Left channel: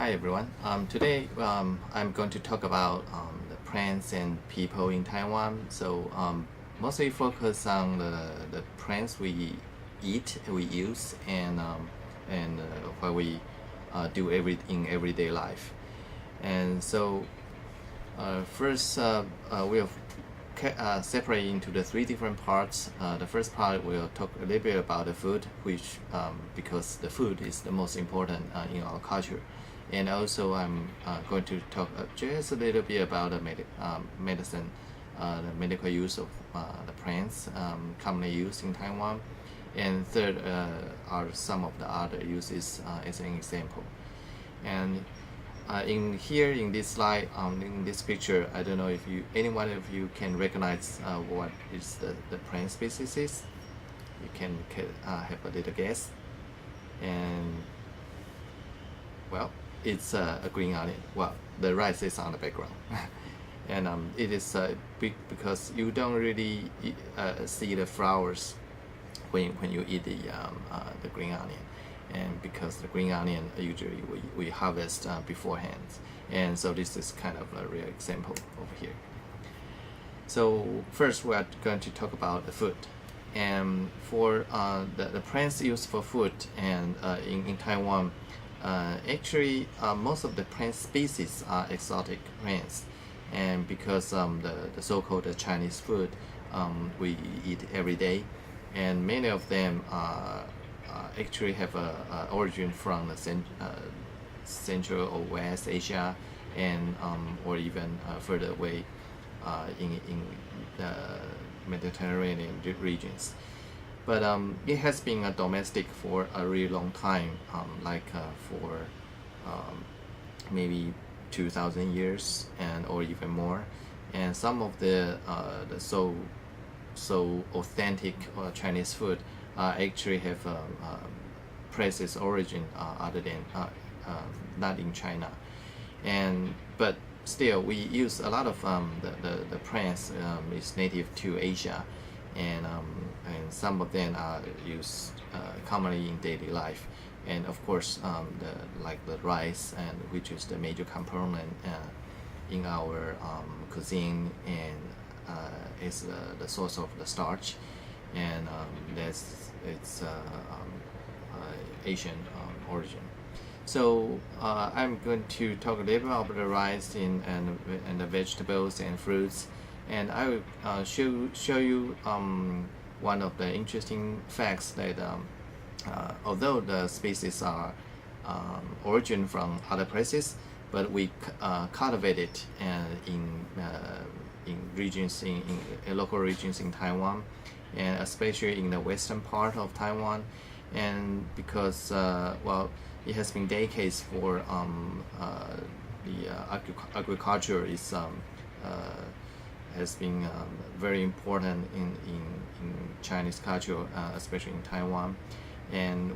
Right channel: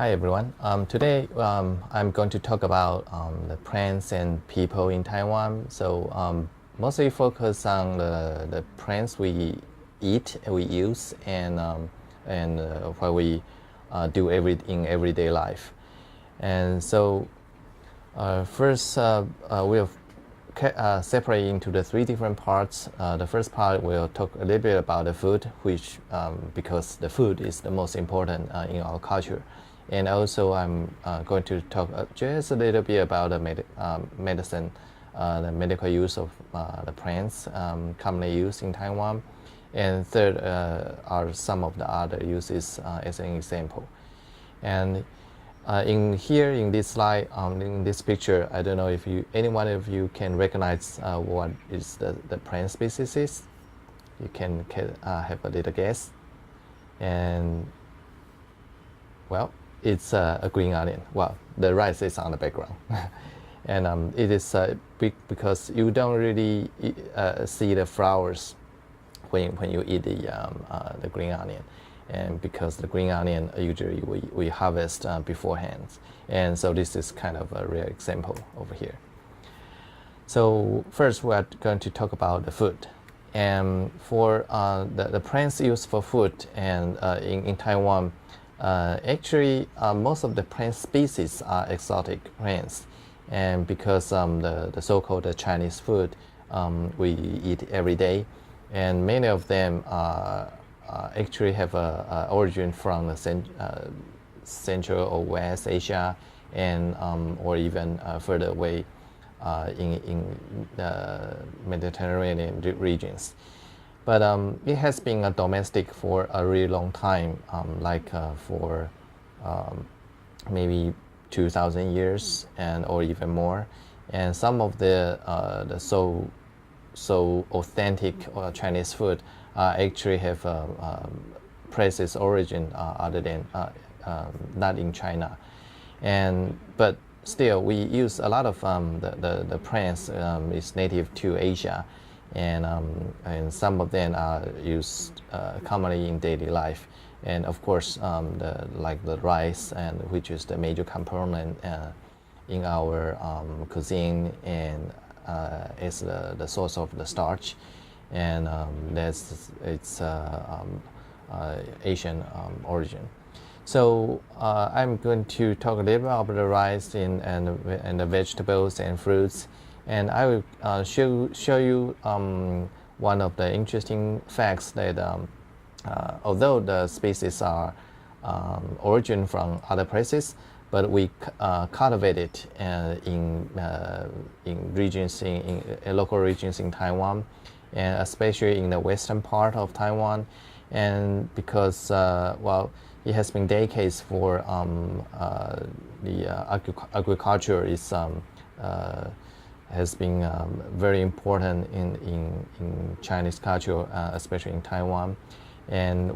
Hi everyone. Today I'm going to talk about the plants and people in Taiwan. So mostly focus on the plants we eat, we use, and what we do in everyday life. And so first we'll separate into the three different parts. The first part we'll talk a little bit about the food, which because the food is the most important in our culture. And also I'm going to talk just a little bit about the medicine, the medical use of the plants commonly used in Taiwan. And third are some of the other uses as an example. And in this slide, in this picture, I don't know if any one of you can recognize what is the plant species is. You can have a little guess. And well, it's a green onion. Well, the rice is on the background. And it is big because you don't really see the flowers when you eat the green onion. And because the green onion usually we harvest beforehand. And so this is kind of a real example over here. So first we're going to talk about the food. And for the plants used for food and in Taiwan, actually most of the plant species are exotic plants. And because the so-called Chinese food we eat every day, and many of them actually have a origin from the Central or West Asia, and or even further away in the Mediterranean regions. But it has been domestic for a really long time, for maybe 2,000 years or even more. And some of the so authentic Chinese food actually have places origin other than not in China, but still we use a lot of the plants is native to Asia, and some of them are used commonly in daily life. And of course like the rice, and which is the major component in our cuisine, and is the source of the starch, and it's Asian origin. So I'm going to talk a little bit about the rice and the vegetables and fruits, and I will show you one of the interesting facts that although the species are origin from other places, but we cultivate it in regions, in local regions in Taiwan, and especially in the western part of Taiwan. And because well, it has been decades for the agriculture is has been very important in Chinese culture, especially in Taiwan. And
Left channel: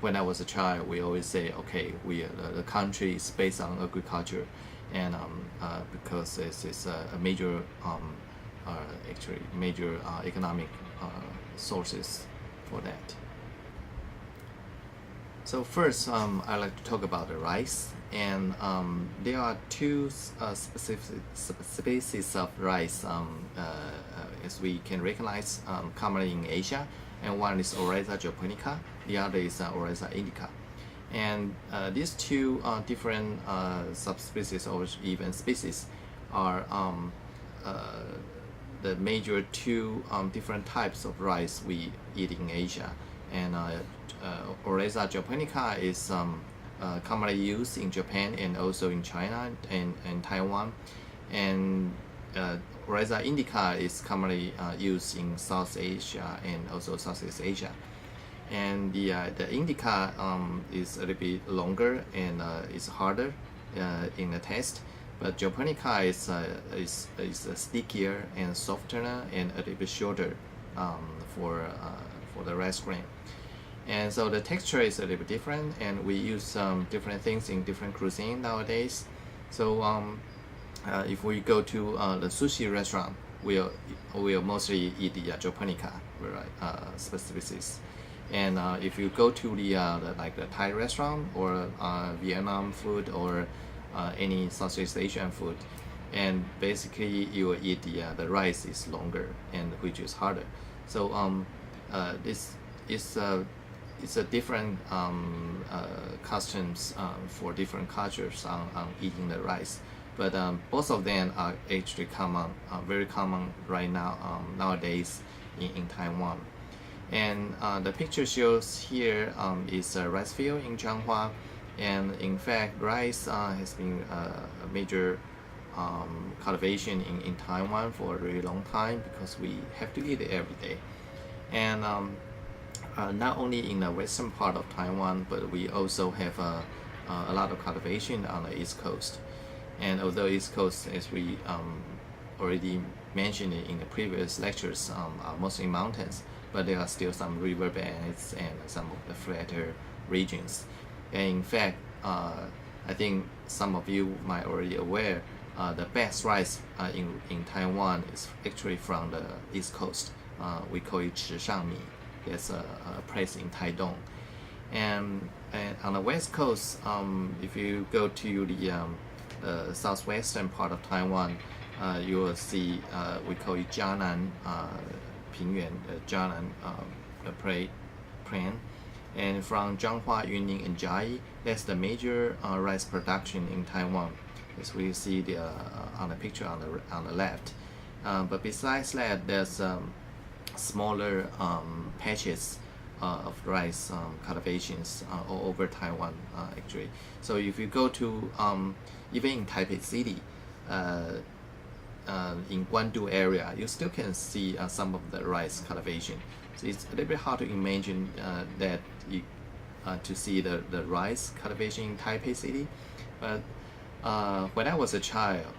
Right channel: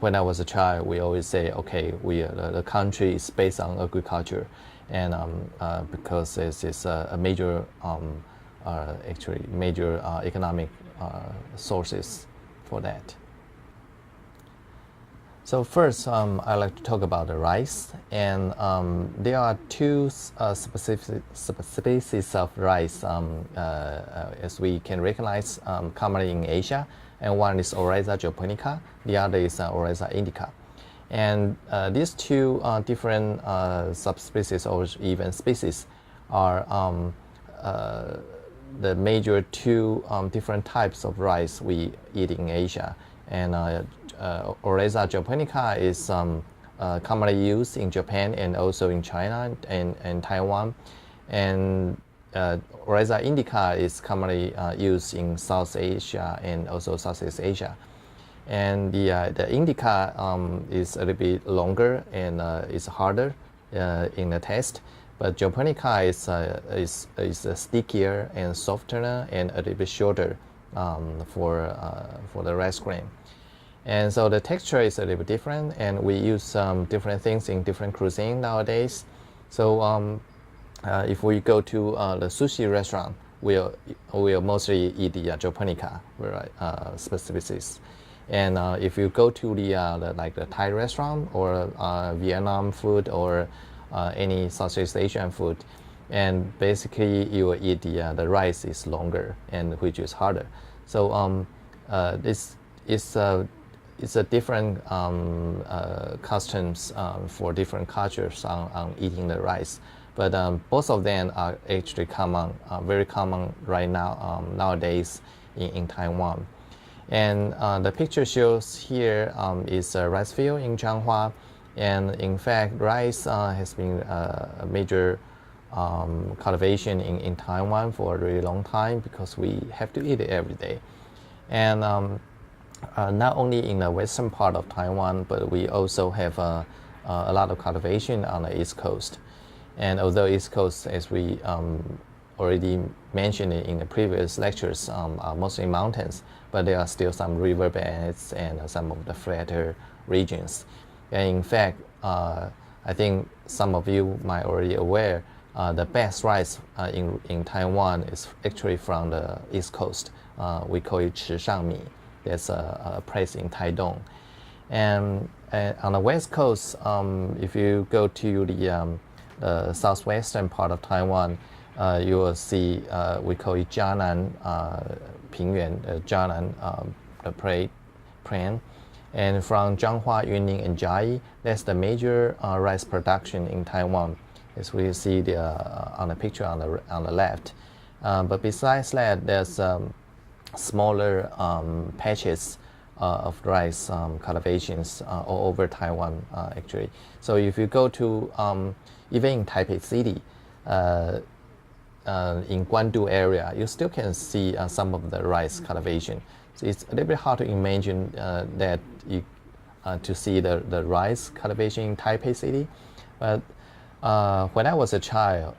when I was a child, we always say, okay, the country is based on agriculture, and because this is a major, actually major economic sources for that. So first, I'd like to talk about the rice, and there are two species of rice as we can recognize commonly in Asia. And one is Oryza japonica, the other is Oryza indica. And these two different subspecies or even species are the major two different types of rice we eat in Asia. And Oryza japonica is commonly used in Japan and also in China and Taiwan. And Oryza indica is commonly used in South Asia and also Southeast Asia. And the indica is a little bit longer and is harder in the taste, but japonica is stickier and softer and a little bit shorter for the rice grain. And so the texture is a little bit different, and we use different things in different cuisine nowadays. So if we go to the sushi restaurant, we'll mostly eat the japonica species. And if you go to like the Thai restaurant or Vietnam food or any Southeast Asian food, and basically you will eat the rice is longer and which is harder. So this is it's a different customs for different cultures on eating the rice. But both of them are actually common, very common right now nowadays in Taiwan. And the picture shows here is a rice field in Changhua, and in fact rice has been a major cultivation in Taiwan for a really long time because we have to eat it every day. And not only in the western part of Taiwan, but we also have a lot of cultivation on the East Coast. And although East Coast, as we already mentioned in the previous lectures, are mostly mountains, but there are still some riverbeds and some of the flatter regions. And in fact, I think some of you might already aware the best rice in Taiwan is actually from the East Coast. We call it Chishangmi. There's a place in Taidong. And on the West Coast, if you go to the southwestern part of Taiwan, you will see we call it Jianan Pingyuan, Jianan plain. And from Zhanghua, Yunning, and Jiayi, that's the major rice production in Taiwan, as we see on the picture on the left. But besides that, there's smaller patches of rice cultivations all over Taiwan actually. So if you go to even in Taipei City, in Guandu area, you still can see some of the rice cultivation. So it's a little bit hard to imagine that to see the rice cultivation in Taipei City. But when I was a child,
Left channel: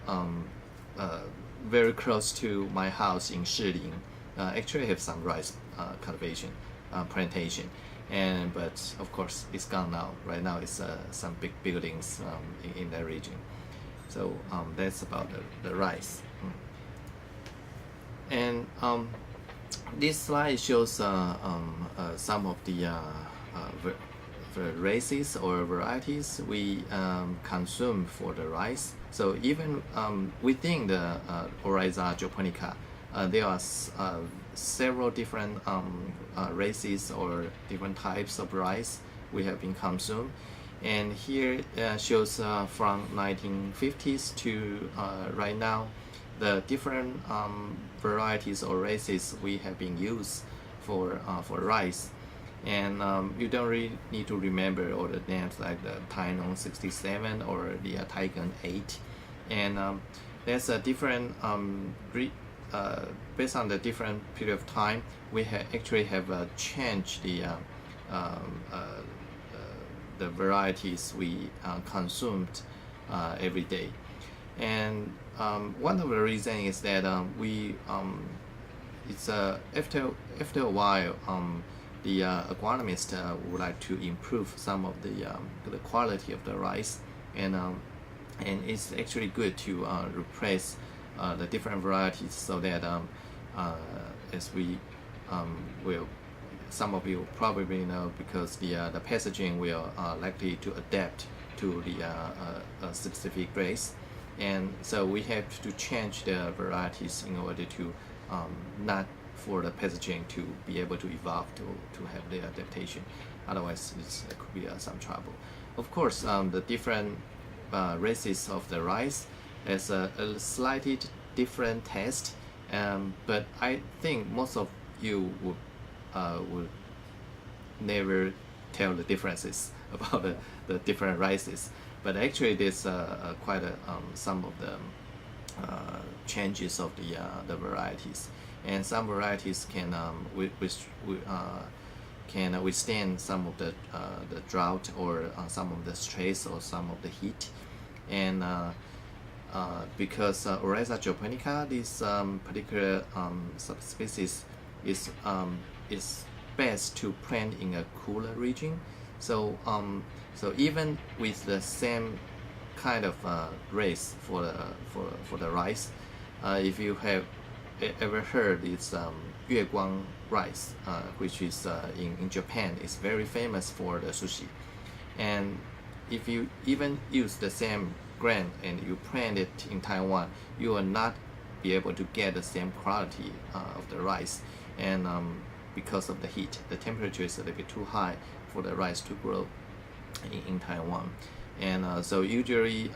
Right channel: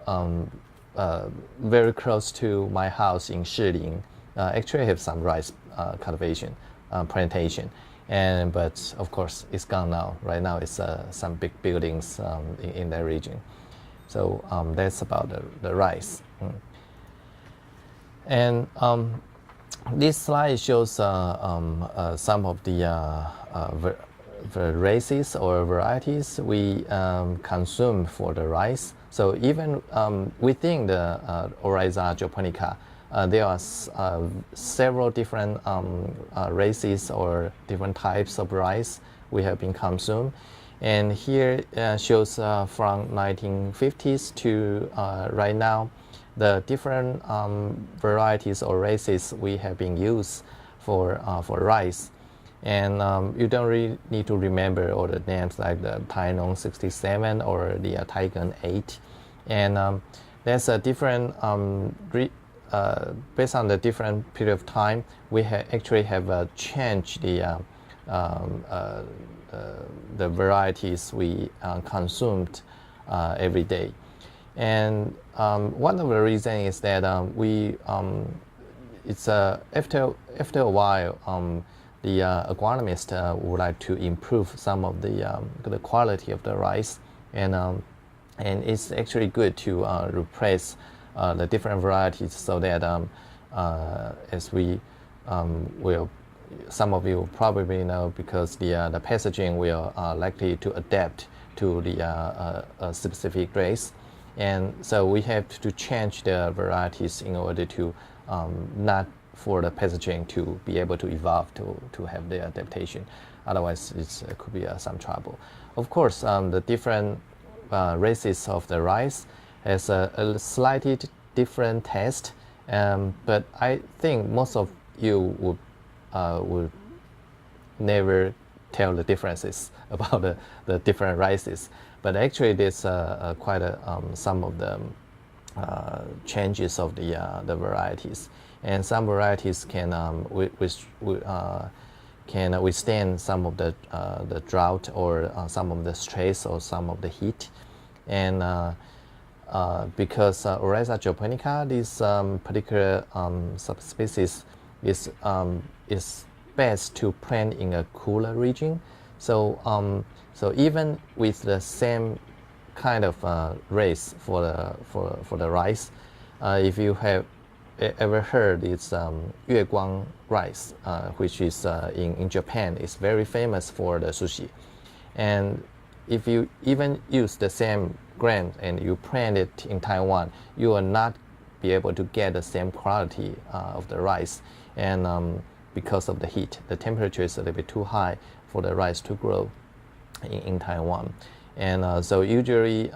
very close to my house in Shilin, actually have some rice cultivation plantation, but of course it's gone now. Right now it's some big buildings in that region. So that's about the rice. And this slide shows some of the races or varieties we consume for the rice. So even within the Oryza japonica, there are several different races or different types of rice we have been consumed. And here shows from 1950s to right now, the different varieties or races we have been used for rice. And you don't really need to remember all the names like the Tainon 67 or the Taigan 8. And there's a different, based on the different period of time, we actually have changed the varieties we consumed every day. And one of the reasons is that it's after a while the agronomist would like to improve some of the quality of the rice, and it's actually good to replace the different varieties so that as we will, some of you probably know, because the pathogen will likely to adapt to the specific race, and so we have to change the varieties in order to not for the pathogen to be able to evolve to have the adaptation. Otherwise, it could be some trouble. Of course, the different races of the rice has a slightly different taste, but I think most of you would never tell the differences about the different rices. But actually, there's quite some of the changes of the varieties, and some varieties can withstand some of the drought or some of the stress or some of the heat, and because Oryza japonica, this particular subspecies is best to plant in a cooler region. So so even with the same kind of race for the rice, if you have ever heard is 月光 rice, which is in Japan is very famous for the sushi. And if you even use the same grain and you plant it in Taiwan, you will not be able to get the same quality of the rice. And because of the heat, the temperature is a little bit too high for the rice to grow in Taiwan. And so usually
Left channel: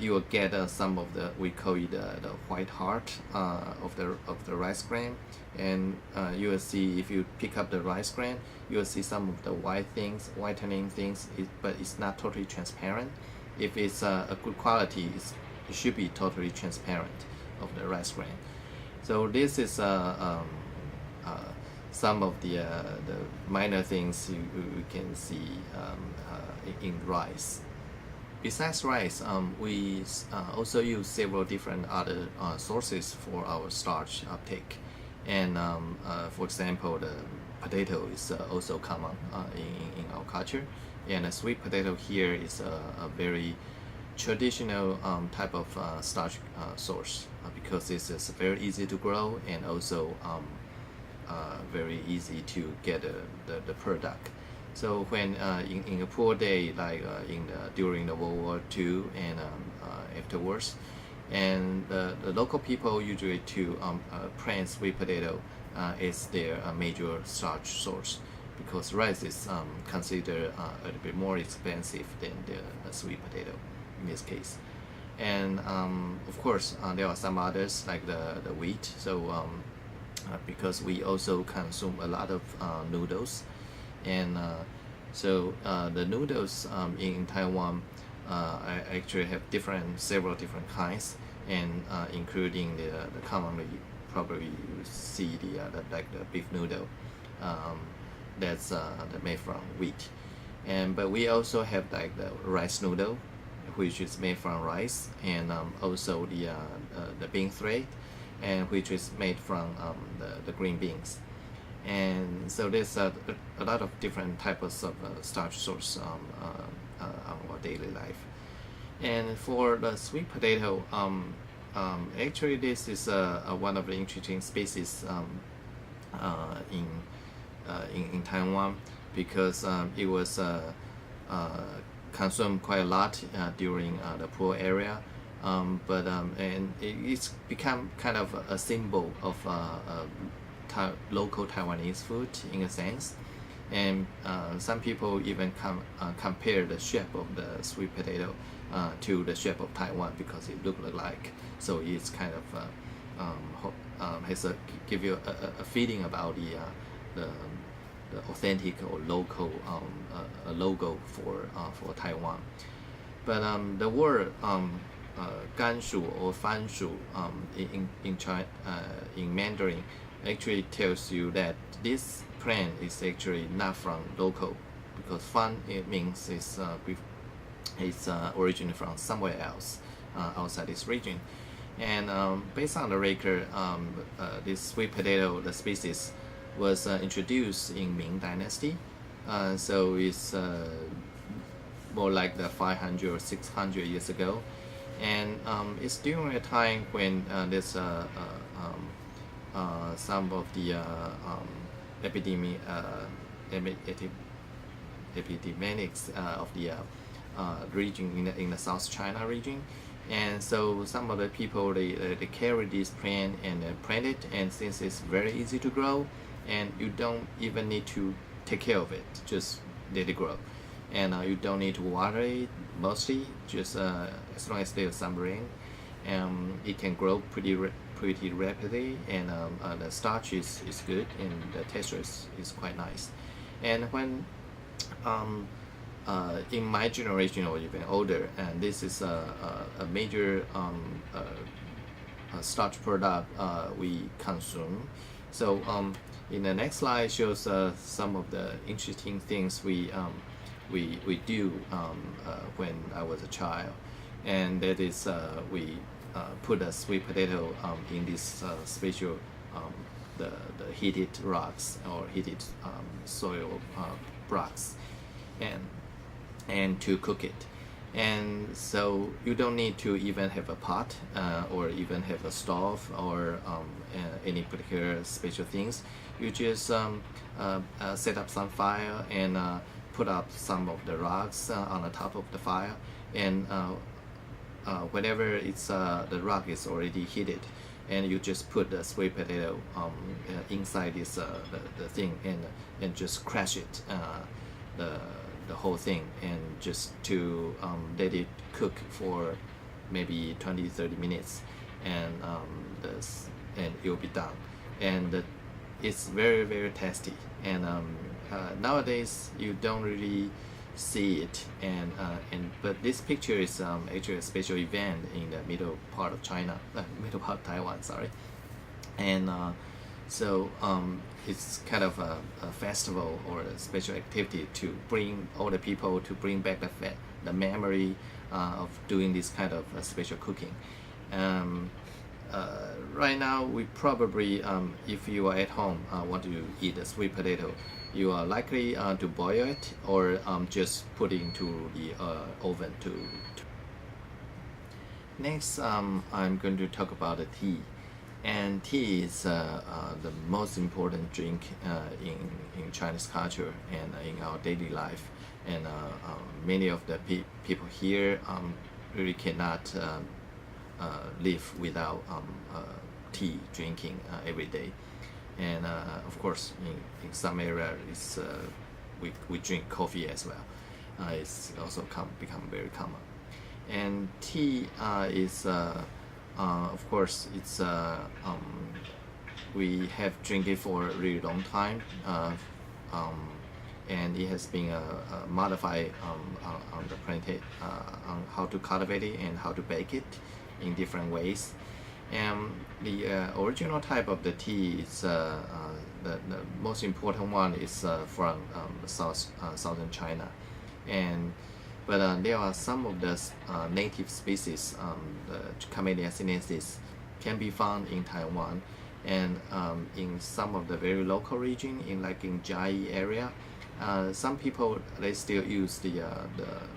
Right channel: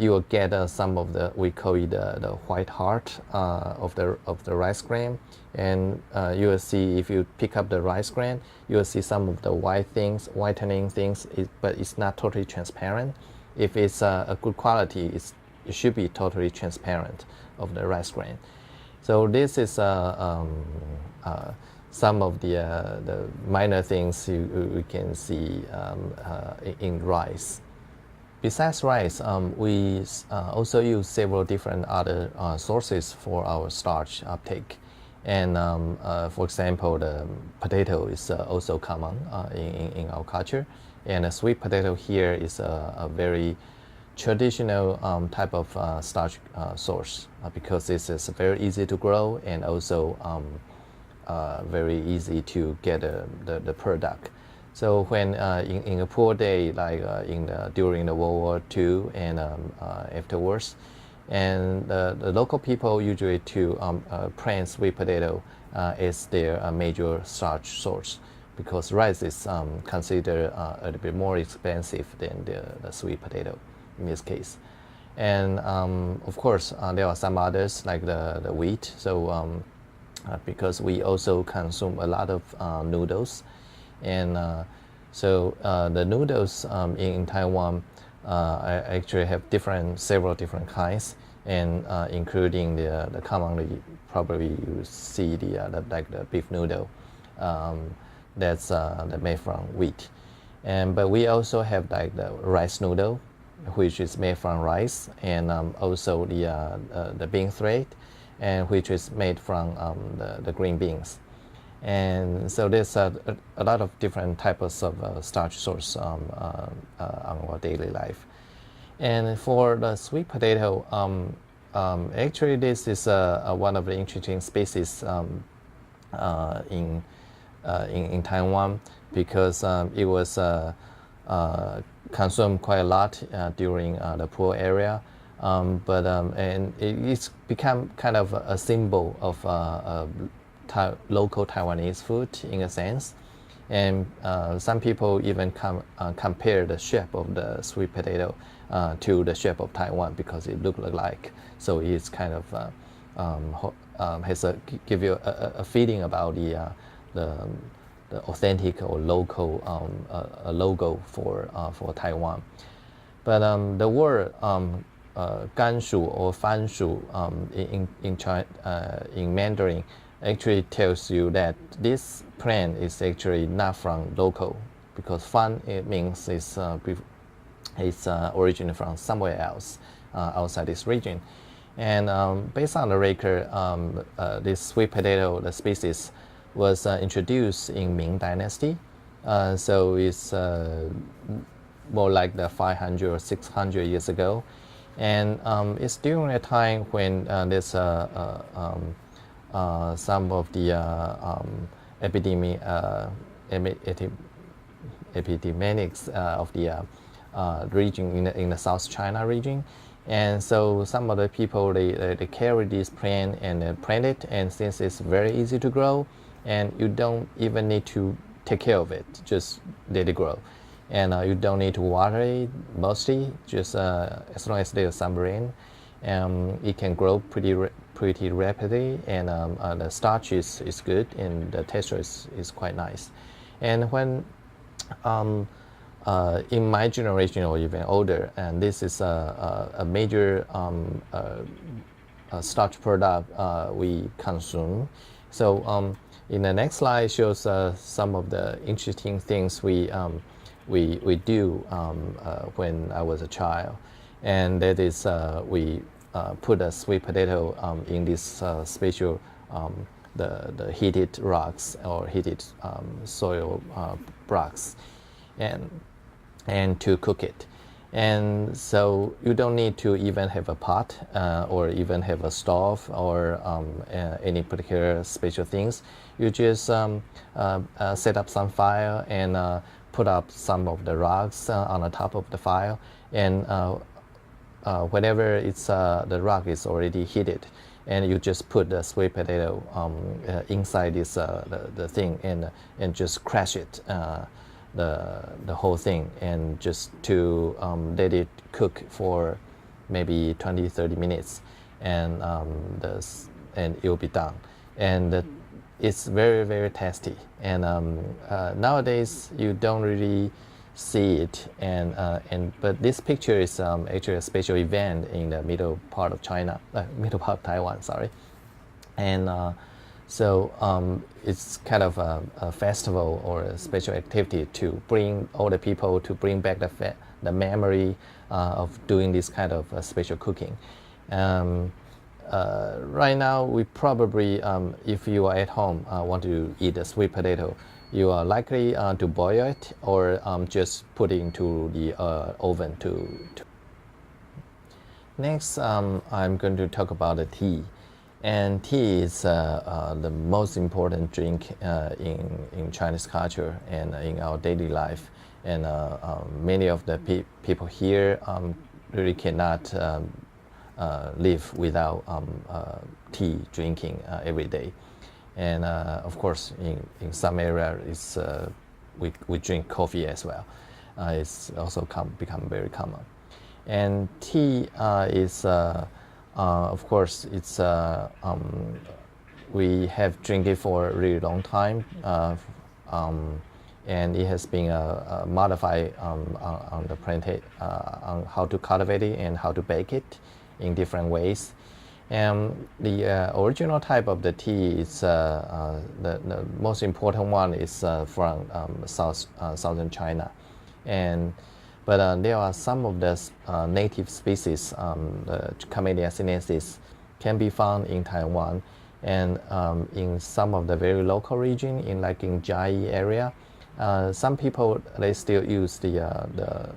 you will get some of the, we call it the white heart of the rice grain. And you will see, if you pick up the rice grain, you will see some of the whitening things, but it's not totally transparent. If it's a good quality, it should be totally transparent of the rice grain. So this is some of the minor things we can see in rice. Besides rice, we also use several different other sources for our starch uptake. And for example, the potato is also common in our culture. And a sweet potato here is a very traditional type of starch source because this is very easy to grow and also very easy to get the product. So when in a poor day, like during the World War II and afterwards, and the local people usually to plant sweet potato as their major starch source, because rice is considered a little bit more expensive than the sweet potato in this case. And of course, there are some others like the wheat. So because we also consume a lot of noodles, and so the noodles in Taiwan actually have several different kinds, and including the commonly probably you see the like the beef noodle that's made from wheat, but we also have like the rice noodle, which is made from rice, and also the bean thread, and which is made from the green beans. And so there's a lot of different types of starch source on our daily life. And for the sweet potato, actually this is one of the interesting species in Taiwan, because it was consumed quite a lot during the poor area, and it's become kind of a symbol of local Taiwanese food in a sense. And some people even compare the shape of the sweet potato to the shape of Taiwan because it looks like. So it's kind of give you a feeling about the authentic or local logo for Taiwan. But the word 甘薯 or 番薯 in Mandarin actually tells you that this plant is actually not from local, because fan it means it's originated from somewhere else outside this region. And based on the record, this sweet potato, the species, was introduced in Ming Dynasty. So it's more like the 500 or 600 years ago. And it's during a time when there's some of the epidemics of the region in the South China region. And so some of the people, they carry this plant and they plant it, and since it's very easy to grow and you don't even need to take care of it, just let it grow. And you don't need to water it mostly, just as long as there's some rain, it can grow pretty rapidly, and the starch is good and the texture is quite nice. And when in my generation or even older, and this is a major starch product we consume. So in the next slide shows some of the interesting things we do when I was a child, and that is we put a sweet potato in this special the heated rocks or heated soil rocks, and to cook it. And so you don't need to even have a pot or even have a stove or any particular special things. You just set up some fire and put up some of the rocks on the top of the fire, and whenever it's the rock is already heated, and you just put the sweet potato inside this the thing, and just crash it, the whole thing, and just to let it cook for maybe 20-30 minutes, and and it will be done. And it's very, very tasty. And nowadays you don't really see it, and but this picture is actually a special event in the middle part of China, middle part of Taiwan, sorry. And so it's kind of a festival or a special activity to bring all the people, to bring back the memory of doing this kind of special cooking. Right now, we probably, if you are at home, want to eat a sweet potato, you are likely to boil it or just put it into the oven to. Next, I'm going to talk about the tea. And tea is the most important drink in Chinese culture and in our daily life. And many of the people here really cannot live without tea drinking every day. And of course, in some areas, we drink coffee as well. It's also become very common. And tea is of course, it's we have drank it for a really long time, and it has been modified on the plantation, on how to cultivate it and how to bake it in different ways. And the original type of the tea is the most important one is from southern China, but there are some of the native species, the Camellia sinensis, can be found in Taiwan, and in some of the very local region, in Jai area, some people they still use the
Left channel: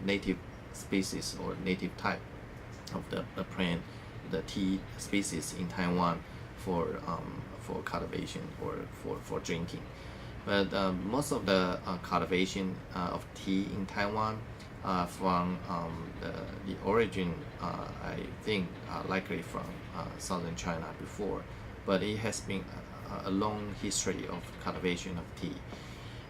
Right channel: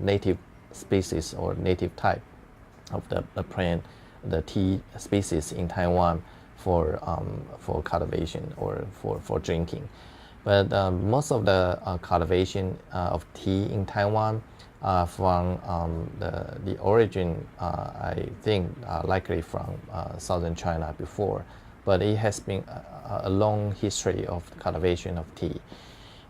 native species or native type of the plant, the tea species in Taiwan for cultivation or for drinking. But most of the cultivation of tea in Taiwan from the origin, I think, likely from southern China before, but it has been a long history of cultivation of tea.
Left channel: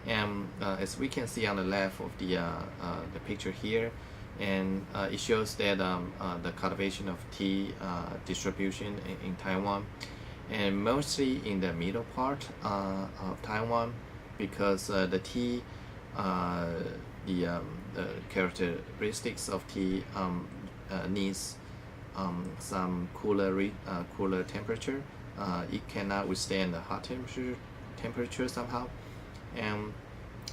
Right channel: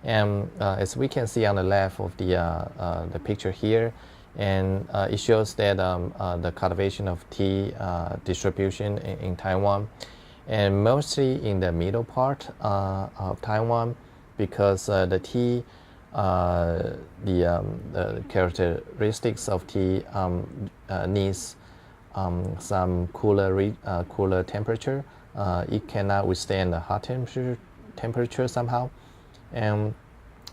And as we can see on the left of the picture here, and it shows that the cultivation of tea distribution in Taiwan, and mostly in the middle part of Taiwan, because the tea, the characteristics of tea needs some cooler temperature. It cannot withstand the hot temperature somehow, and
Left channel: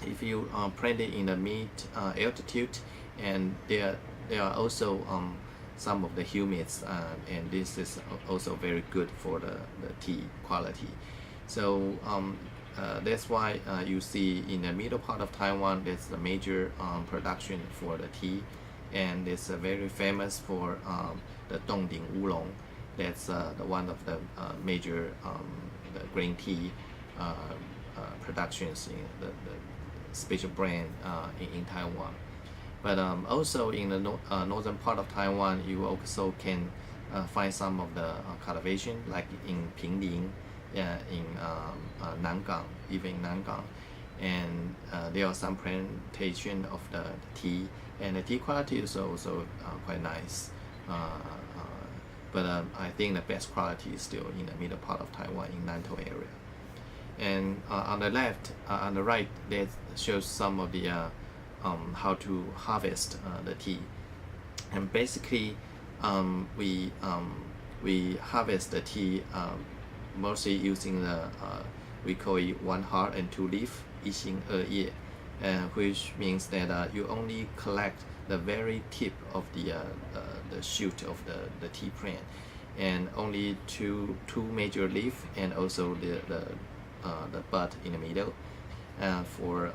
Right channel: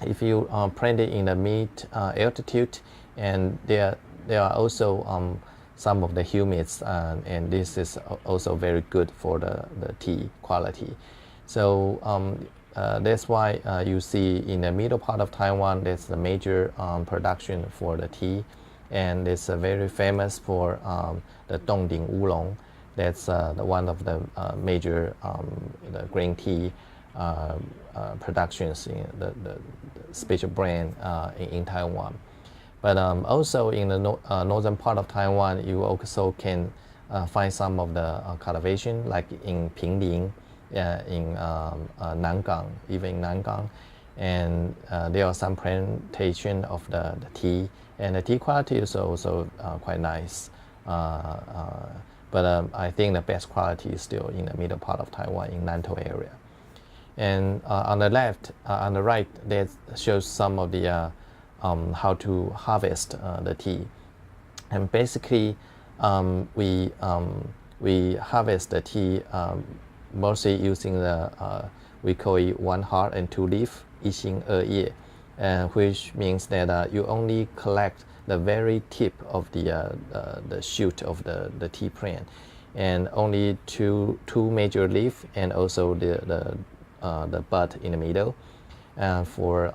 if you plant it in the mid altitude, and there are also some of the humids, and this is also very good for the tea quality. So that's why you see in the middle part of Taiwan, that's the major production for the tea, and it's very famous for the Dongding Oolong. That's the one of the major the green tea productions in the special brand in Taiwan. But also in the northern part of Taiwan, you also can find some of the cultivation, like in Pinling, in Nangang, even in Nangang, and there are some plantation of the tea, and the tea quality is also quite nice. But I think the best quality is still in the middle part of Taiwan, in Nantou area. And on the left, on the right, that shows some of the how to harvest the tea. And basically, we harvest the tea mostly using the we call it one heart and two leaf, 一心二叶, which means that you only collect the very tip of the shoot of the tea plant, and only two major leaf, and also the bud in the middle for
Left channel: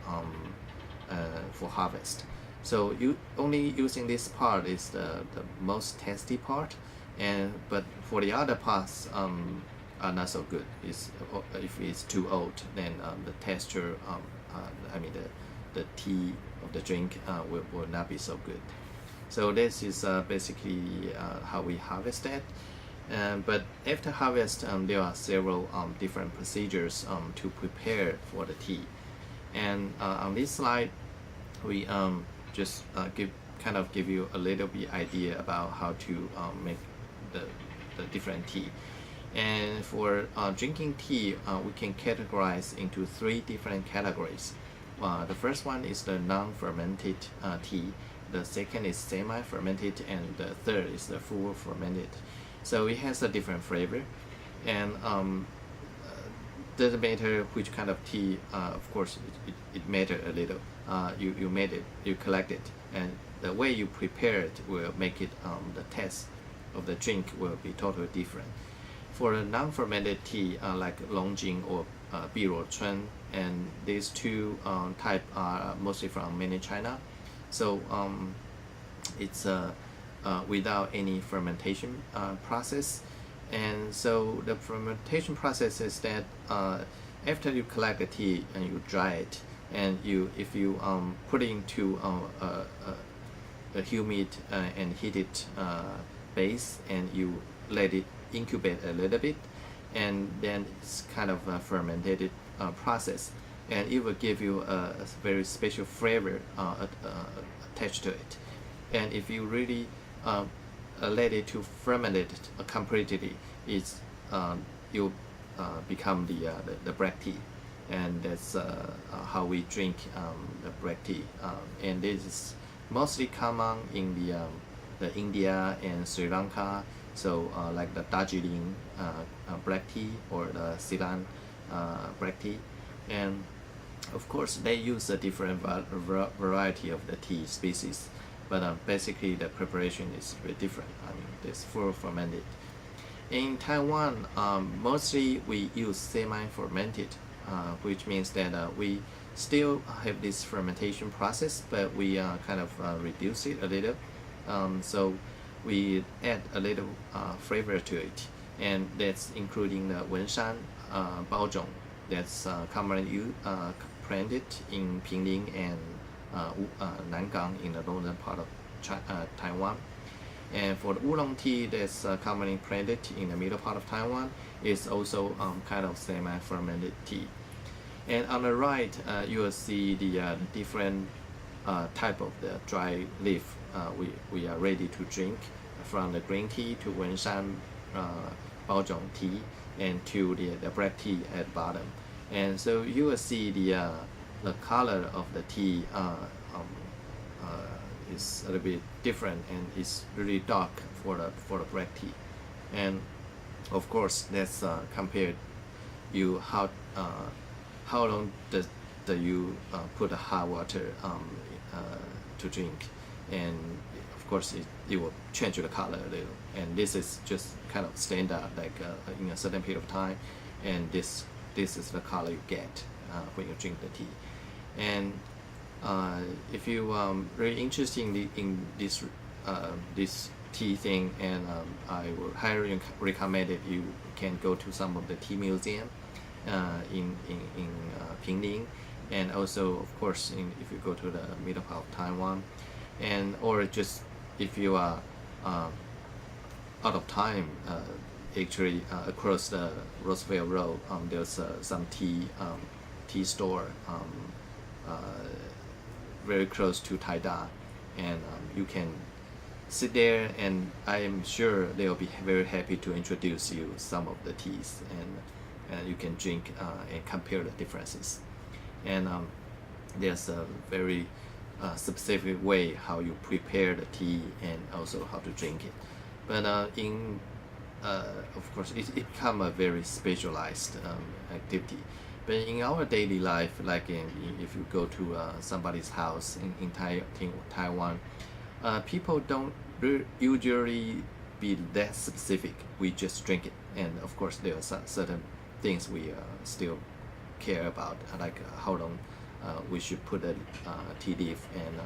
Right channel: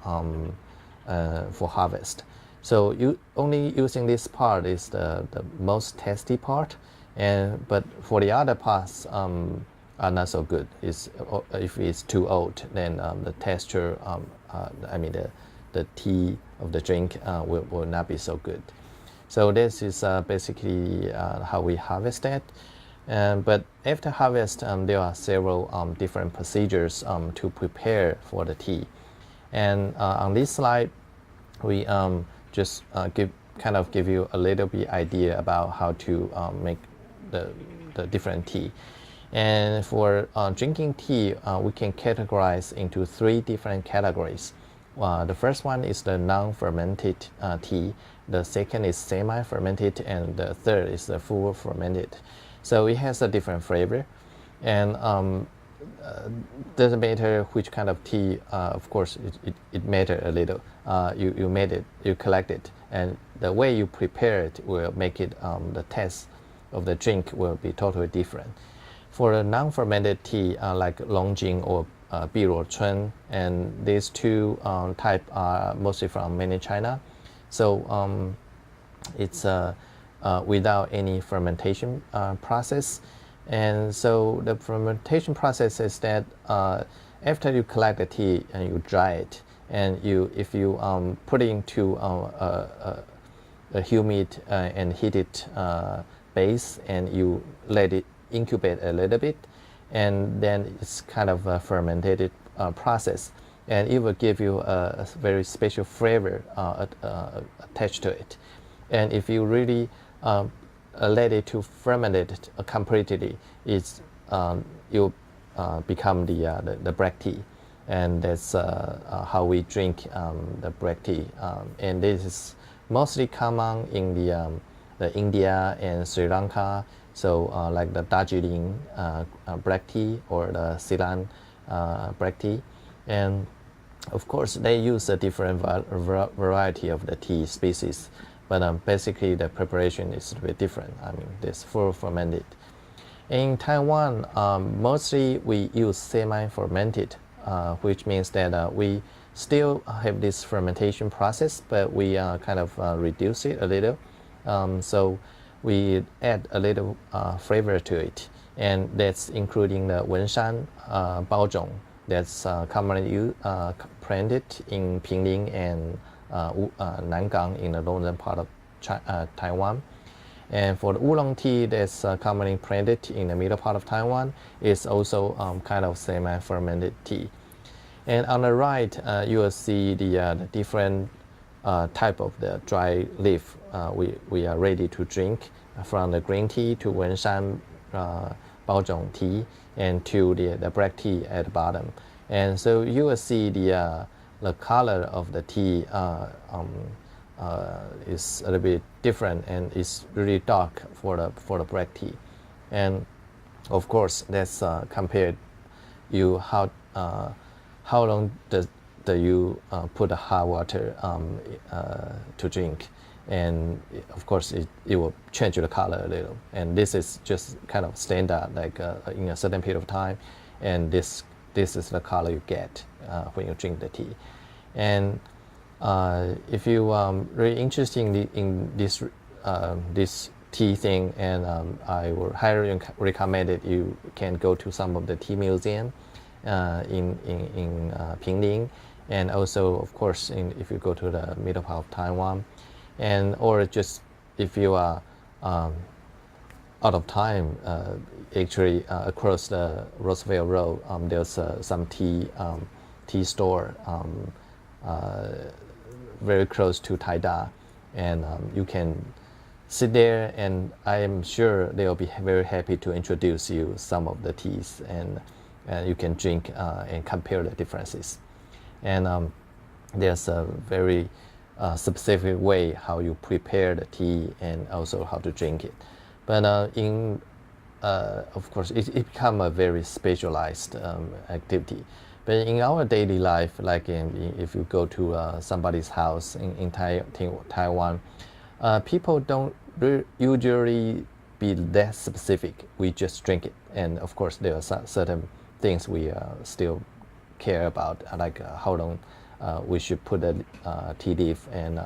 harvest. So you only using this part is the most tasty part, but for the other parts are not so good. If it's too old, then the texture, I mean the tea of the drink will not be so good. So this is basically how we harvest it. But after harvest, there are several different procedures to prepare for the tea. And on this slide, we just give you a little bit idea about how to make the different tea. And for drinking tea, we can categorize into 3 different categories. The first one is the non-fermented tea. The second is semi-fermented, and the third is the full fermented. So it has a different flavor, and doesn't matter which kind of tea. Of course, it matters a little. You made it, you collect it, and the way you prepare it will make it the taste of the drink will be totally different. For a non-fermented tea, like Longjing or Biluochun, and these 2 type are mostly from mainland China. So it's without any fermentation process. And so the fermentation process is that after you collect the tea and you dry it, and if you put it into a humid and heated base, and you let it incubate a little bit, and then it's kind of a fermented process, and it will give you a very special flavor attached to it. And if you really let it to ferment it completely, you become the black tea, and that's how we drink the black tea. And this is mostly common in the India and Sri Lanka. So like the Darjeeling black tea or the Ceylon black tea, and of course they use a different variety of the tea species, but basically the preparation is a bit different. I mean, this full fermented. In Taiwan, mostly we use semi-fermented, which means that we still have this fermentation process, but we kind of reduce it a little. So we add a little flavor to it, and that's including the Wenshan Baozhong that's commonly planted in Pinling and Nangang in the northern part of Taiwan. And for the oolong tea that's commonly planted in the middle part of Taiwan, is also kind of semi-fermented tea. And on the right, you will see the different type of the dry leaf we are ready to drink, from the green tea to Wenshan Baozhong tea, and to the black tea at the bottom. And so you will see the color of the tea is a little bit different, and it's really dark for the black tea. And of course, that's compared you how long do you put the hot water to drink, and of course it will change the color a little. And this is just kind of standard, like in a certain period of time, and this is the color you get when you drink the tea. And if you really interested in this tea thing, and I would highly recommend it. You can go to some of the tea museum in Pinling, and also of course if you go to the middle part of Taiwan, and or just if you are out of time, actually across the Roosevelt Road, there's some tea store very close to Taida, and you can sit there, and I am sure they'll be very happy to introduce you some of the teas, and you can drink and compare the differences. And there's a very specific way how you prepare the tea, and also how to drink it. But of course, it become a very specialized activity. But in our daily life, like if you go to somebody's house in Taiwan, people don't usually be that specific. We just drink it, and of course there are certain things we still care about, like how long we should put a tea leaf, and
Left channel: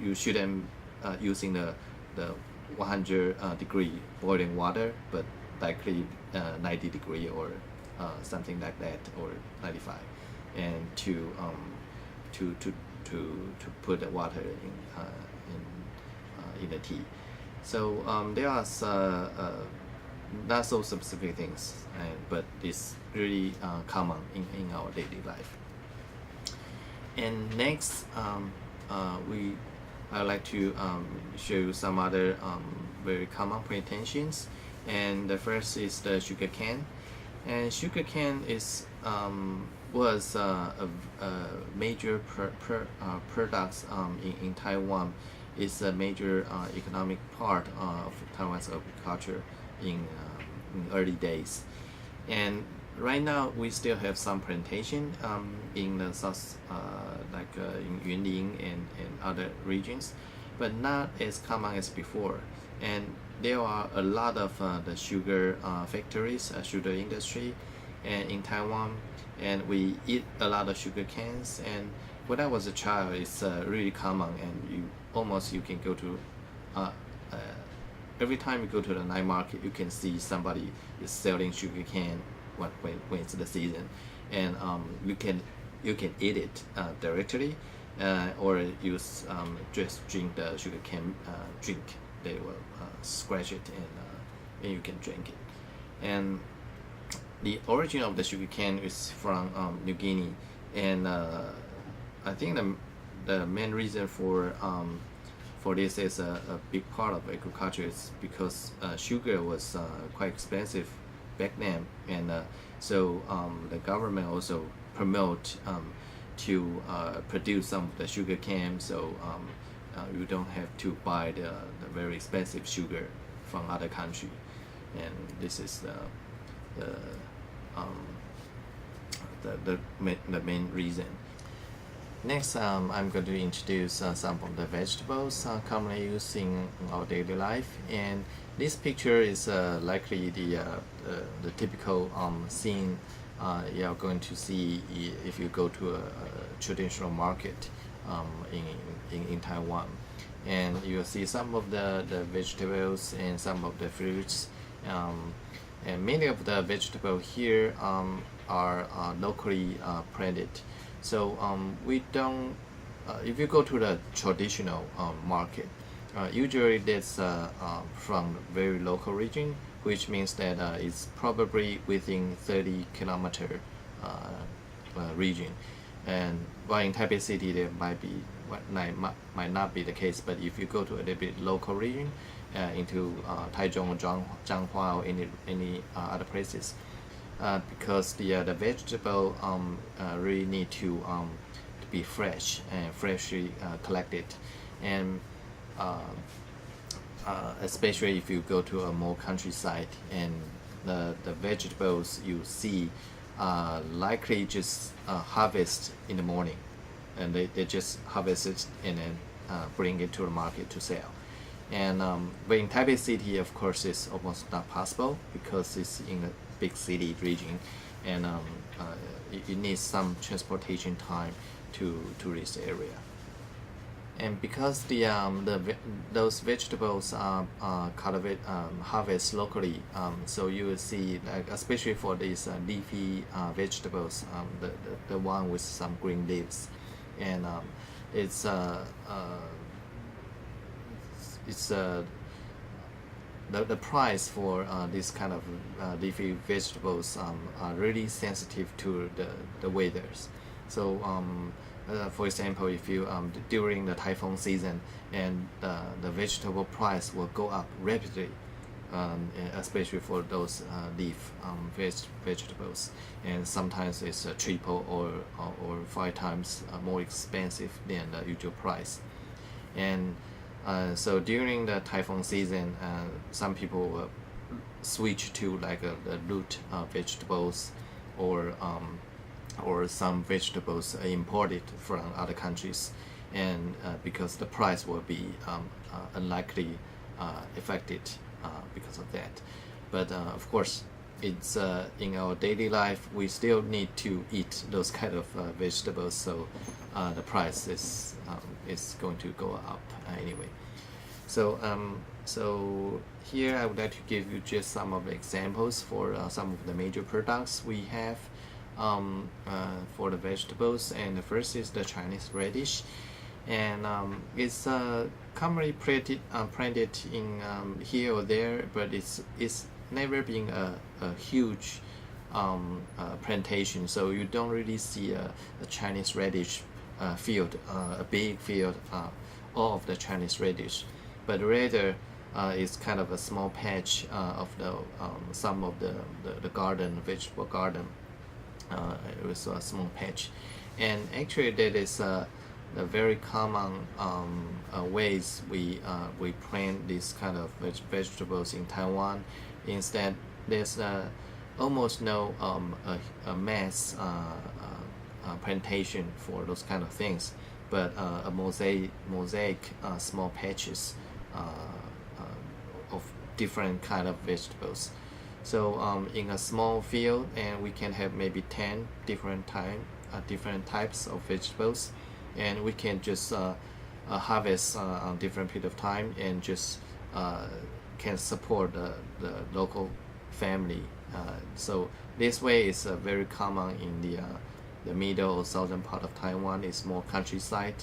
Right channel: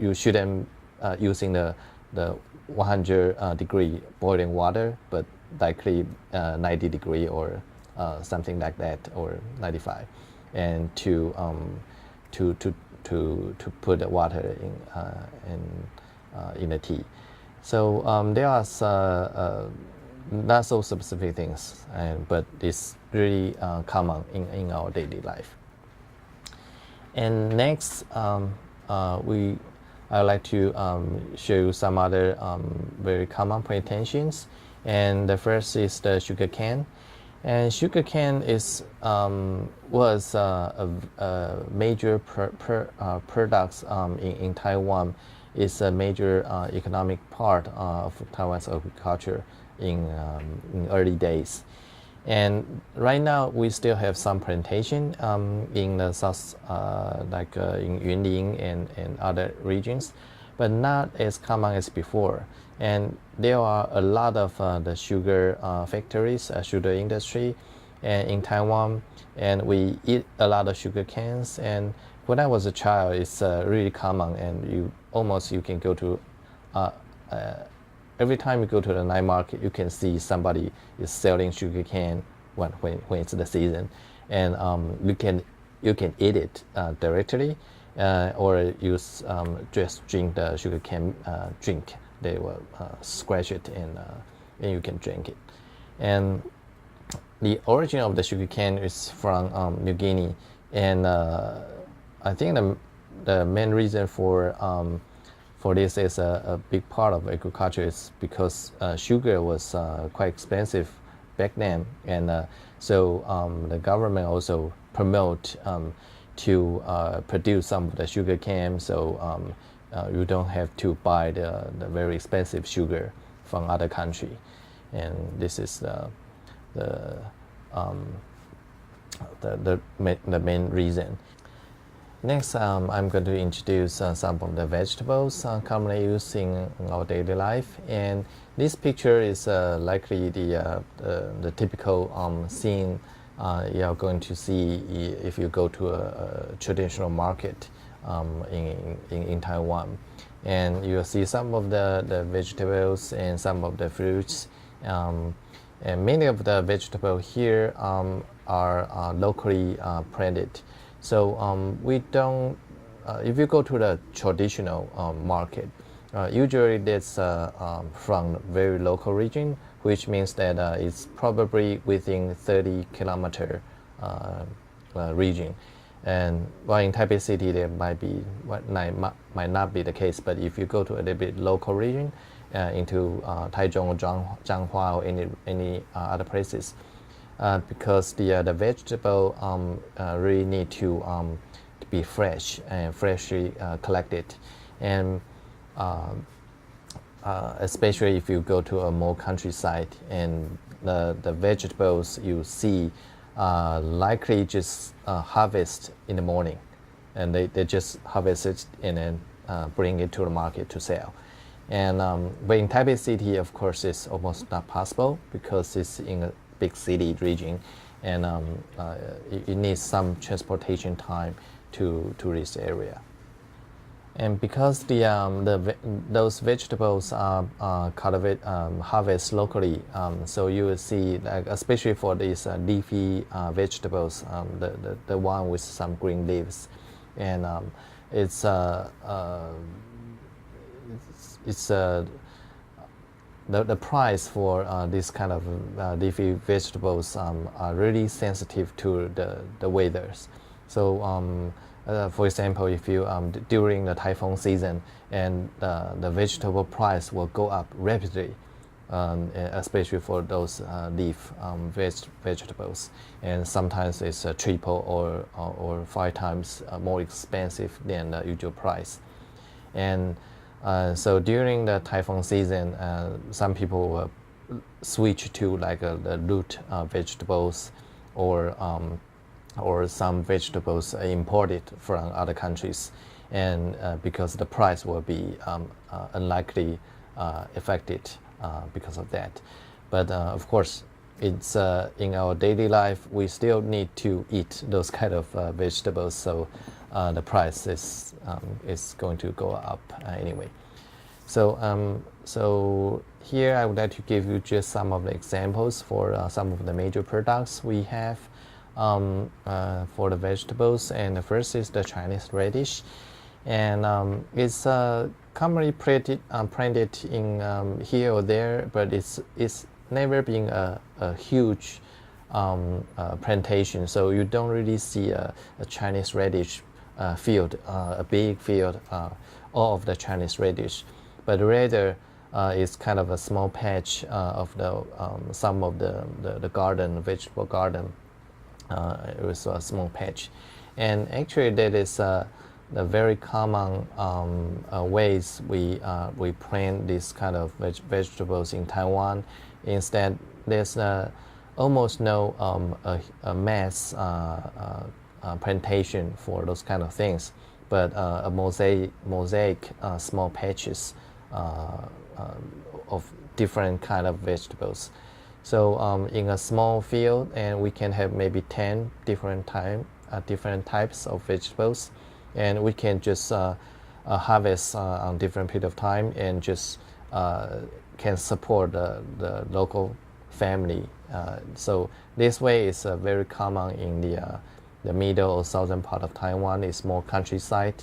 you shouldn't using the 100 degree boiling water, but likely 90 degree or something like that, or 95, and to put the water in the tea. So there are not so specific things, but it's really common in our daily life. And next, I would like to show you some other very common plantations. And the first is the sugarcane. And sugarcane was a major products in Taiwan. It's a major economic part of Taiwan's agriculture in early days. And right now we still have some plantation in the south, like in Yunlin and other regions, but not as common as before. And there are a lot of the sugar factories, sugar industry, and in Taiwan, and we eat a lot of sugar canes. And when I was a child, it's really common, and you can go to every time you go to the night market, you can see somebody is selling sugar cane when it's the season, and you can eat it directly, or use just drink the sugar cane drink. They will scratch it and you can drink it. And the origin of the sugar cane is from New Guinea, and I think the main reason for this is a big part of agriculture is because sugar was quite expensive back then, and so the government also promote to produce some of the sugar cane, so you don't have to buy the very expensive sugar from other country, and this is the main reason. Next, I'm going to introduce some of the vegetables commonly used in our daily life, and this picture is likely the typical scene you are going to see if you go to a traditional market in Taiwan, and you'll see some of the vegetables and some of the fruits, and many of the vegetables here are locally planted. So we don't, if you go to the traditional market, usually that's from very local region, which means that it's probably within 30-kilometer region. And while in Taipei City there might not be the case, but if you go to a little bit local region, into Taichung or Zhanghua or any other places, because the vegetable really need to be fresh and freshly collected, and especially if you go to a more countryside, and the vegetables you see likely just harvest in the morning, and they just harvest it and then bring it to the market to sell. And but in Taipei City, of course, it's almost not possible because it's in a big city region, and it needs some transportation time to this area. And because those vegetables are harvested locally, so you will see, like, especially for these leafy vegetables, the one with some green leaves, and it's the price for this kind of leafy vegetables are really sensitive to the weathers. So for example, if you during the typhoon season, and the vegetable price will go up rapidly, especially for those leaf vegetables, and sometimes it's triple or 5 times more expensive than the usual price. And so during the typhoon season, some people will switch to like the root vegetables, or some vegetables imported from other countries, and because the price will be unlikely affected because of that. But of course, it's in our daily life we still need to eat those kind of vegetables. So the price is going to go up anyway. So here I would like to give you just some of the examples for some of the major products we have for the vegetables. And the first is the Chinese radish, and it's commonly printed in here or there, but it's never been a huge plantation, so you don't really see a Chinese radish field, a big field, all of the Chinese radish, but rather it's kind of a small patch of the some of the garden, vegetable garden. It was a small patch, and actually that is the very common ways we plant this kind of vegetables in Taiwan. Instead, there's almost no a mass plantation for those kind of things, but a mosaic small patches of different kind of vegetables. So in a small field, and we can have maybe 10 different types of vegetables, and we can just harvest on different period of time, and just can support the local family. So this way is very common in the middle or southern part of Taiwan. It's more countryside,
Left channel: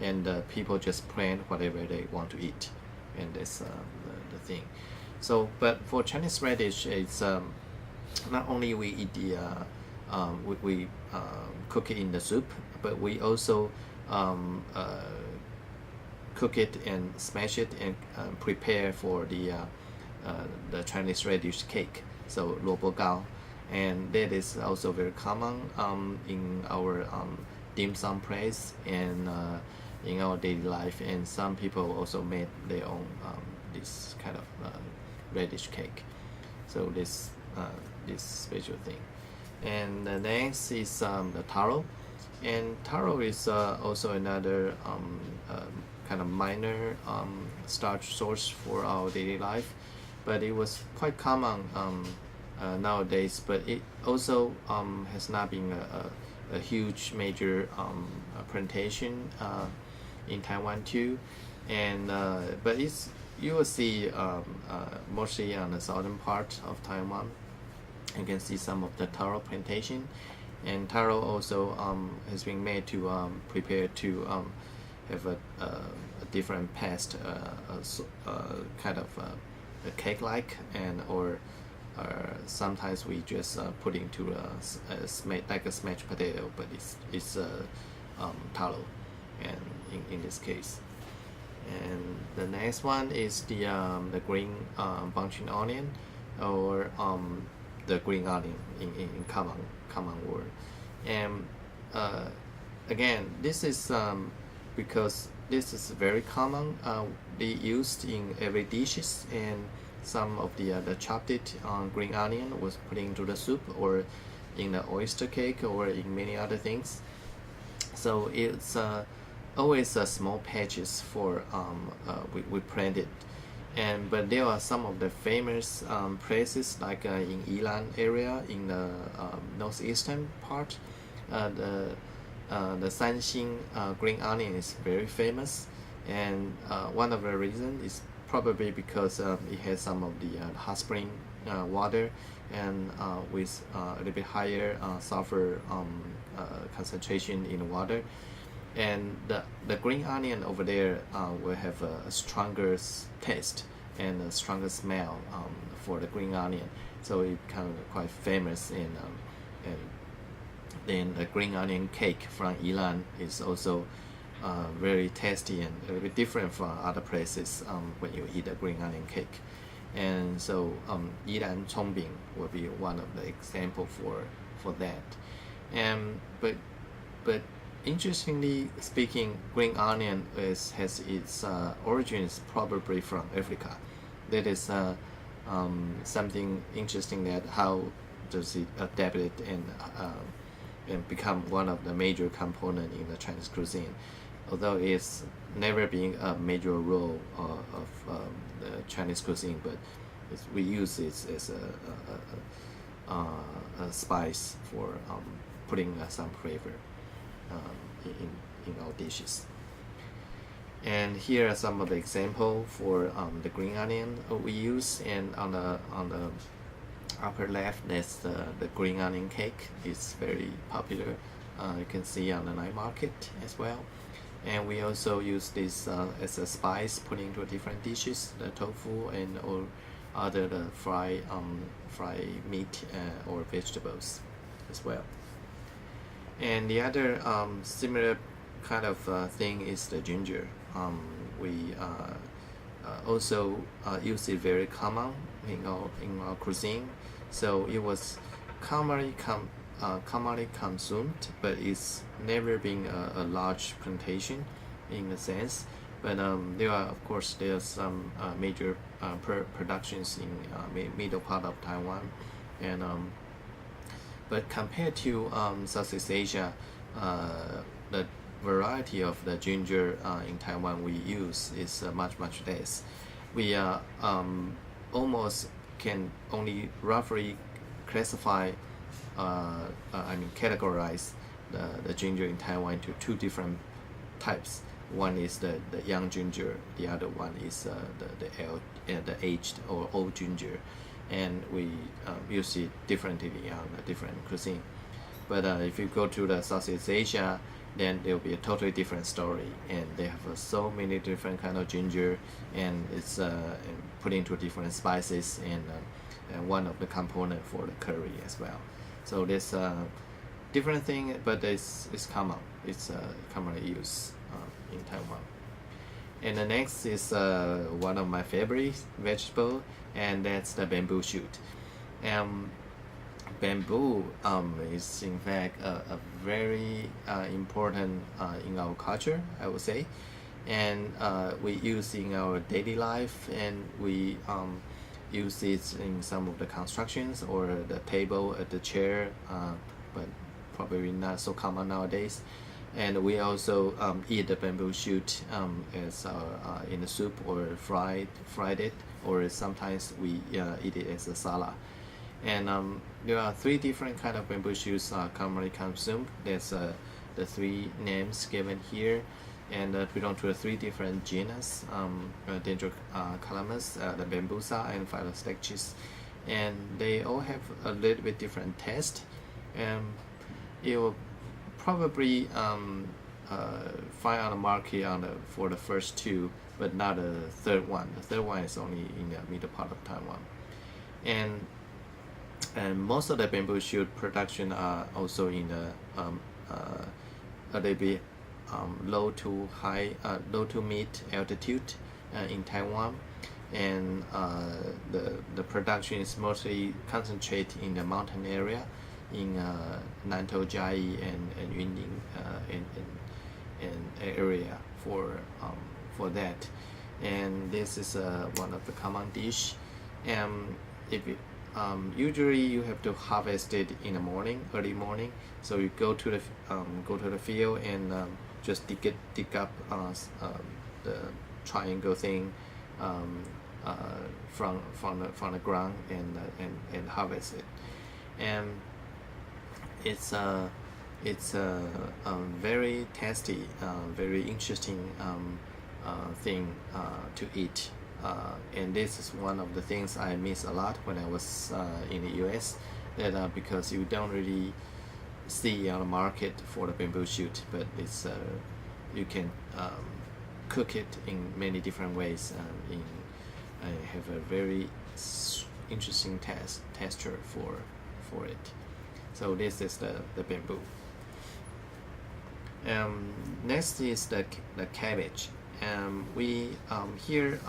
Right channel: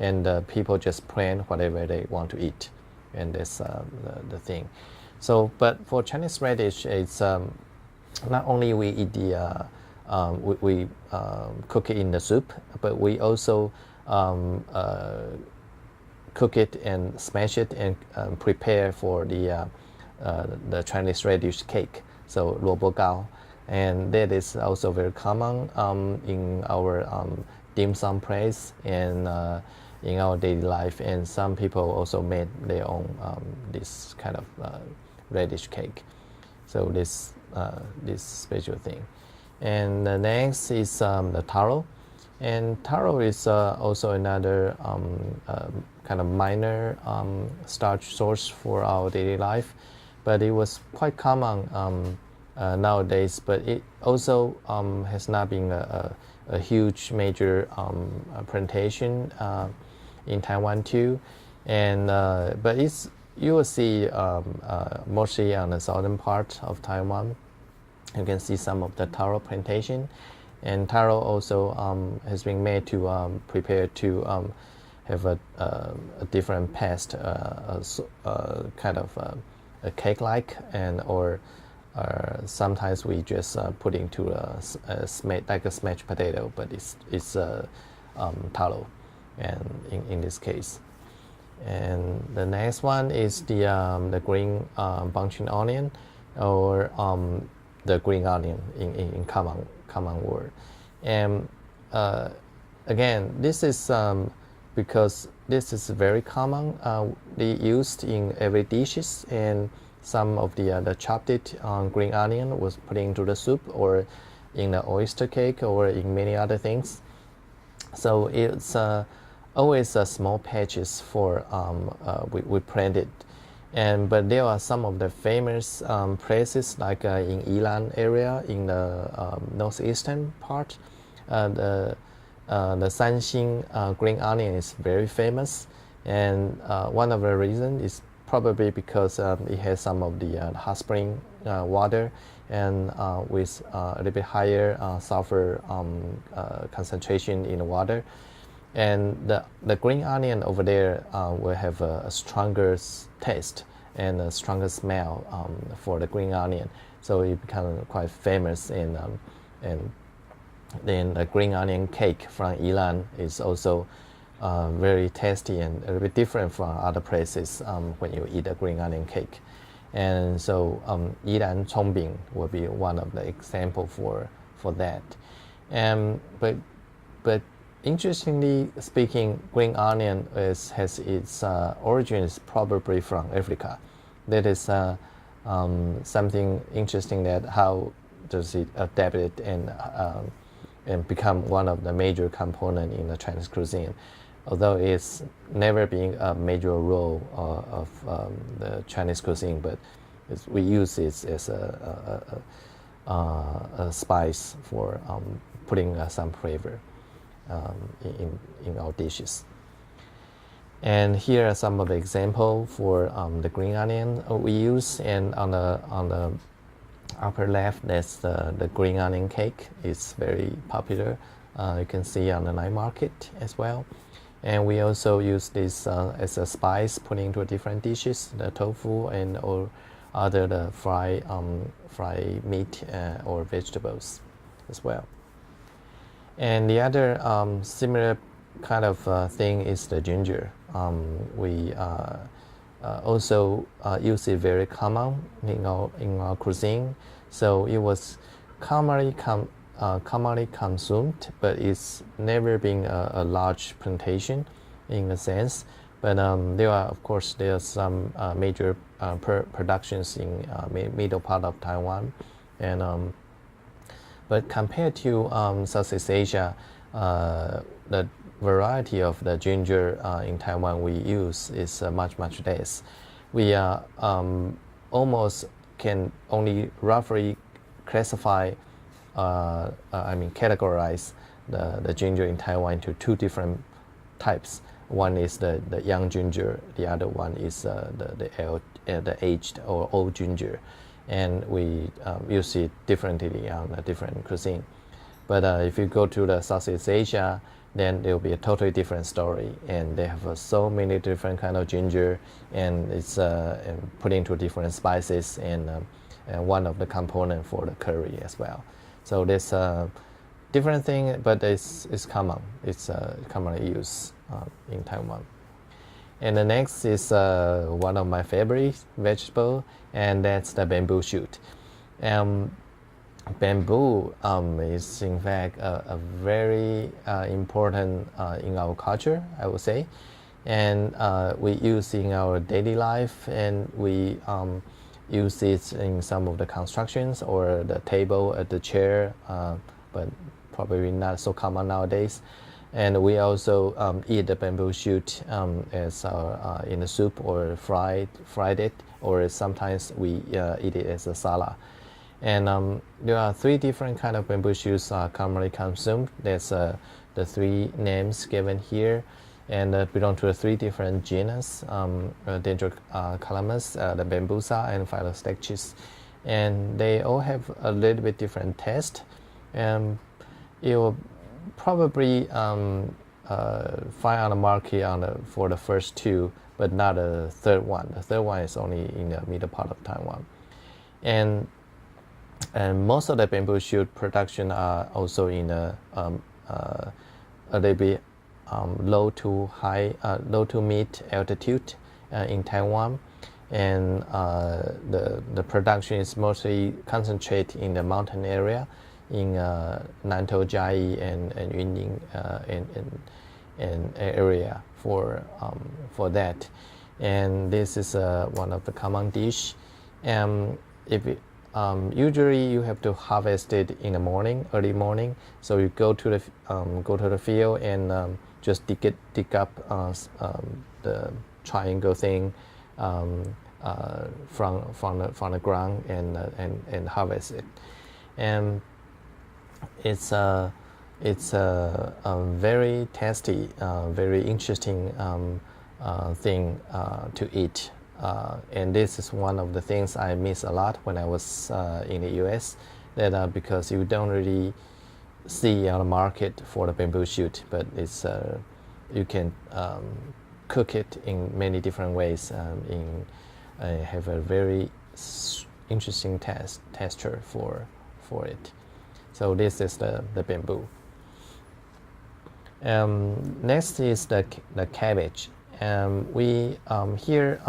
and people just plant whatever they want to eat, and that's the thing. So, but for Chinese radish, it's not only we eat we cook it in the soup, but we also cook it and smash it and prepare for the Chinese radish cake, so 萝卜糕, and that is also very common in our dim sum place and in our daily life. And some people also made their own this kind of radish cake. So this special thing. And the next is the taro, and taro is also another kind of minor starch source for our daily life, but it was quite common nowadays. But it also has not been a huge major plantation in Taiwan too, and but you will see mostly on the southern part of Taiwan. You can see some of the taro plantation, and taro also has been made to prepare to have a different paste, kind of a cake-like, and or sometimes we just put into like a smashed potato, but it's taro, and in this case. And the next one is the green bunching onion, or the green onion in common word. And again, this is because this is very common, used in every dishes, and some of the chopped green onion was put into the soup or in the oyster cake or in many other things. So it's always small patches for we planted. And but there are some of the famous places like in Yilan area in the northeastern part. The Sanxing green onion is very famous, and one of the reasons is probably because it has some of the hot spring water, and with a little bit higher sulfur concentration in the water. And the green onion over there will have a stronger taste and a stronger smell for the green onion, so it becomes quite famous. And then the green onion cake from Yilan is also very tasty and a little bit different from other places when you eat a green onion cake. And so Yilan Chongbing will be one of the example for that. But interestingly speaking, green onion has its origins probably from Africa. That is something interesting, that how does it adapt it and become one of the major component in the Chinese cuisine, although it's never been a major role of the Chinese cuisine, but we use it as a spice for putting some flavor. in our dishes. And here are some of the examples for the green onion we use. And on the upper left, that's the green onion cake. It's very popular. You can see on the night market as well. And we also use this as a spice, put into different dishes, the tofu and or other the fried meat or vegetables as well. And the other similar kind of thing is the ginger. We also use it very common in our cuisine. So it was commonly consumed, but it's never been a large plantation in a sense. But there are some major productions in middle part of Taiwan, and but compared to Southeast Asia, the variety of the ginger in Taiwan we use is much less. We almost can only roughly classify, categorize the ginger in Taiwan into two different types. One is the young ginger, the other one is the aged or old ginger, and we use it differently on a different cuisine. But if you go to the Southeast Asia, then there will be a totally different story, and they have so many different kind of ginger, and it's and put into different spices, and one of the component for the curry as well. So there's a different thing, but it's common. It's commonly used in Taiwan. And the next is one of my favorite vegetable, and that's the bamboo shoot. Bamboo is in fact a very important in our culture, I would say, and we use in our daily life, and we use it in some of the constructions or the table, the chair, but probably not so common nowadays. And we also eat the bamboo shoot as in a soup or fried it, or sometimes we eat it as a salad. And there are three different kind of bamboo shoots commonly consumed. That's the three names given here, and belong to the three different genus: Dendrocalamus, the bambusa, and Phyllostachys. And they all have a little bit different taste. You will probably find on the market for the first two, but not the third one. The third one is only in the middle part of Taiwan. And most of the bamboo shoot production are also in a little bit low to mid altitude in Taiwan, and the production is mostly concentrated in the mountain area in Nantou, Jiayi, and Yunlin and area for that. And this is one of the common dish. Usually you have to harvest it in the morning, early morning. So you go to the field and just dig up the triangle thing from the ground and harvest it. And it's a very tasty, very interesting thing to eat. And this is one of the things I miss a lot when I was in the US, that because you don't really see on the market for the bamboo shoot, but it's you can cook it in many different ways, and have a very interesting texture for it. So this is the bamboo. Next is the cabbage. We here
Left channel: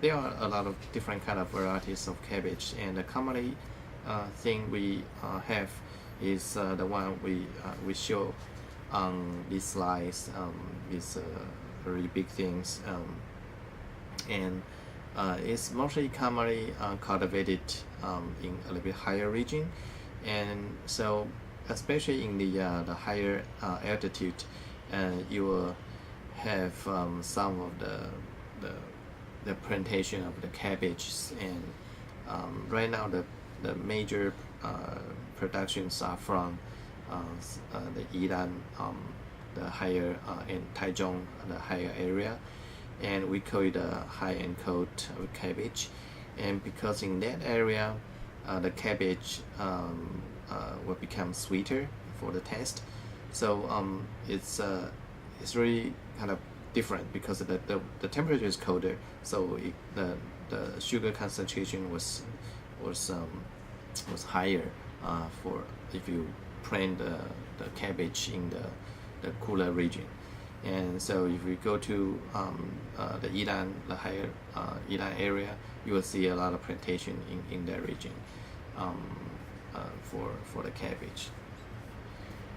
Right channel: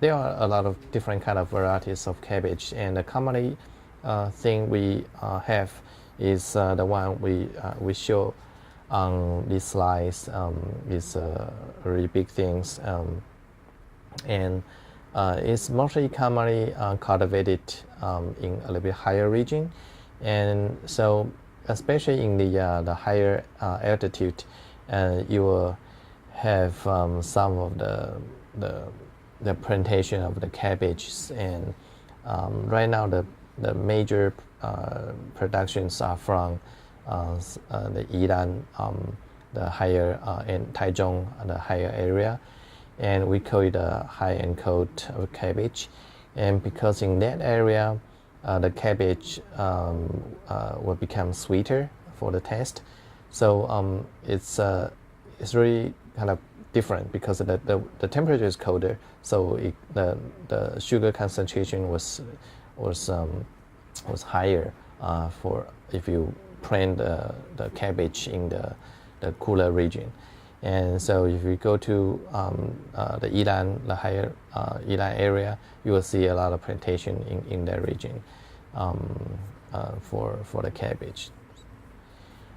there are a lot of different kind of varieties of cabbage, and the commonly thing we have is the one we show on these slides. Is really big things, and it's mostly commonly cultivated in a little bit higher region, and so especially in the higher altitude, you will have some of the plantation of the cabbages, and right now the major productions are from the Yilan, the higher, and Taichung, the higher area, and we call it a high-end coat of cabbage. And because in that area, the cabbage will become sweeter for the taste, so it's really kind of different because the temperature is colder, so the sugar concentration was higher for if you plant the cabbage in the cooler region. And so if you go to the Yilan, the higher Yilan area, you will see a lot of plantation in that region for the cabbage.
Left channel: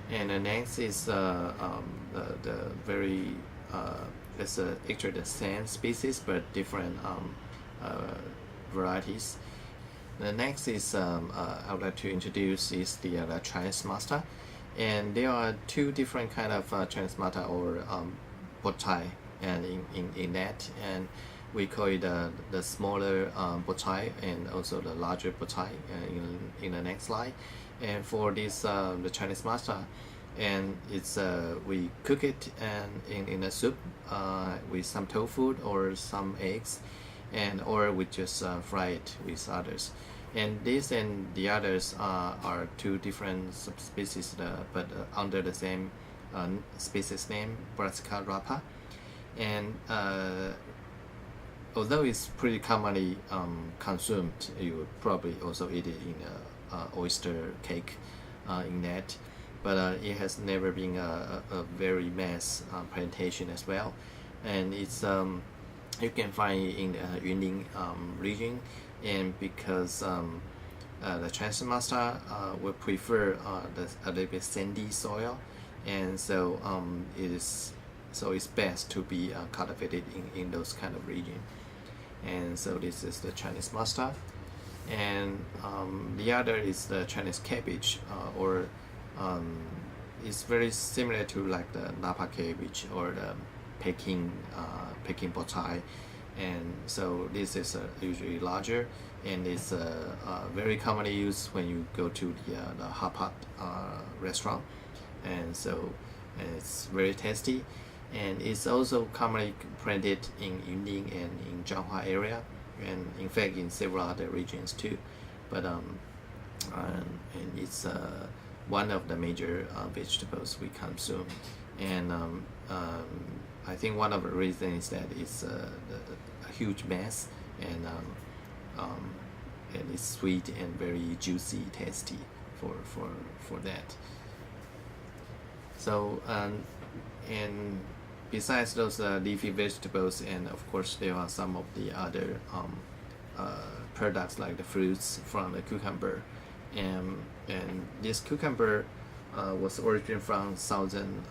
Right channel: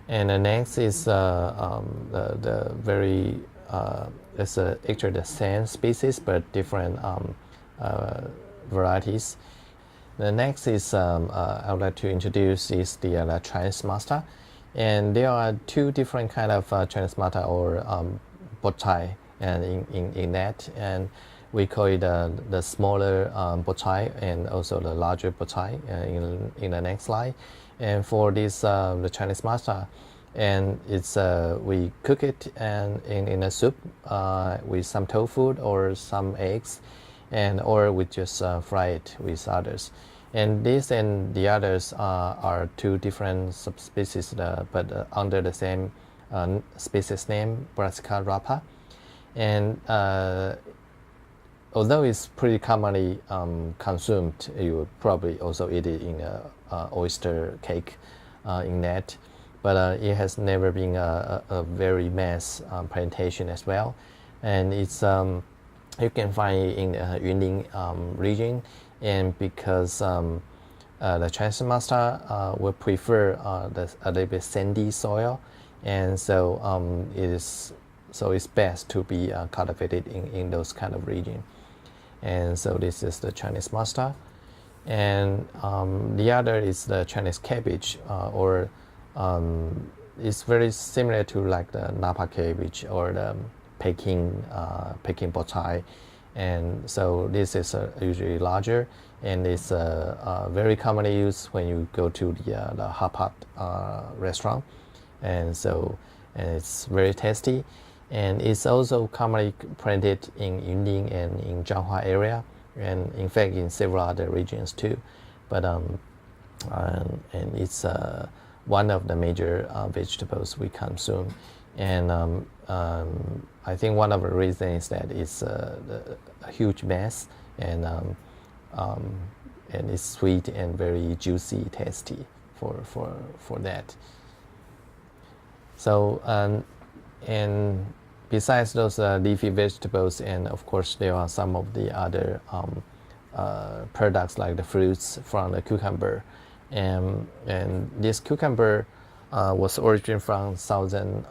And the next is the very it's actually the same species but different varieties. The next is I would like to introduce is the Chinese mustard, and there are two different kind of Chinese mustard or bochai, and in that, and we call it the smaller bochai and also the larger bochai in the next slide. And for this the Chinese mustard, and it's we cook it and in a soup with some tofu or some eggs, and or we just fry it with others. And this and the others are two different subspecies, but under the same species name, Brassica rapa. And although it's pretty commonly consumed, you will probably also eat it in a oyster cake in that, but it has never been a very mass plantation as well. And it's you can find it in Yunnan region, and because the Chinese mustard would prefer a little bit sandy soil, and so it's best to be cultivated in those kind of region. And so this is the Chinese mustard, and the other is the Chinese cabbage, or it's very similar to like the Napa cabbage or the Peking bochai. And so this is usually larger, and it's very commonly used when you go to the hot pot restaurant, and so it's very tasty. And it's also commonly planted in Yunnan and in Zhanghua area, and in fact in several other regions too. But and it's one of the major vegetables we consume. And I think one of the reasons is that it's a huge mass, and it's sweet and very juicy, tasty for that. So and besides those leafy vegetables, and of course there are some of the other products like the fruits from the cucumber, and this cucumber was originated from southern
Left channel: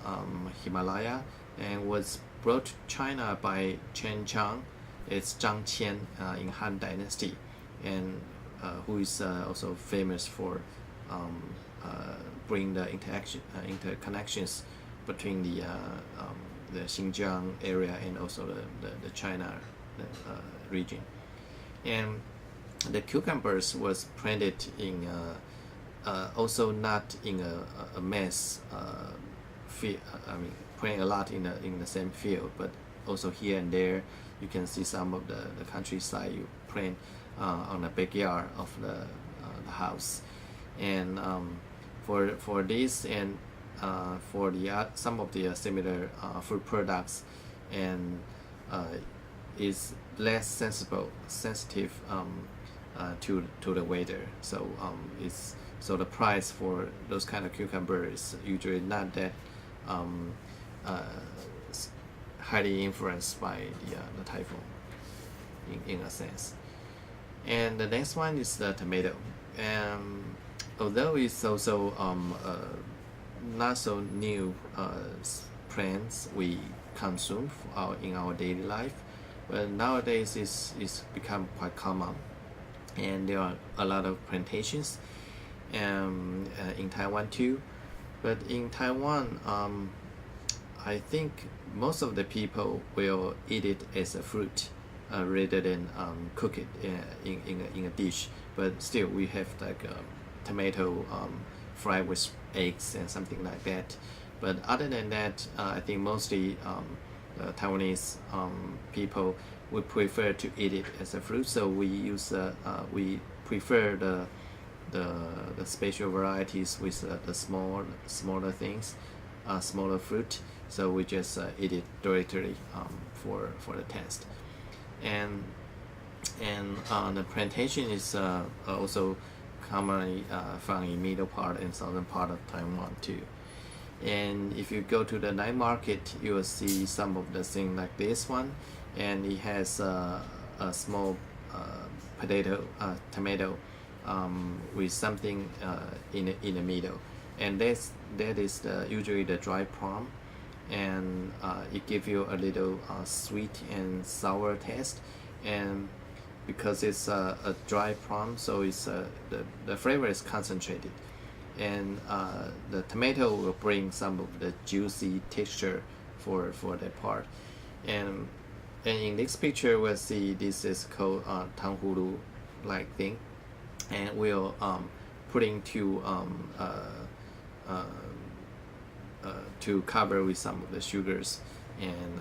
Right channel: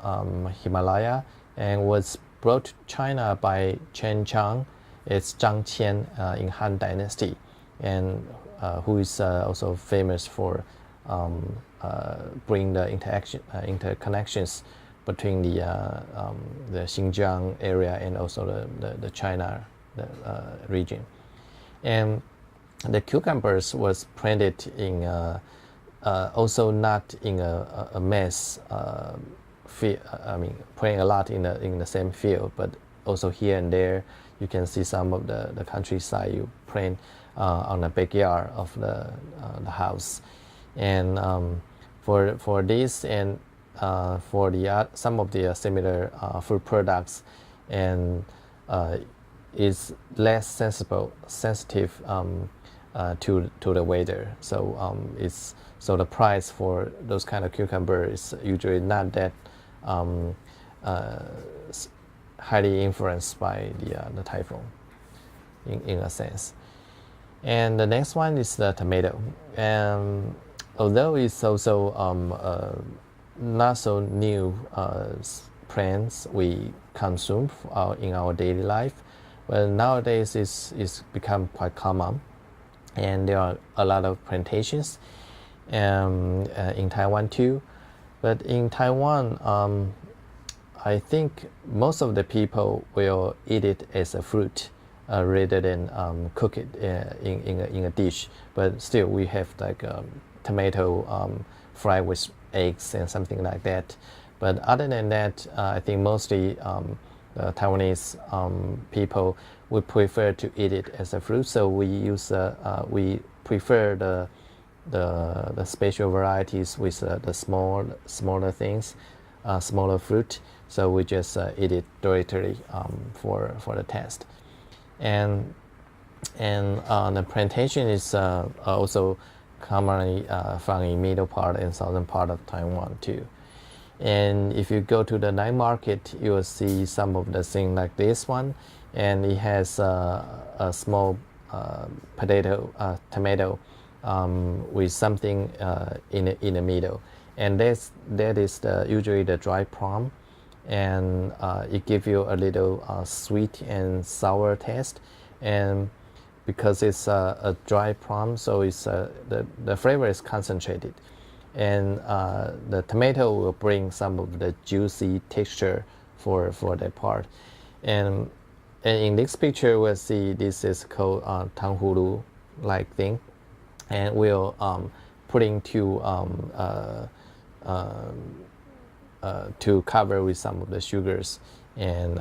Himalaya and was brought to China by Chen Chang. It's Zhang Qian in Han Dynasty, and who is also famous for bringing the interconnections between the Xinjiang area and also the China region. And the cucumbers was planted in also not in a mass field. I mean, planting a lot in the same field, but also here and there you can see some of the countryside you plant on the backyard of the house. And for this and for the some of the similar food products, and is less sensitive to the weather. So so the price for those kind of cucumber is usually not that highly influenced by the typhoon in a sense. And the next one is the tomato. Although it's also not so new plants we consume in our daily life, but nowadays it's become quite common, and there are a lot of plantations in Taiwan too. But in Taiwan, I think most of the people will eat it as a fruit rather than cook it in a dish. But still, we have like tomato fried with eggs and something like that. But other than that, I think mostly Taiwanese people would prefer to eat it as a fruit. So we prefer the special varieties with the smaller things, smaller fruit. So we just eat it directly for the test. And the plantation is also commonly found in middle part and southern part of Taiwan too. And if you go to the night market, you will see some of the things like this one, and it has a small tomato with something in the middle, and that is usually the dry plum, and it gives you a little sweet and sour taste, and because it's a dry plum, so it's the flavor is concentrated, and the tomato will bring some of the juicy texture for that part. And in this picture we'll see this is called tanghulu like thing, and we'll putting to cover with some of the sugars, and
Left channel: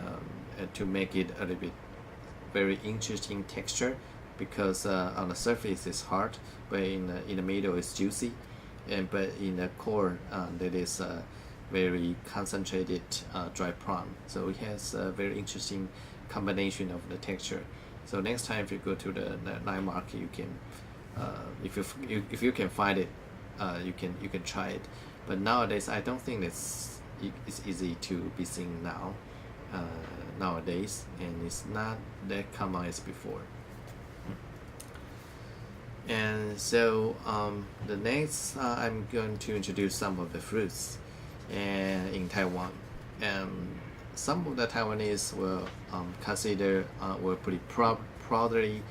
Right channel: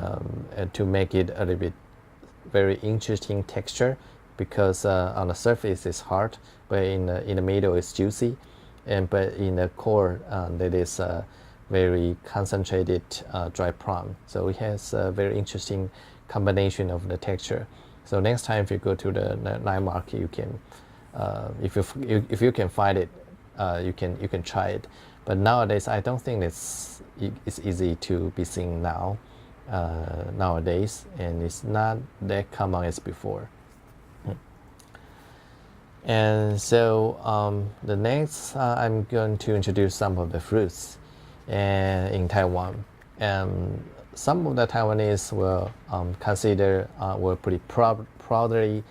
to make it a little bit very interesting texture, because on the surface it's hard, but in the middle it's juicy, but in the core that is very concentrated dry plum. So it has a very interesting combination of the texture. So next time if you go to the night market, you can if you can find it, you can try it. But nowadays I don't think it's easy to be seen nowadays, and it's not that common as before. And so the next I'm going to introduce some of the fruits in Taiwan, and some of the Taiwanese will consider, will pretty proudly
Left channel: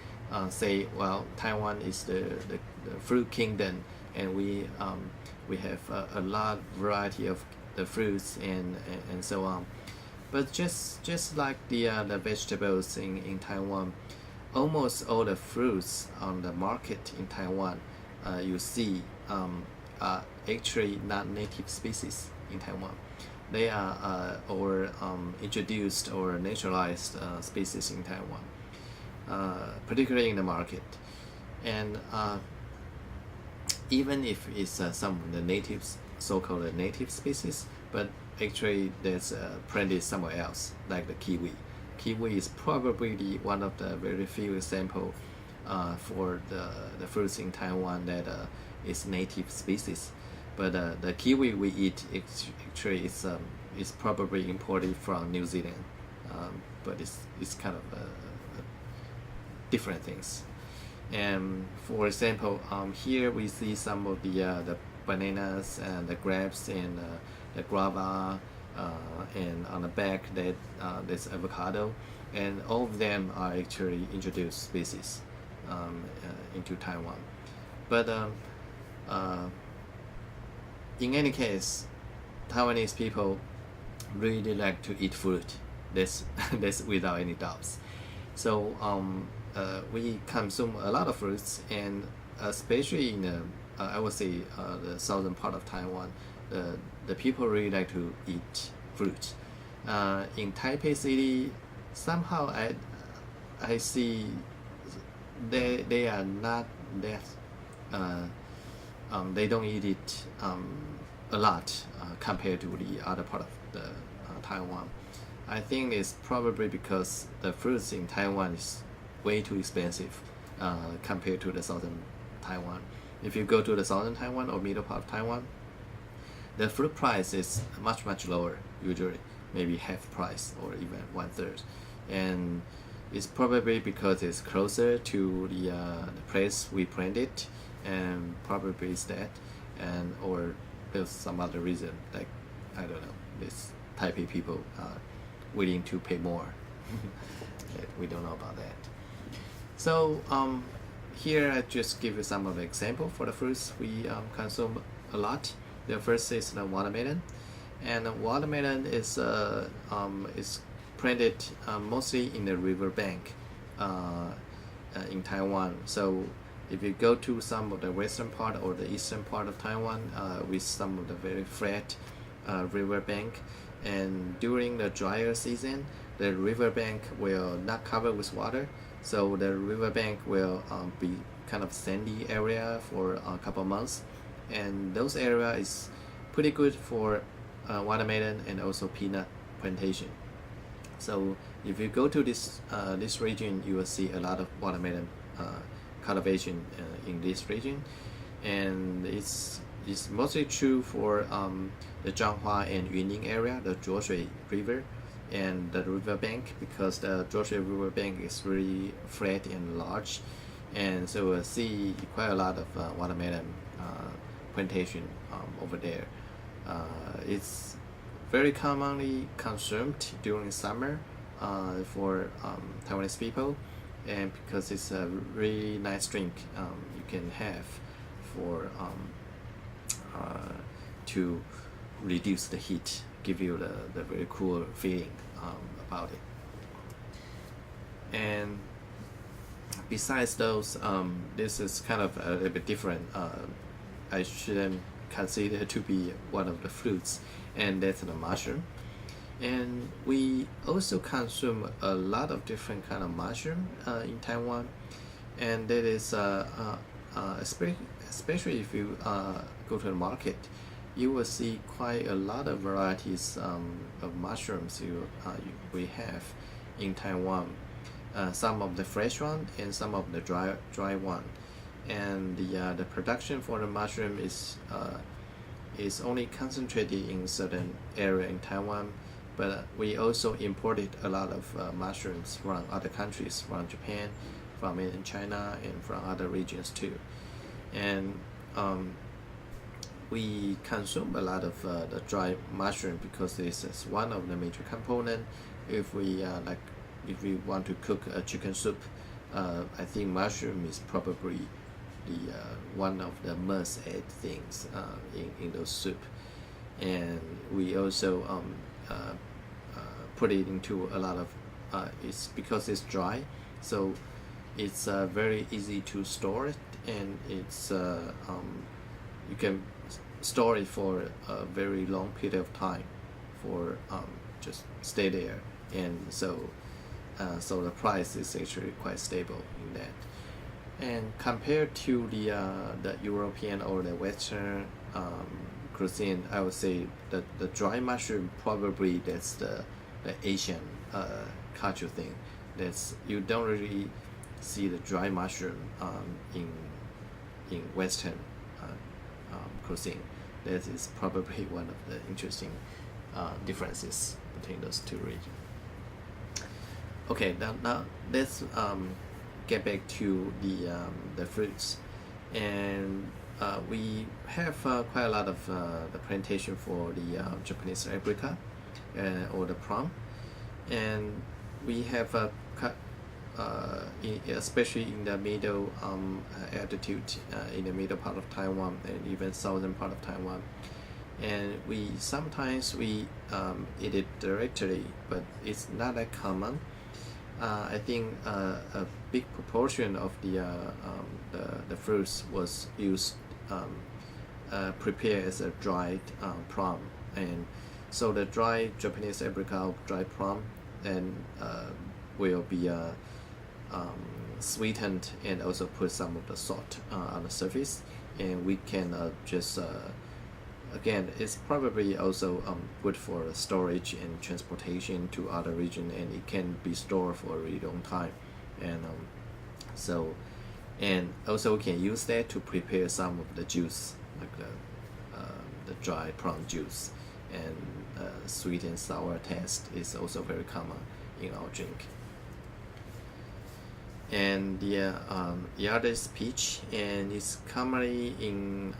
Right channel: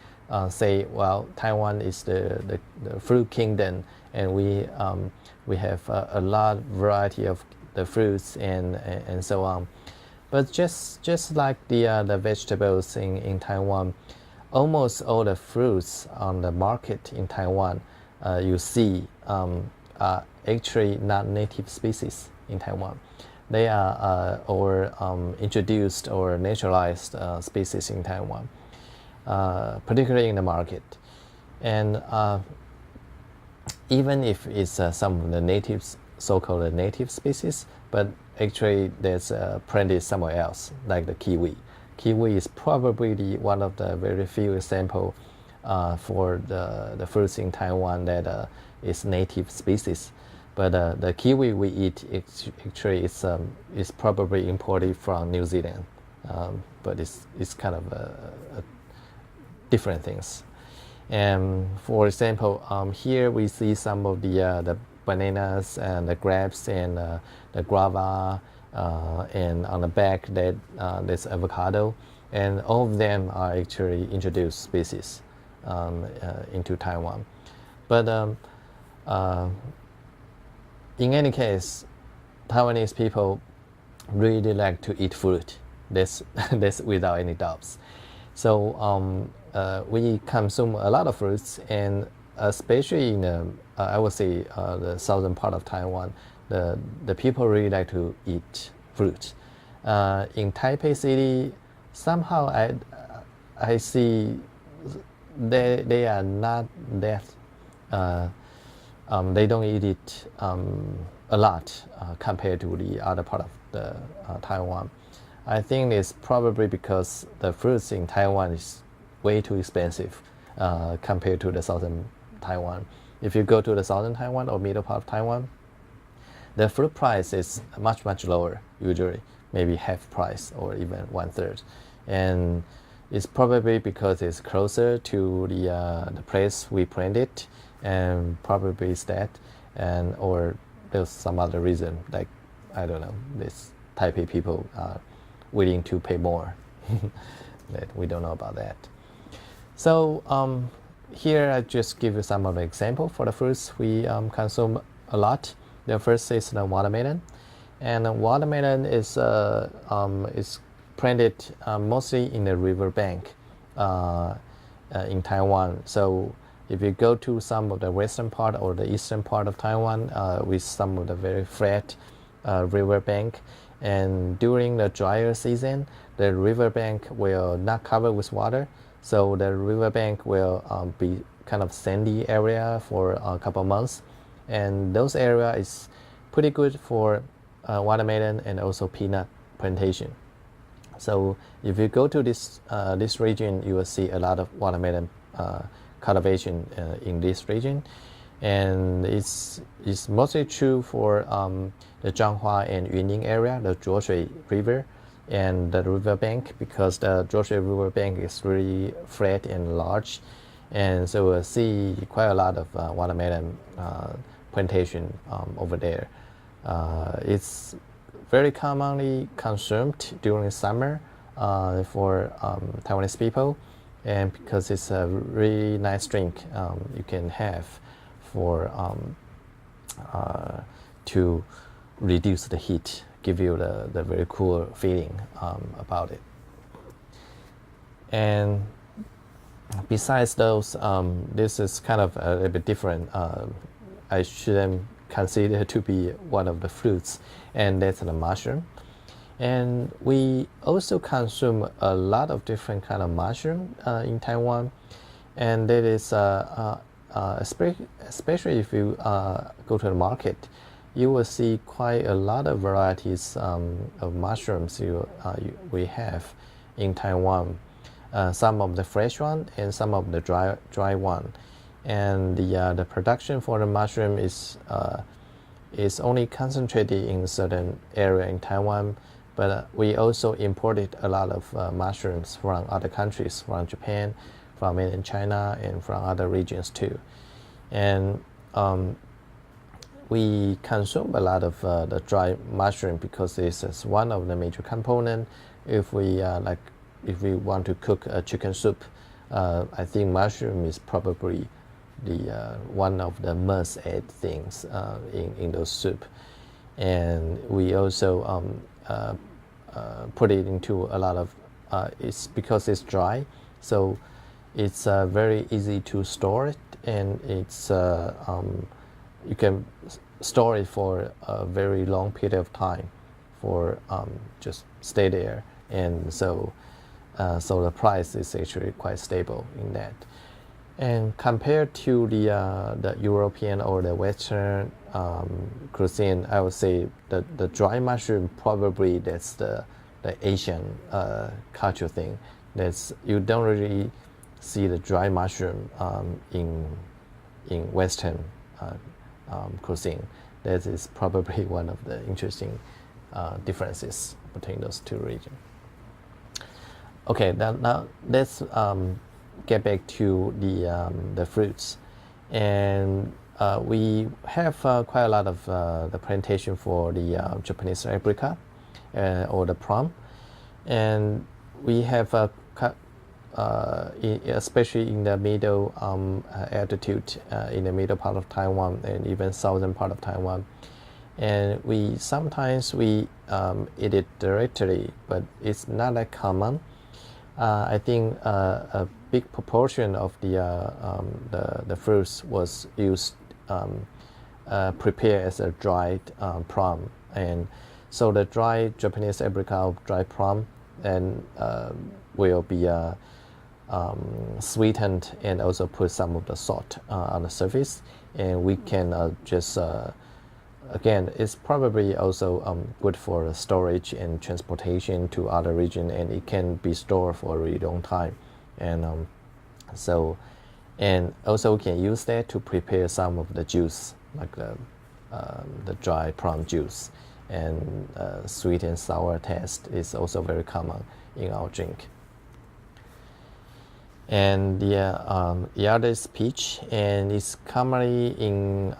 say, well, Taiwan is the fruit kingdom, and we have a lot variety of the fruits and so on. But just like the vegetables in Taiwan, almost all the fruits on the market in Taiwan you see are actually not native species in Taiwan. They are or introduced or naturalized species in Taiwan, particularly in the market. And even if it's some of the natives, so-called native species, but actually there's planted somewhere else, like the kiwi. Kiwi is probably one of the very few examples for the fruits in Taiwan that is native species. But the kiwi we eat actually is probably imported from New Zealand, but it's kind of a different things. And for example, here we see some of the bananas and the grapes and the guava, and on the back that there's avocado, and all of them are actually introduced species into Taiwan. But in any case, Taiwanese people really like to eat fruit. That's without any doubts. So we consume a lot of fruits, and especially in I would say the southern part of Taiwan, the people really like to eat fruit. In Taipei City, somehow I see they are not that they don't eat it a lot compared to the other part of the Taiwan. I think it's probably because the fruits in Taiwan is way too expensive compared to the southern Taiwan. If you go to the southern Taiwan or middle part of Taiwan, the fruit price is much lower, usually maybe half price or even 1/3, and it's probably because it's closer to the place we planted, and probably it's that, and or there's some other reason, like I don't know, this Taipei people are willing to pay more. That we don't know about that. So here I just give you some of the example for the fruits we consume a lot. The first is the watermelon, and the watermelon is planted mostly in the river bank in Taiwan. So if you go to some of the western part or the eastern part of Taiwan with some of the very flat riverbank, and during the drier season, the riverbank will not cover with water, so the riverbank will be kind of sandy area for a couple months, and those area is pretty good for watermelon and also peanut plantation. So if you go to this region, you will see a lot of watermelon cultivation in this region, and it's mostly true for the Zhanghua and Yunning area, the Zhuoshui River, and the riverbank, because the Zhuoshui riverbank is really flat and large, and so we'll see quite a lot of watermelon plantation over there. It's very commonly consumed during summer for Taiwanese people, and because it's a really nice drink you can have for to reduce the heat, give you the very cool feeling about it. And besides those, this is kind of a little bit different. I shouldn't consider to be one of the fruits, and that's the mushroom. And we also consume a lot of different kind of mushroom in Taiwan, and that is especially if you go to the market, you will see quite a lot of varieties of mushrooms we have in Taiwan. Some of the fresh one and some of the dry one, and the production for the mushroom is only concentrated in certain area in Taiwan, but we also imported a lot of mushrooms from other countries, from Japan, from mainland China, and from other regions too. And we consume a lot of the dry mushroom because this is one of the major component. If we want to cook a chicken soup, I think mushroom is probably the one of the must-add things in those soup. And we also put it into a lot of it's because it's dry, so it's very easy to store it, and it's you can store it for a very long period of time for just stay there, and so the price is actually quite stable in that. And compared to the European or the Western cuisine, I would say the dry mushroom probably that's the Asian culture thing. That's, you don't really see the dry mushroom in Western cuisine. That is probably one of the interesting differences between those two regions. Okay, now let's get back to the fruits, and we have quite a lot of the plantation for the Japanese apricot or the plum, and we have especially in the middle altitude, in the middle part of Taiwan and even southern part of Taiwan, and we sometimes eat it directly, but it's not that common. I think a big proportion of the fruits was used prepared as a dried plum, and so the dried Japanese apricot, dried plum, and will be sweetened and also put some of the salt on the surface, and we can just again, it's probably also good for storage and transportation to other region, and it can be stored for a really long time, and and also we can use that to prepare some of the juice, like the dry plum juice, and sweet and sour taste is also very common in our drink. And the other is peach, and it's commonly in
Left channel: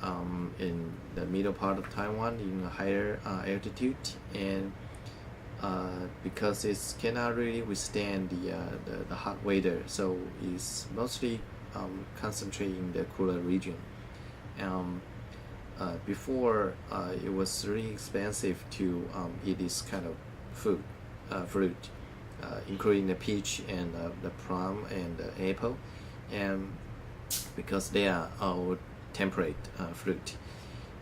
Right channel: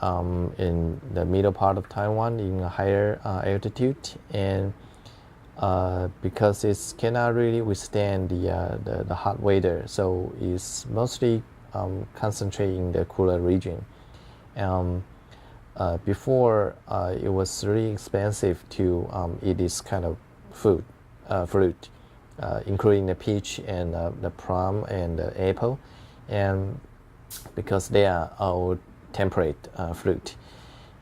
the middle part of Taiwan in a higher altitude, and because it cannot really withstand the hot weather, so it's mostly concentrated in the cooler region. Before it was really expensive to eat this kind of fruit, including the peach and the plum and the apple, and because they are all temperate fruit.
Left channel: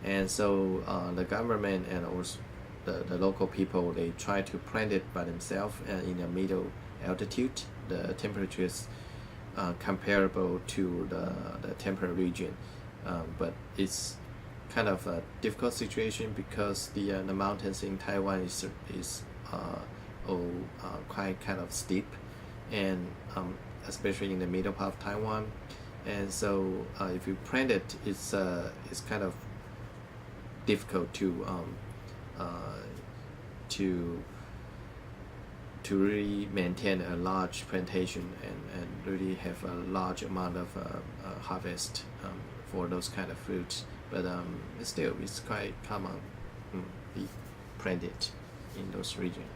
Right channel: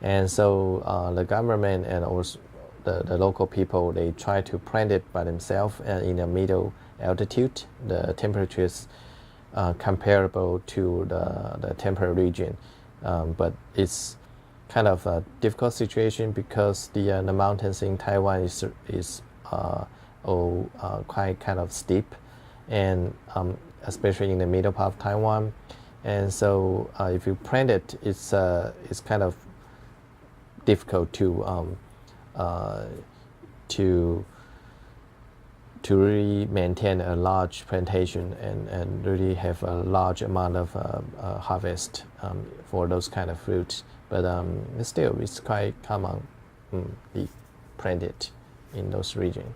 And so the government and also the local people, they try to plant it by themselves in a middle altitude. The temperature is comparable to the temperate region, but it's kind of a difficult situation because the mountains in Taiwan is all quite kind of steep, and especially in the middle part of Taiwan. And so if you plant it, it's kind of difficult to really maintain a large plantation and really have a large amount of harvest for those kind of fruits. But still, it's quite common be planted in those regions.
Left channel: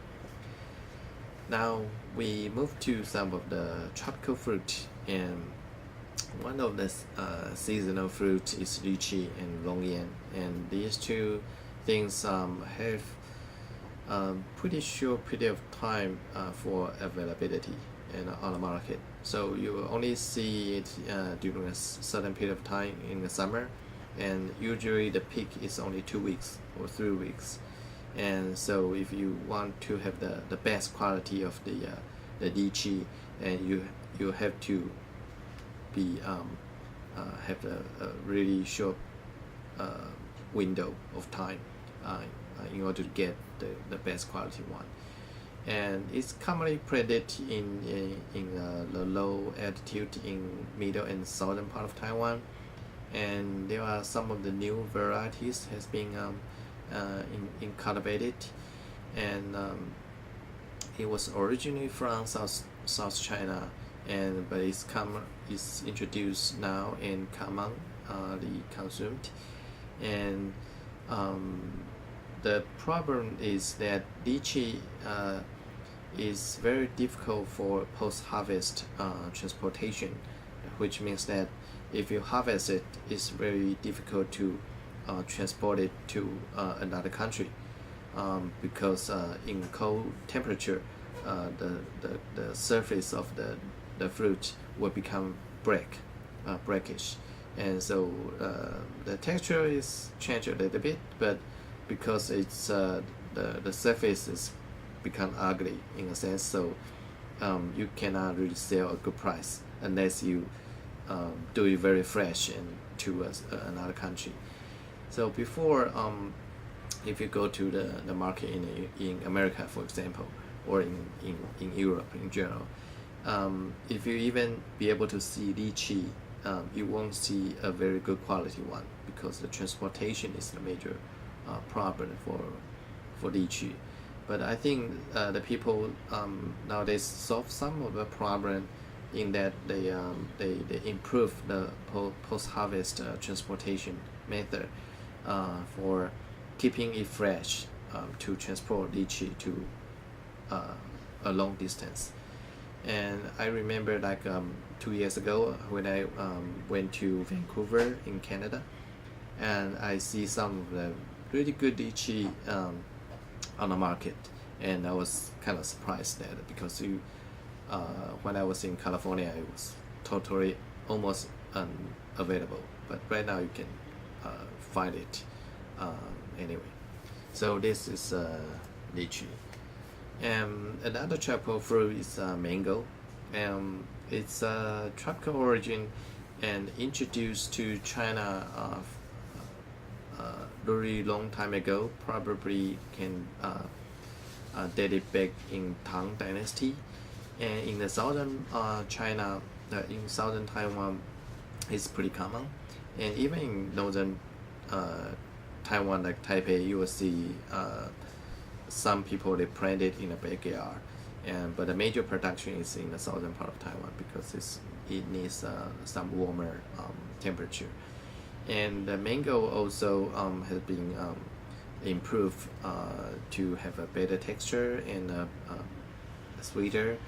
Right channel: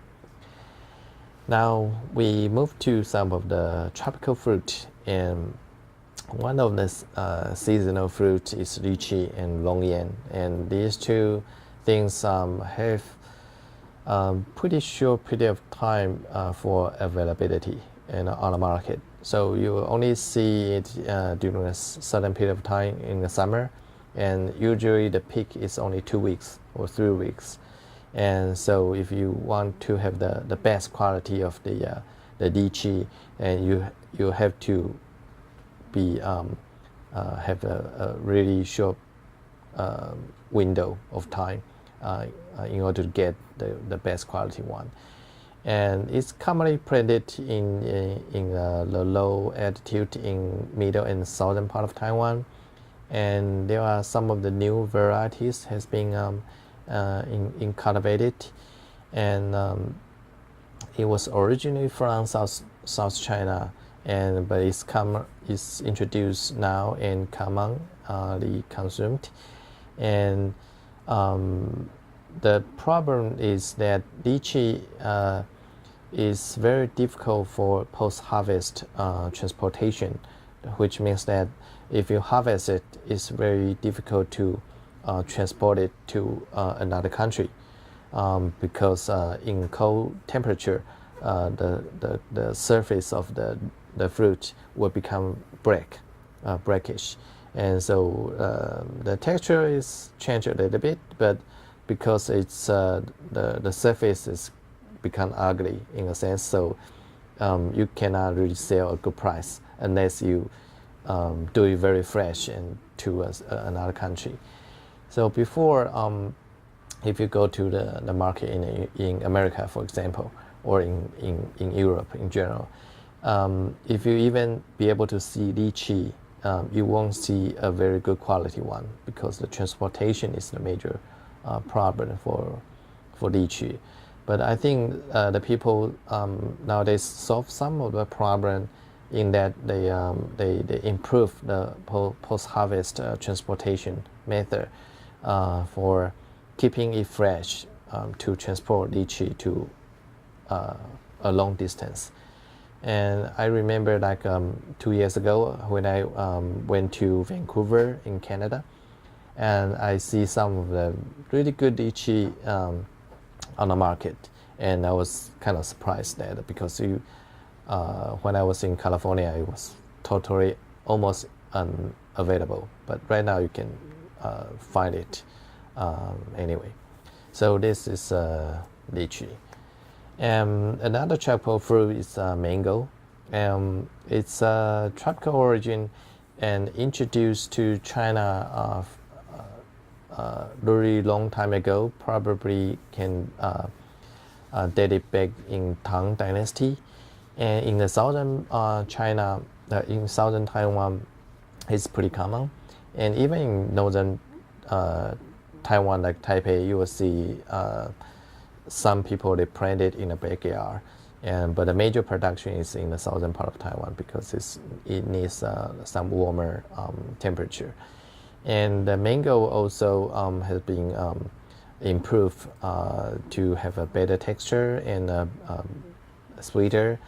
Now we move to some of the tropical fruit, and one of the seasonal fruits is lychee and longyan, and these two things have pretty short period of time for availability and on the market. So you only see it during a certain period of time in the summer, and usually the peak is only 2 weeks or 3 weeks. And so if you want to have the best quality of the lychee, and you have to be have a really short window of time in order to get the best quality one. And it's commonly planted in the low altitude in middle and southern part of Taiwan. And there are some of the new varieties has been in cultivated, and it was originally from South China, but it's introduced now and commonly consumed. And the problem is that lychee is very difficult for post-harvest transportation, which means that if you harvest it, it's very difficult to transport it to another country, because in cold temperature, the surface of the fruit will become brackish, and so the texture is changed a little bit, but because it's the surface is become ugly in a sense, so you cannot really sell a good price unless you do it very fresh and to another country. So before, if you go to the market in America, for example, or in Europe in general, if you even be able to see lychee, you won't see a very good quality one, because the transportation is the major problem for lychee. But I think the people nowadays solve some of the problem in that they improve the post-harvest transportation method for keeping it fresh to transport lychee to a long distance. And I remember like 2 years ago when I went to Vancouver in Canada, and I see some of the really good lychee on the market, and I was kind of surprised that, because when I was in California, it was totally almost unavailable, but right now you can find it anyway. So this is lychee. Another tropical fruit is mango. It's a tropical origin and introduced to China very long time ago, probably can date it back in Tang Dynasty. And in the southern China, in southern Taiwan, it's pretty common. And even in northern Taiwan, like Taipei, you will see some people, they plant it in the backyard. But the major production is in the southern part of Taiwan, because it needs some warmer temperature. And the mango also has been improved to have a better texture and sweeter.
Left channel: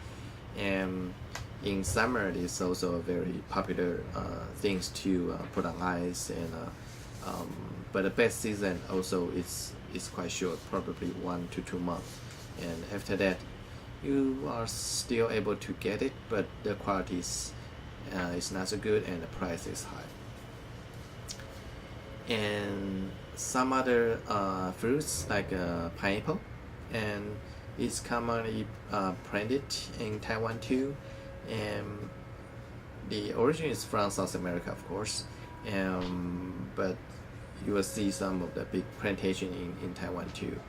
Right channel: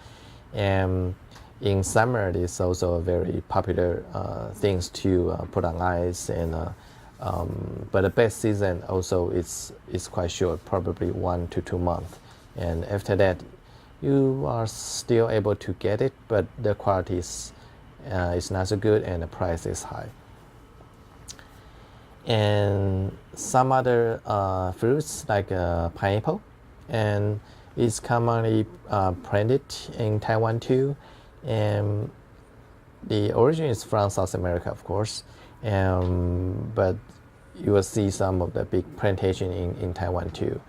And in summer, it's also a very popular things to put on ice. And but the best season also is quite short, probably 1 to 2 months. And after that, you are still able to get it, but the quality it's not so good, and the price is high. And some other fruits like pineapple, and it's commonly planted in Taiwan too, and the origin is from South America, of course, but you will see some of the big plantation in Taiwan too.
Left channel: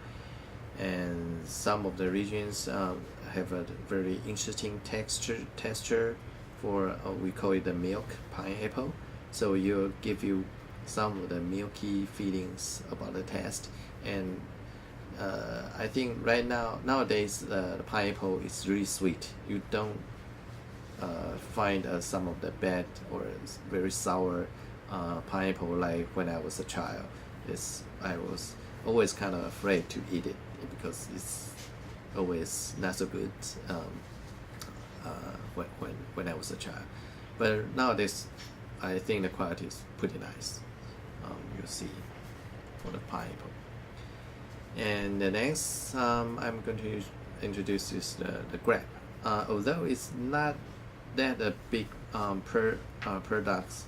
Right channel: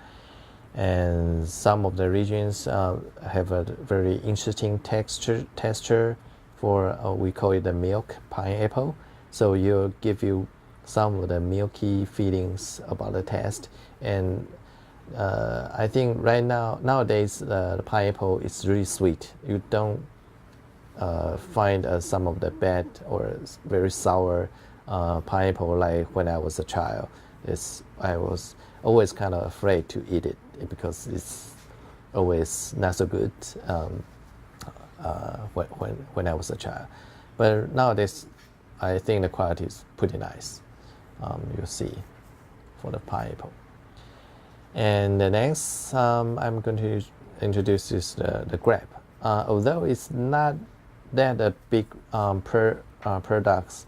And some of the regions have a very interesting texture for we call it the milk pineapple. So it'll give you some of the milky feelings about the taste. And I think nowadays the pineapple is really sweet. You don't find some of the bad or very sour pineapple like when I was a child. I was always kind of afraid to eat it because it's always not so good when I was a child. But nowadays, I think the quality is pretty nice. You'll see for the pineapple. And the next I'm going to introduce is the grape. Although it's not that a big products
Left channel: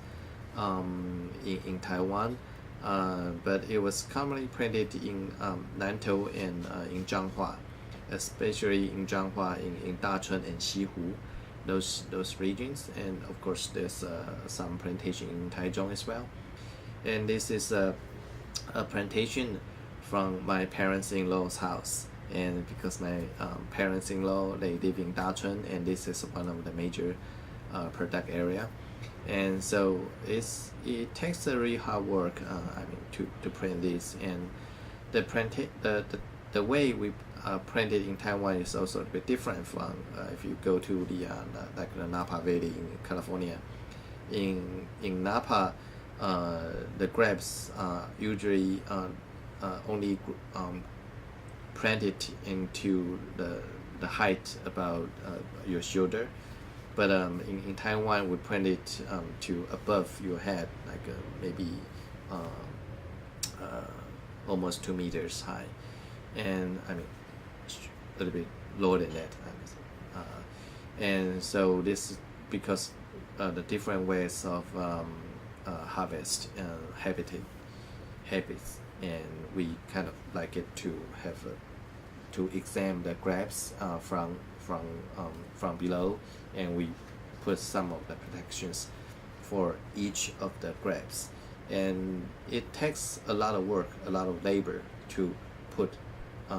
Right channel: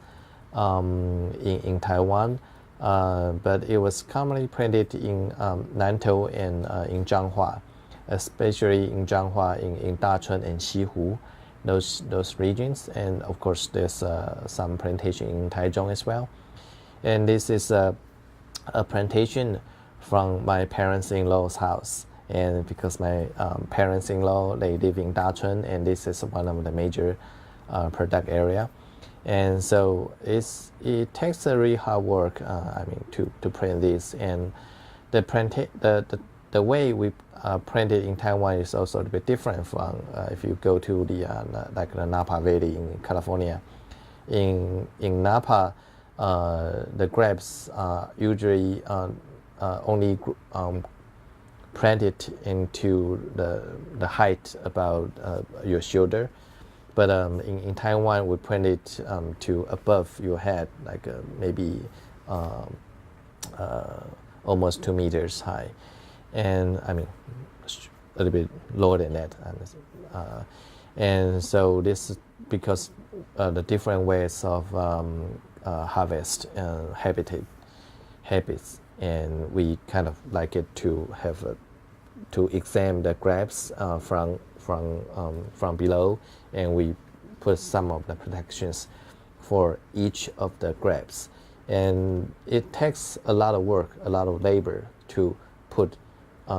in Taiwan, but it was commonly planted in Nantou and in Zhanghua, especially in Zhanghua, in Dacheng and Xihu, those regions. And of course, there's some plantation in Taichung as well. And this is a plantation from my parents-in-law's house. And because my parents-in-law, they live in Dacheng, and this is one of the major product area. And so it takes a really hard work, to plant this. And the way we plant it in Taiwan is also a bit different from if you go to the Napa Valley in California. In Napa, the grapes are usually only planted into the height about your shoulder. But in Taiwan, we plant it to above your head, like maybe almost 2 meters high, and a little bit lower than that. And so this is because the different ways of harvest and habits, and we kind of like it to have to examine the grapes from below, and we put some of the protections for each of the grapes. And it takes a lot of work, a lot of labor to put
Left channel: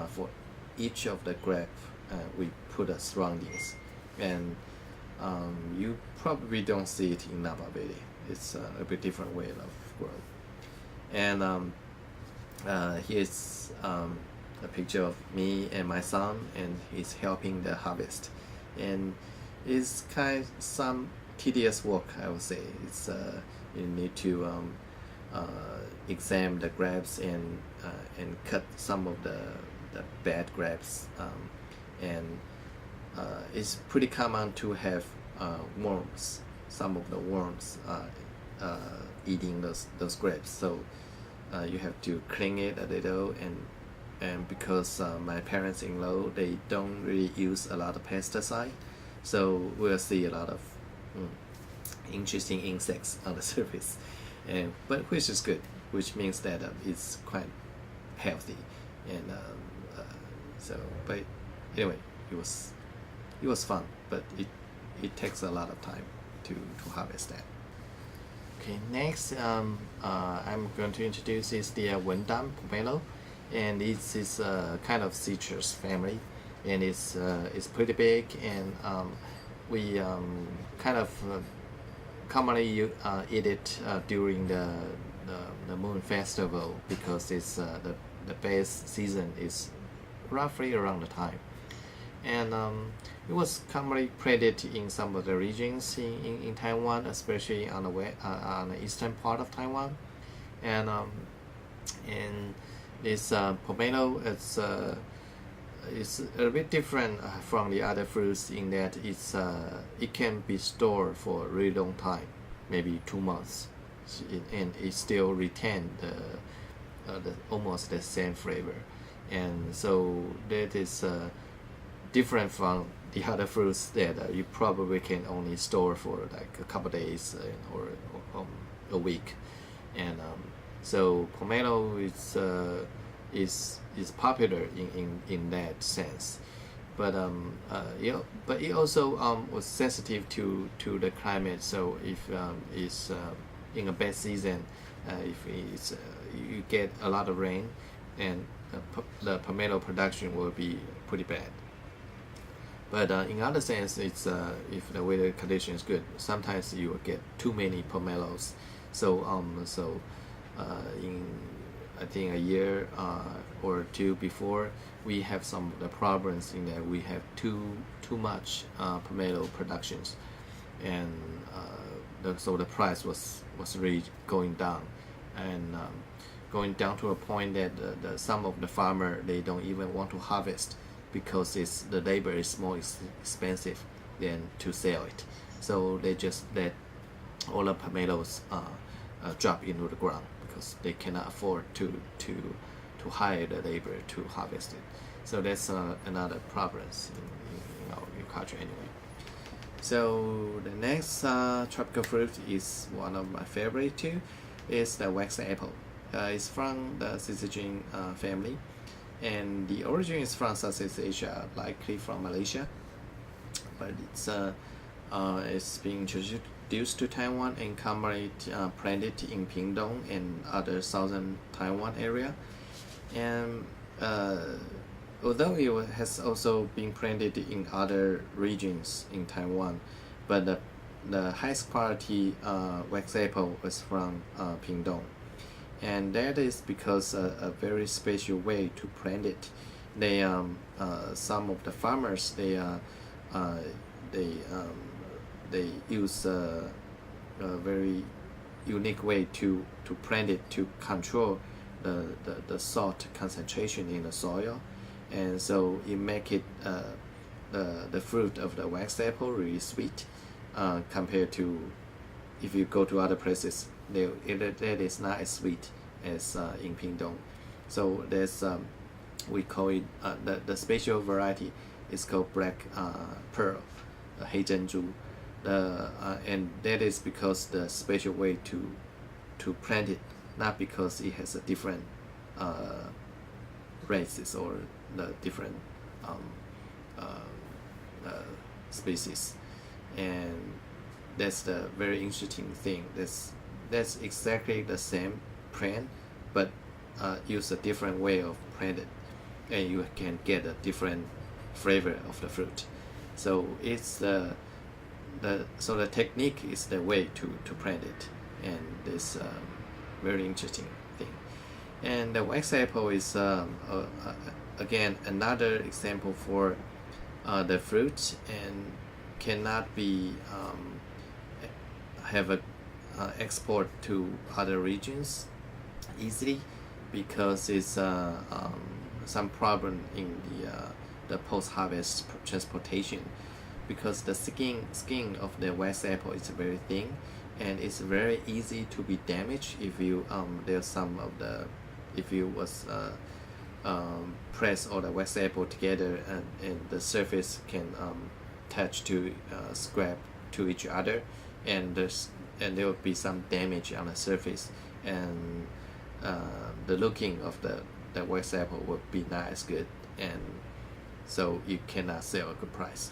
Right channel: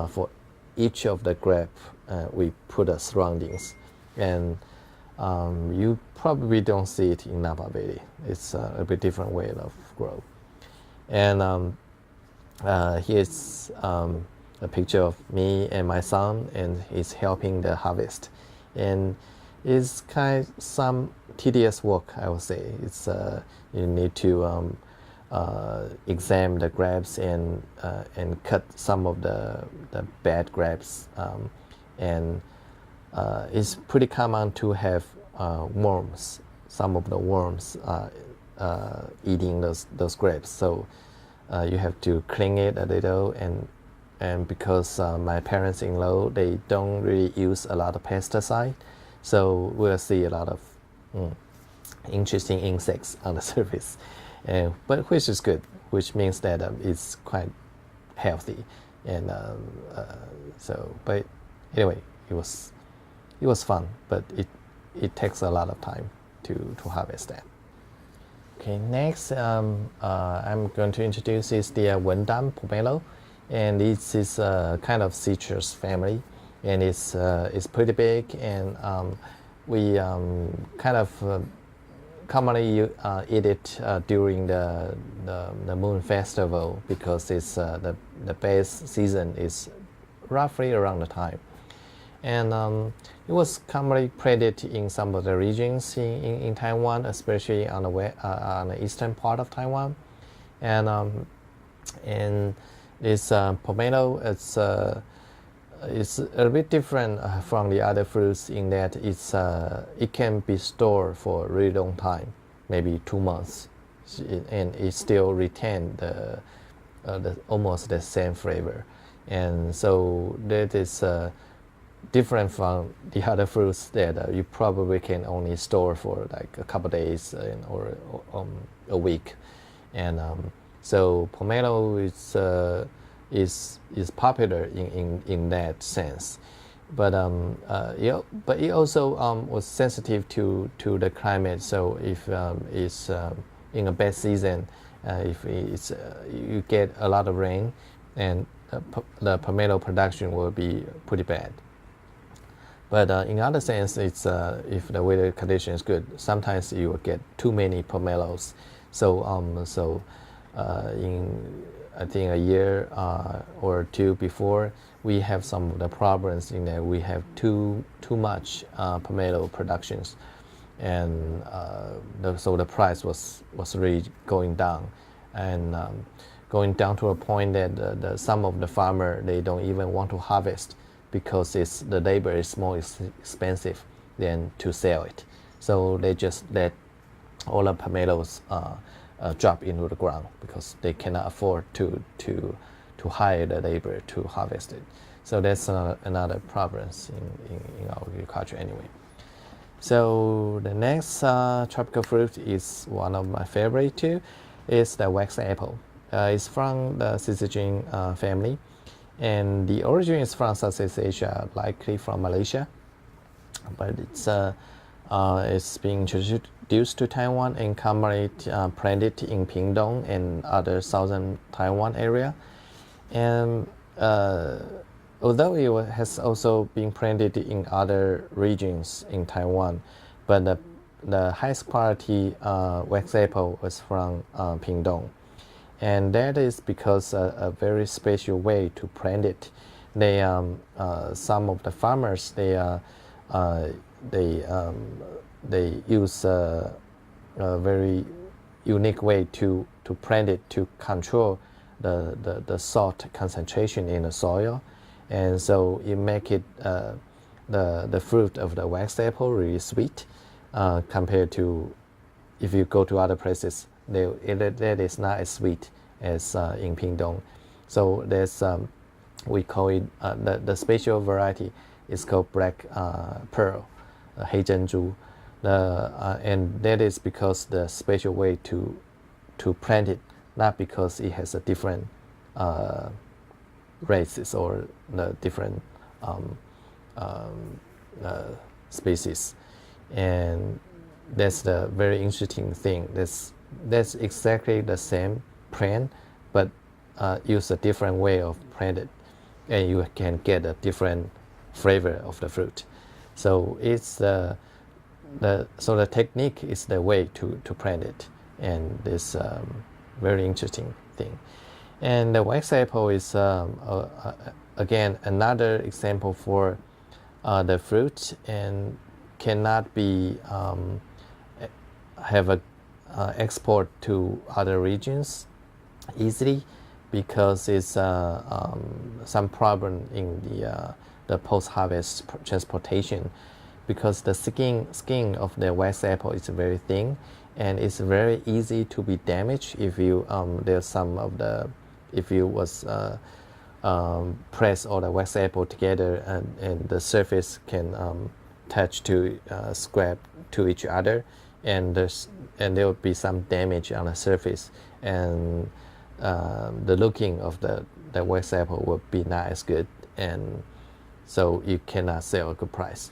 for each of the grape. We put the surroundings, and you probably don't see it in Napa Valley. It's a bit different way of growth. And here's a picture of me and my son, and he's helping the harvest. And it's kind of some tedious work, I would say. It's you need to examine the grapes and cut some of the bad grapes, and it's pretty common to have worms. Some of the worms eating those grapes, so you have to clean it a little. And because my parents-in-law, they don't really use a lot of pesticide, so we'll see a lot of interesting insects on the surface, but which is good, which means that it's quite healthy. And but anyway, it was fun, but it takes a lot of time to harvest that. Okay, next I'm going to introduce is the Wendam pomelo. And this is a kind of citrus family, and it's pretty big, and we kind of commonly eat it during the Moon Festival, because it's the best season is roughly around the time. And it was commonly planted in some of the regions in Taiwan, especially on the eastern part of Taiwan. And this pomelo, it's a bit different from the other fruits in that it can be stored for a really long time, maybe 2 months, and it still retain the almost the same flavor. And so that is different from the other fruits that you probably can only store for like a couple days or a week, and so pomelo is popular in that sense, but but it also was sensitive to the climate. So if it's in a bad season, if it's you get a lot of rain, and the pomelo production will be pretty bad. But in other sense, it's if the weather condition is good, sometimes you will get too many pomelos. So in I think a year or two before, we have some of the problems in that we have too much pomelo productions, and so the price was really going down, and going down to a point that some of the farmer, they don't even want to harvest because the labor is more expensive than to sell it. So they just let all the pomelos drop into the ground because they cannot afford to hire the labor to harvest it. So that's another problem in our agriculture anyway. So the next tropical fruit is one of my favorite too. Is the wax apple. It's from the Syzygian family, and the origin is from Southeast Asia, likely from Malaysia. But it's being introduced to Taiwan and commonly planted in Pingdong and other southern Taiwan area. And although it has also been planted in other regions in Taiwan, but the highest quality wax apple was from Pingdong. And that is because a very special way to plant it. They some of the farmers they use a very unique way to plant it to control the salt concentration in the soil, and so it make it the fruit of the wax apple really sweet compared to if you go to other places. That is not as sweet as in Pingdong. So there's we call it the special variety is called black pearl, 黑珍珠. And that is because the special way to plant it, not because it has a different races or the different species. And that's the very interesting thing. That's exactly the same plant, but use a different way of planted, and you can get a different flavor of the fruit. So it's the technique is the way to plant it, and this very interesting thing. And the wax apple is again another example for the fruit, and cannot be have a export to other regions easily because it's some problem in the post-harvest transportation, because the skin of the wax apple is very thin, and it's very easy to be damaged if you there's some of the if you was press all the wax apple together, and the surface can touch to scrap to each other, and there will be some damage on the surface, and the looking of the wax apple will be not as good, and so you cannot sell a good price.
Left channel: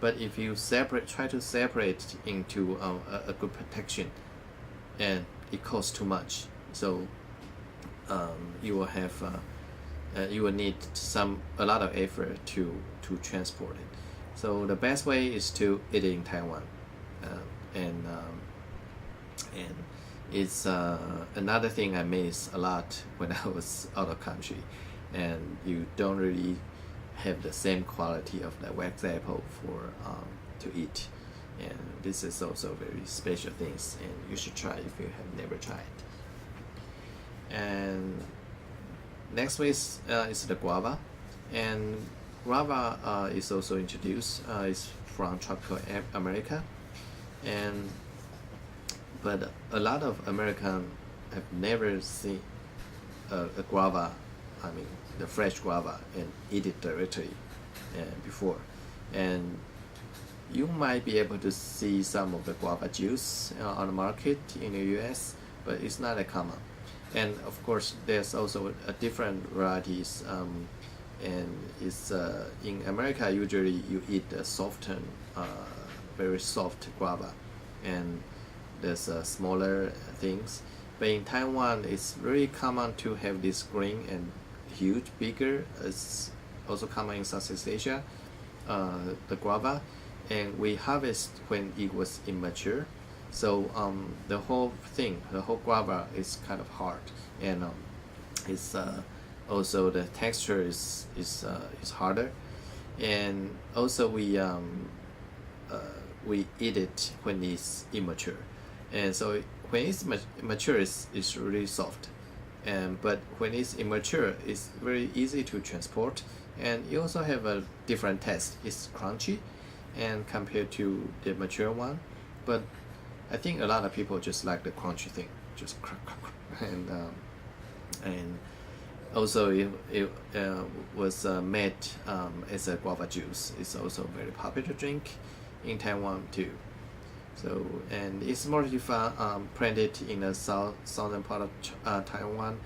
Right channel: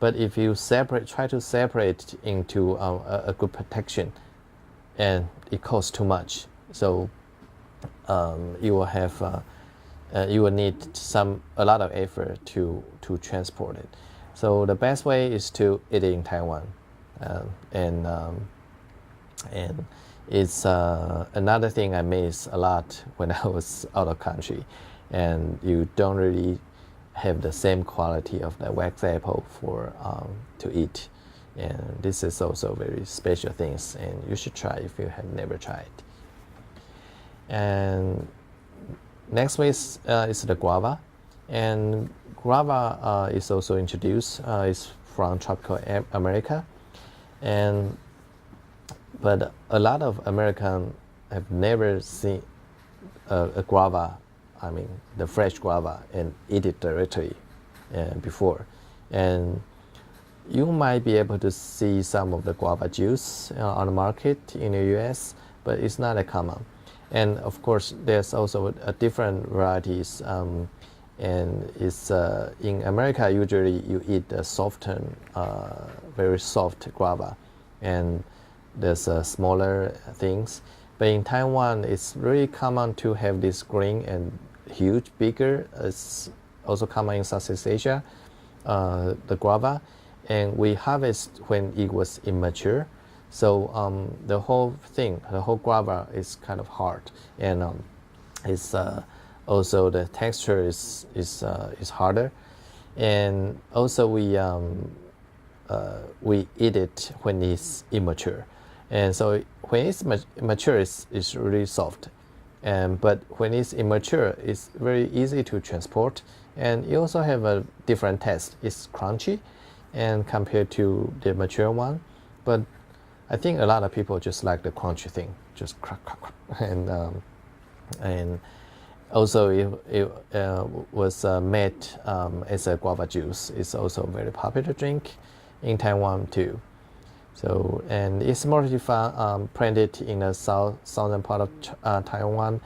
But if you try to separate into a good protection, and it costs too much, so you will have you will need a lot of effort to transport it. So the best way is to eat it in Taiwan, and it's another thing I miss a lot when I was out of country, and you don't really have the same quality of the wax apple for to eat, and this is also very special things, and you should try if you have never tried. And next way is the guava, and guava is also introduced. It's from tropical America, but a lot of Americans have never seen a guava, I mean the fresh guava, and eat it directly before. And you might be able to see some of the guava juice on the market in the US, but it's not a common. And of course, there's also a different varieties. And it's in America, usually you eat a softened, very soft guava, and there's smaller things. But in Taiwan, it's very common to have this green and huge, bigger. It's also common in Southeast Asia, the guava, and we harvest when it was immature. So the whole guava is kind of hard, and it's also the texture is harder, and also we eat it when it's immature, and so when it's mature, it's really soft, but when it's immature, it's very easy to transport, and it also have a different taste. It's crunchy, and compared to the mature one, but I think a lot of people just like the crunchy thing, just crack, crack, crack. And also it was made as a guava juice. It's also a very popular drink in Taiwan too. So, and it's mostly planted in the southern part of Taiwan,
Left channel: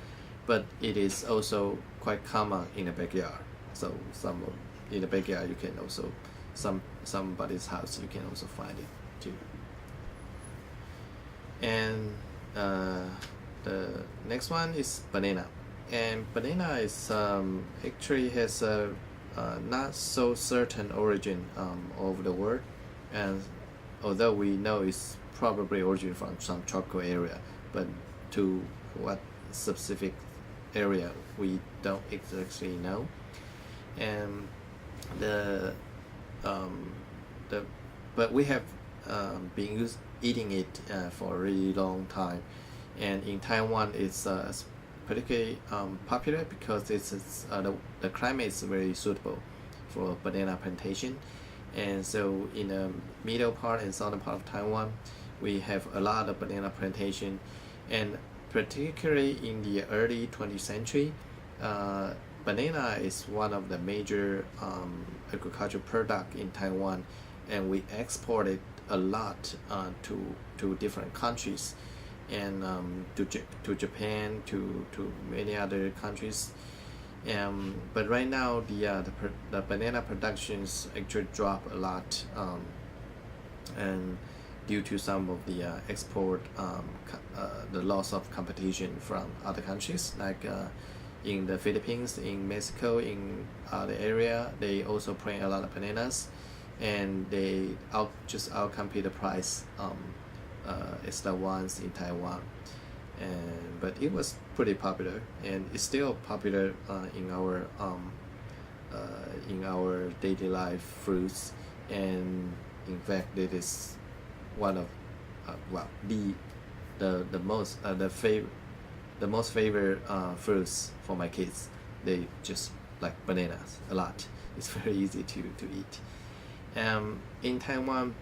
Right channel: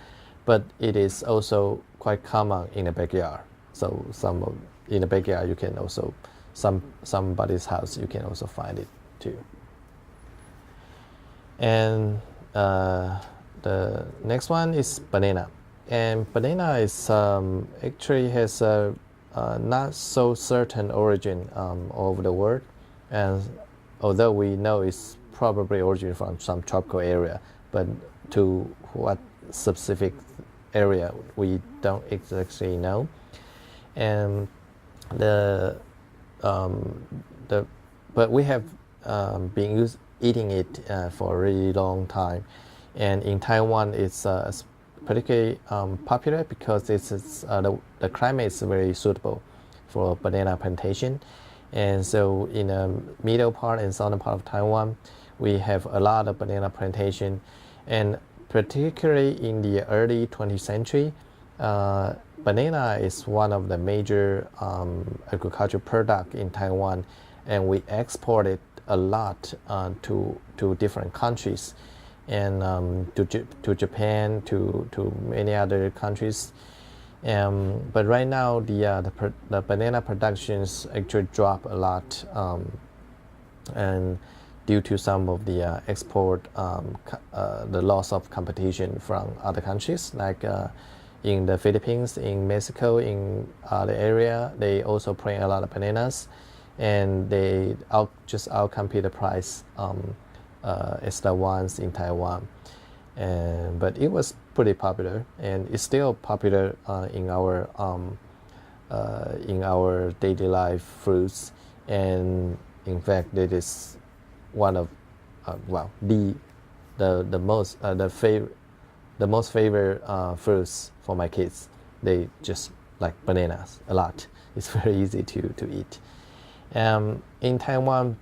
but it is also quite common in the backyard. So in the backyard you can also, somebody's house you can also find it too. And the next one is banana. And banana is actually has a not so certain origin all over the world, and although we know it's probably origin from some tropical area, but to what specific area we don't exactly know. And but we have been eating it for a really long time, and in Taiwan it's particularly popular because the climate is very suitable for banana plantation. And so in the middle part and southern part of Taiwan, we have a lot of banana plantation, and particularly in the early 20th century, banana is one of the major agricultural product in Taiwan, and we export it a lot to different countries, and to Japan, to many other countries. But right now the banana productions actually drop a lot, and due to some of the export, the loss of competition from other countries, like in the Philippines, in Mexico, in other area, they also plant a lot of bananas, and they just outcompete the price as the ones in Taiwan. But it was pretty popular, and it's still popular in our daily life fruits. And in fact, it is one of the most favorite fruits for my kids. They just like bananas a lot. It's very easy to eat. In Taiwan,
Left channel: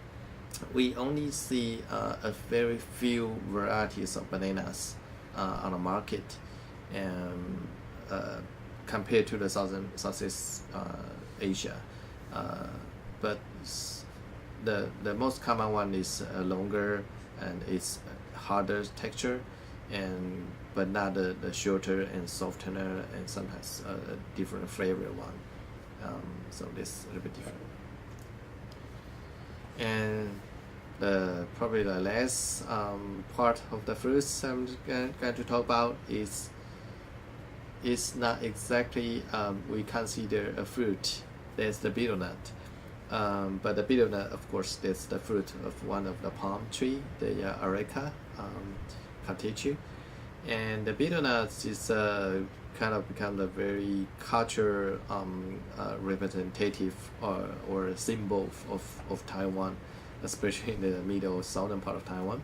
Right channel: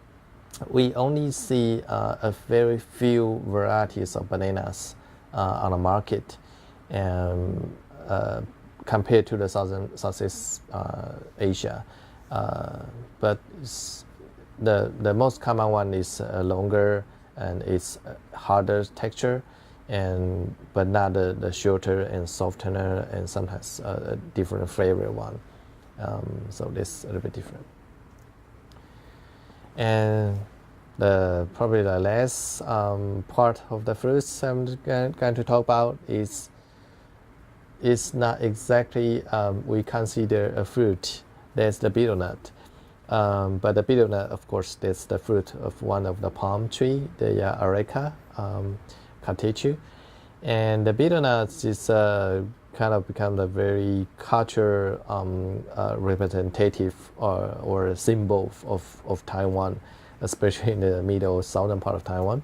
we only see a very few varieties of bananas on the market, compared to the Southeast Asia. But the most common one is longer, and it's harder texture, but not the shorter and softer, and sometimes a different flavor one. So this a little bit different. And probably the last part of the fruits I'm going to talk about is not exactly we consider a fruit. There's the betel nut, but the betel nut, of course, that's the fruit of one of the palm tree, the Areca catechu. And the betel nuts is kind of become the very culture representative or symbol of Taiwan, especially in the middle southern part of Taiwan.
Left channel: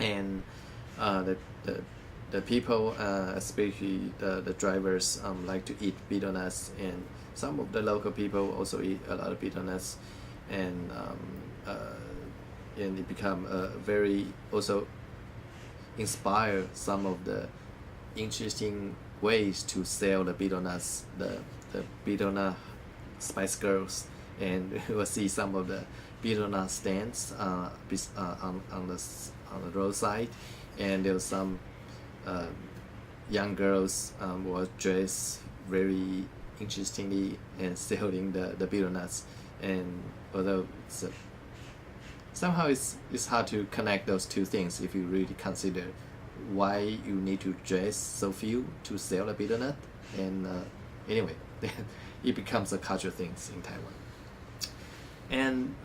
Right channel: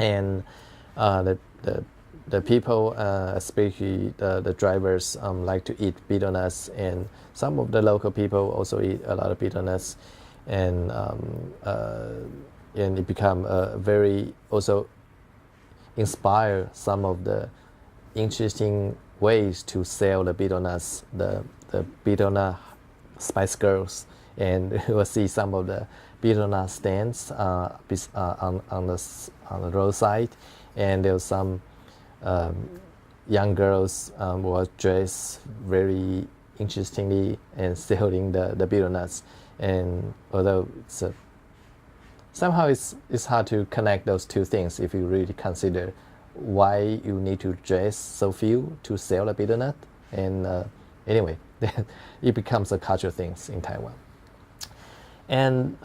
And the people, especially the drivers, like to eat betel nuts, and some of the local people also eat a lot of betel nuts, and it become very also inspire some of the interesting ways to sell the betel nuts. The betel nut Spice Girls, and you will see some of the betel nut stands on the roadside, and there was some young girls who were dressed very interestingly and selling the betel nuts. And although somehow it's hard to connect those two things if you really consider why you need to dress so few to sell the betel nut. And anyway, it becomes a cultural thing in Taiwan. And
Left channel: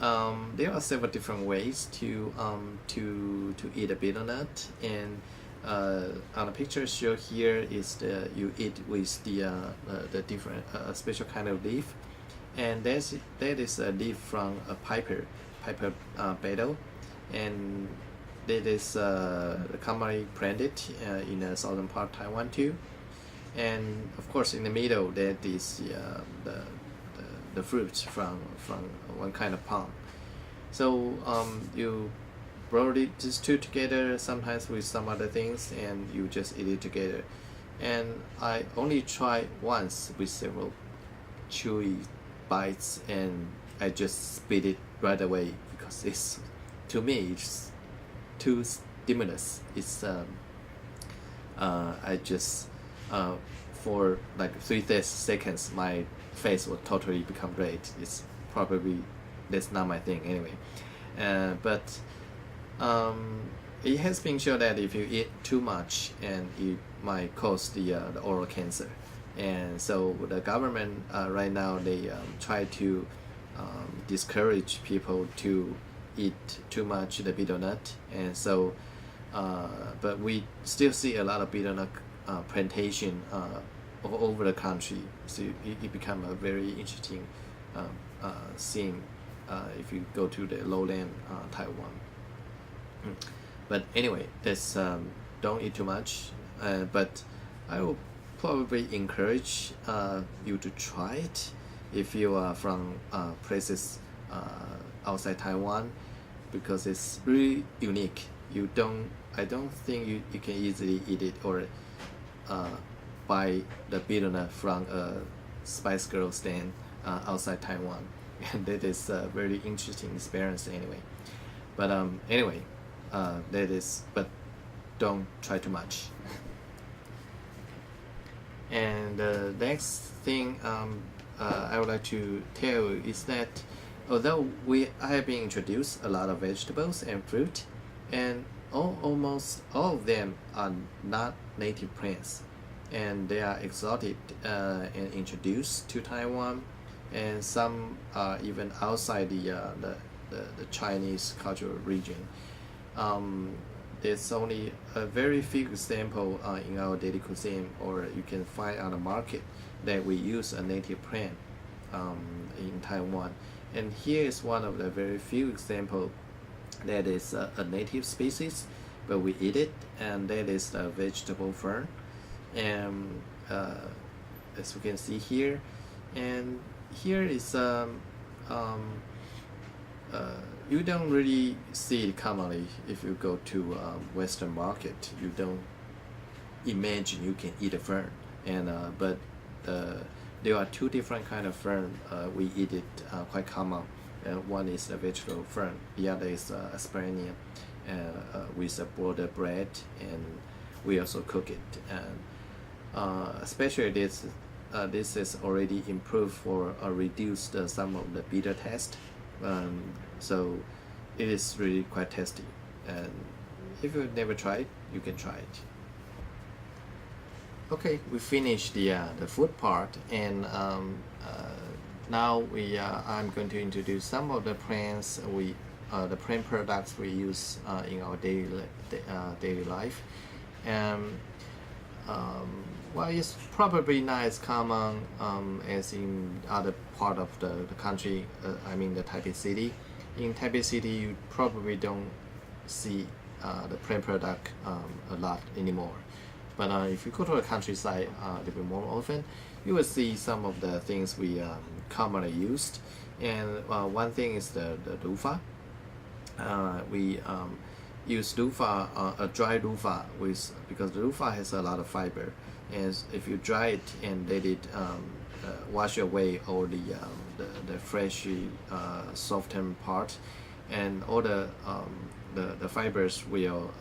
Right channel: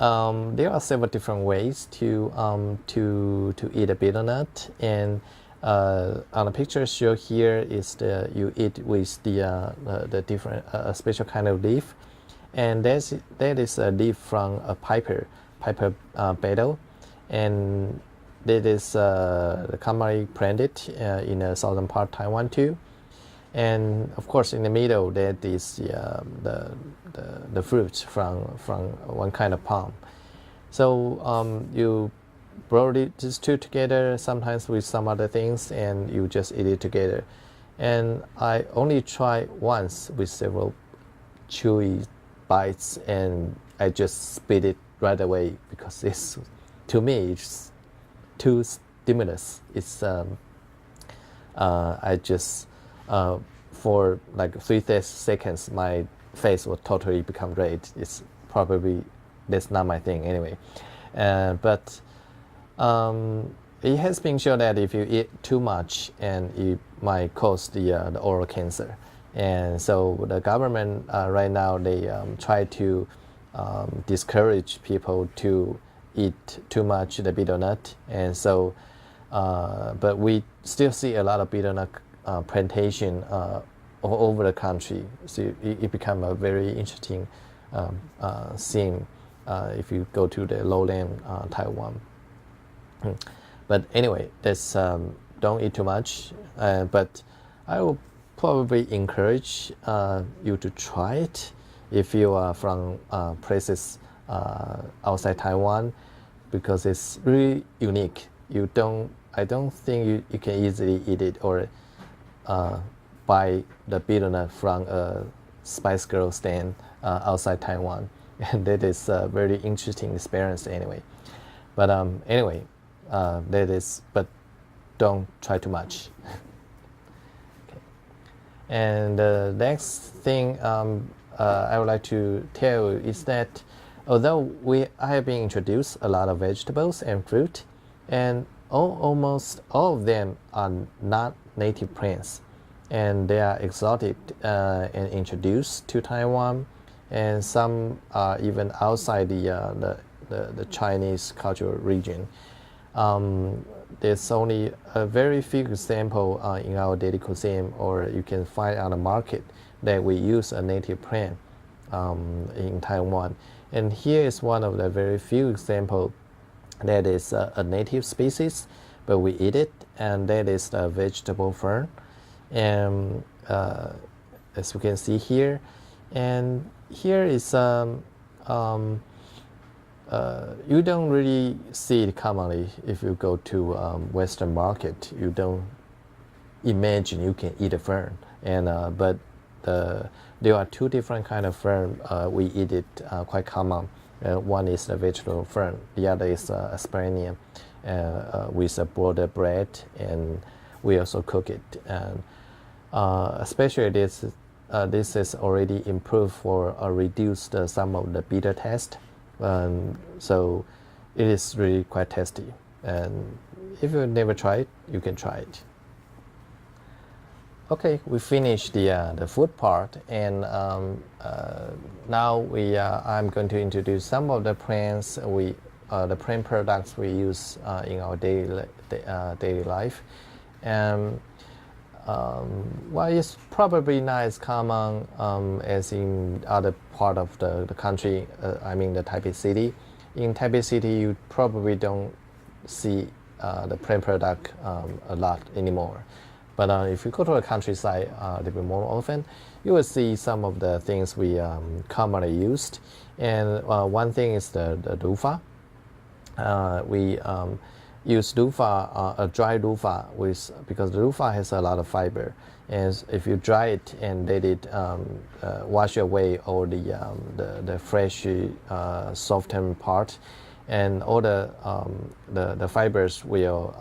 there are several different ways to eat a betel nut. And on the picture shown here is you eat with the different special kind of leaf, and that is a leaf from a piper betel, and that is commonly planted in the southern part of Taiwan too. And of course, in the middle, that is the fruits from one kind of palm. So you roll these two together, sometimes with some other things, and you just eat it together. And I only tried once with several chewy bites, and I just spit it right away because to me it's too stimulus. It's I just for like 3 seconds my face will totally become red. It's probably that's not my thing anyway. But it has been shown that if you eat too much, and it might cause the oral cancer. And so the government right now, they try to discourage people to eat too much the betel nut. And so but we still see a lot of betel nut plantation all over the country. So it become a very interesting scene if you go to the lowland Taiwan. But anyway, that's don't eat too much. But I will probably encourage you to try it if you are from places outside Taiwan, because it's really unique. I don't think you can easily eat it or buy the betel nut from a Spice Girl stand outside Taiwan, and that is a very interesting experience anyway. But anyway, that is, but don't try too much. And the next thing I would like to tell you is that although I have been introduced a lot of vegetables and fruit, and almost all of them are not native plants, and they are exotic and introduced to Taiwan, and some are even outside the Chinese cultural region. There's only a very few examples in our daily cuisine, or you can find on the market, that we use a native plant in Taiwan. And here is one of the very few examples that is a native species, but we eat it, and that is the vegetable fern. And as you can see here, and here is you don't really see it commonly. If you go to Western market, you don't imagine you can eat a fern. And but there are two different kind of fern. We eat it quite common. One is the vegetable fern. The other is asparagus with a boiled bread, and we also cook it. And especially this is already improved for reduced some of the bitter taste. So it is really quite tasty. And if you've never tried it, you can try it. Okay, we finished the food part, and now I'm going to introduce some of the plants the plant products we use in our daily life. And well, it's probably not as common as in other part of the country. I mean the Taipei City. In Taipei City, you probably don't see the plant product a lot anymore. But if you go to the countryside a little bit more often, you will see some of the things we commonly used. And one thing is the loofah. We use loofah, a dry loofah, because the loofah has a lot of fiber, And if you dry it and let it wash away all the fresh softened part, and all the fibers will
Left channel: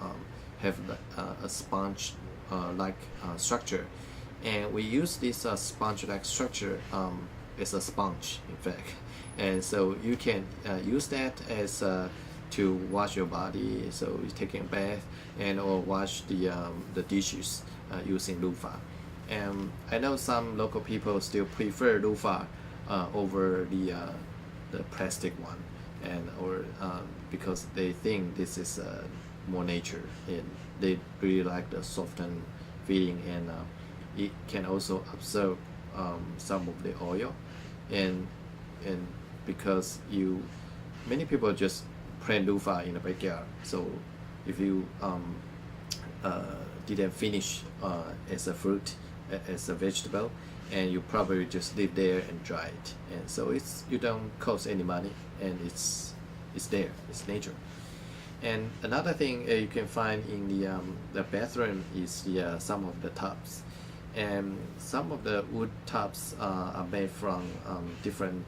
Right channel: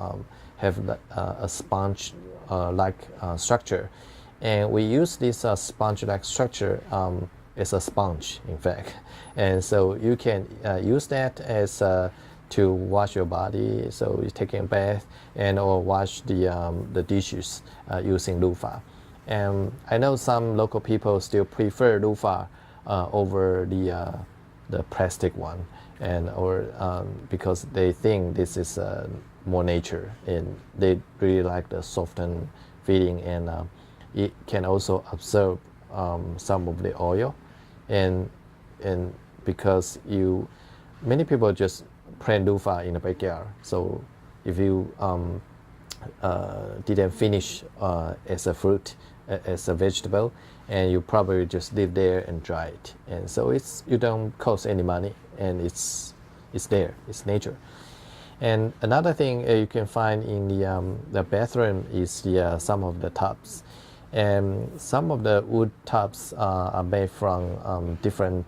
have a sponge like structure, and we use this sponge like structure as a sponge, in fact, and so you can use that as to wash your body, so you're taking a bath and or wash the dishes using loofah. And I know some local people still prefer loofah over the plastic one, and or because they think this is more nature, and they really like the softened feeling, and it can also absorb some of the oil, and because many people just plant loofah in the backyard. So if you didn't finish as a fruit, as a vegetable, and you probably just leave there and dry it, and so you don't cost any money, and it's there, it's nature. And another thing you can find in the bathroom is some of the tubs, and some of the wood tubs are made from different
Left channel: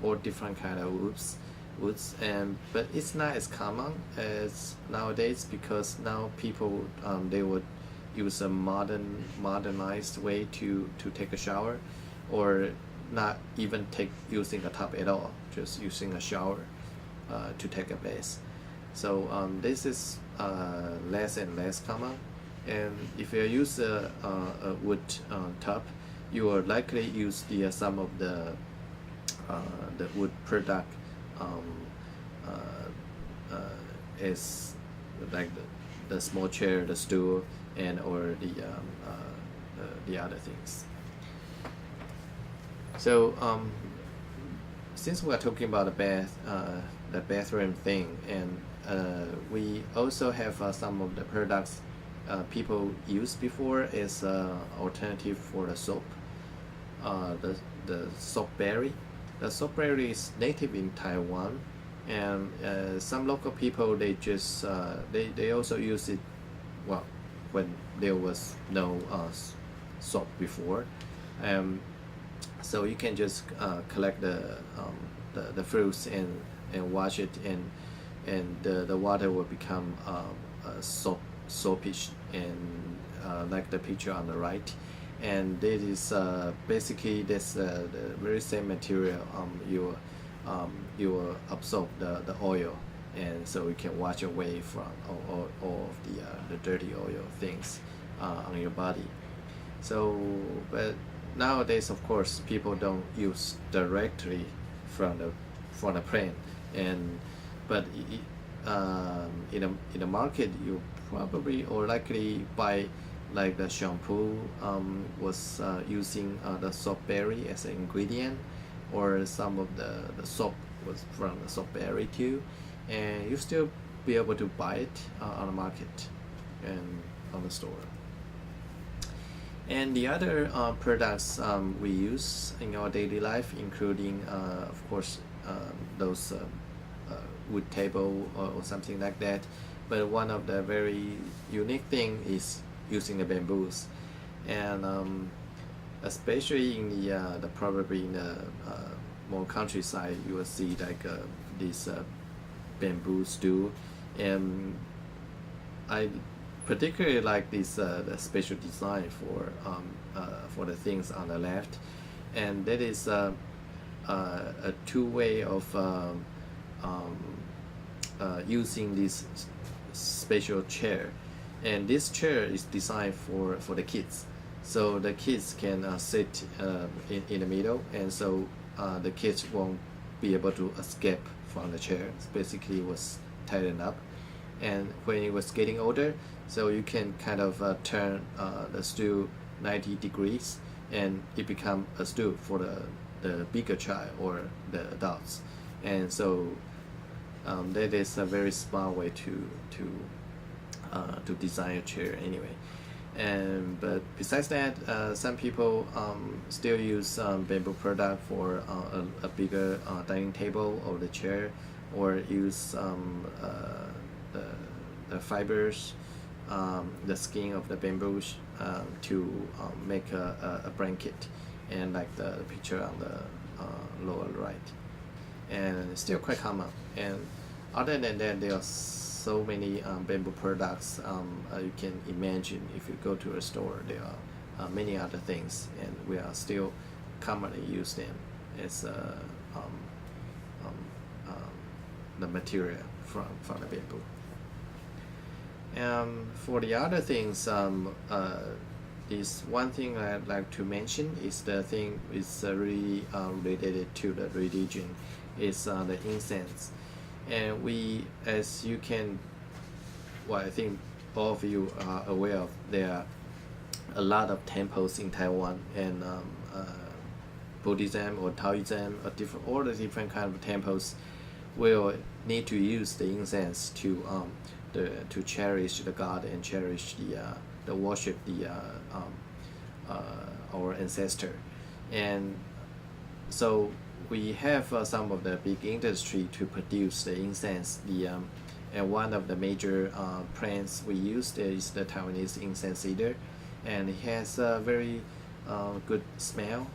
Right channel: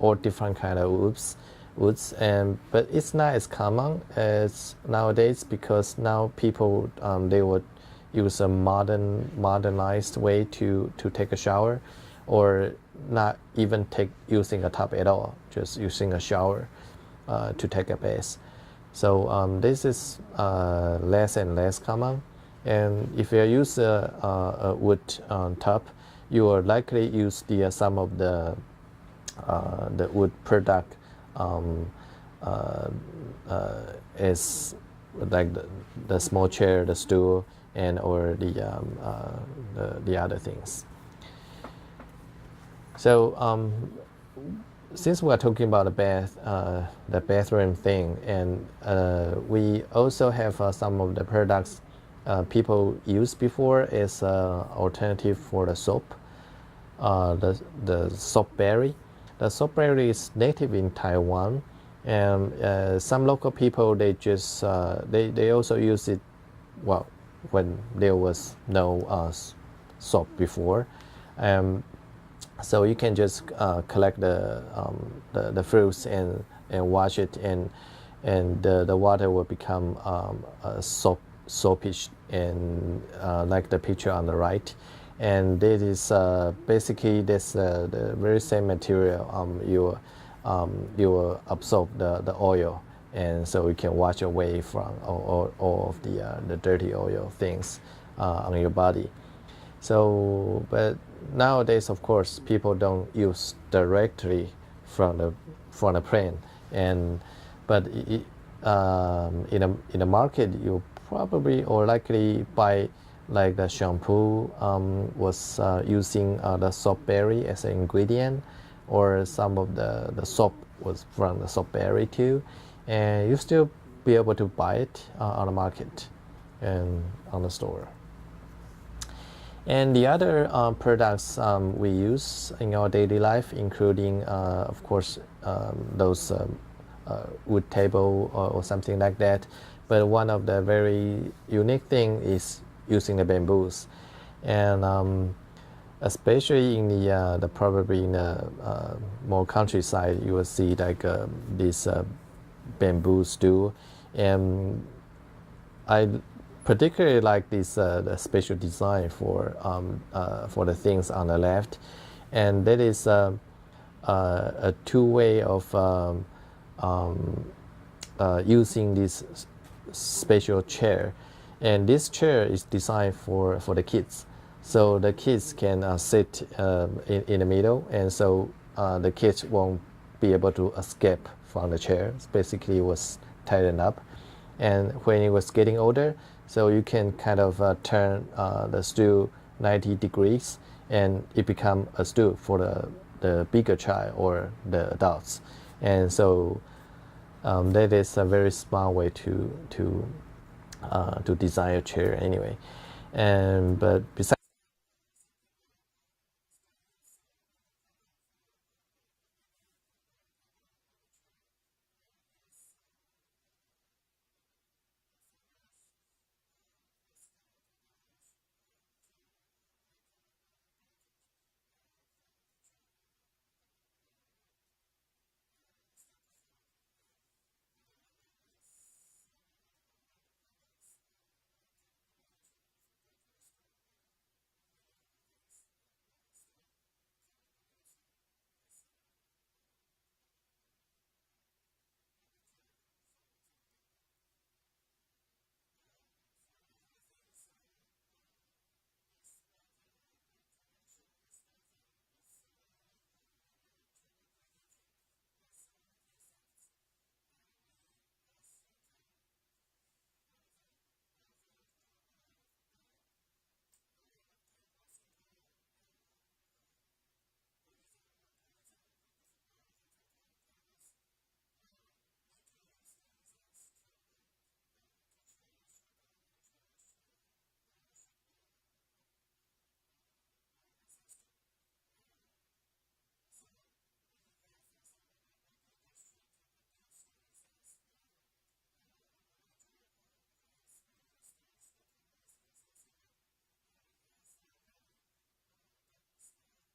kind of woods, but it's not as common as nowadays, because now people they would use a modernized way to take a shower, or not even using a tub at all, just using a shower to take a bath. So this is less and less common, and if you use a wood tub, you will likely use some of the wood product as like the small chair, the stool, and or the other things. So since we are talking about the bathroom thing, and we also have some of the products people used before as alternative for the soap. The soap berry. The soap berry is native in Taiwan, and some local people they just they also use it, well, when there was no soap before. So you can just collect the fruits and wash it, and the water will become soapish, and like the picture on the right. And this is basically the very same material. You will absorb the oil, and so you can wash away from all of the dirty oil things on your body. So, but nowadays, of course, people don't use directly from the plant, but in the market, you probably or likely buy like the shampoo was using the soap berry as an ingredient, or some of the soap was from the soap berry too, and you still be able to buy it on the market and on the store. And the other products we use in our daily life, including of course those wood table or something like that, but one of the very unique thing is using the bamboos, and especially in the probably in the more countryside, you will see like this bamboo stool, and I particularly like this the special design for the things on the left, and that is a two-way of using this special chair. And this chair is designed for the kids, so the kids can sit in the middle, and so the kids won't be able to escape from the chair. It's basically was tightened up, and when it was getting older, so you can kind of turn the stool 90 degrees, and it become a stool for the bigger child or the adults, and so that is a very smart way to design a chair anyway. But besides that, some people still use bamboo product for a bigger dining table or the chair, or use the fibers, the skin of the bamboo to make a blanket, and like the picture on the lower right, and it's still quite common. And other than that, there are so many bamboo products you can imagine. If you go to a store, there are many other things, and we are still commonly use them as the material from the bamboo. For the other things, this one thing I'd like to mention is the thing is really related to the religion, is the incense. And we, as you can, well, I think all of you are aware of, there are a lot of temples in Taiwan, and Buddhism or Taoism, or all the different kind of temples will need to use the incense to cherish the God and cherish the worship our ancestor. And so we have some of the big industry to produce the incense. And one of the major plants we use is the Taiwanese incense cedar, and it has a very good smell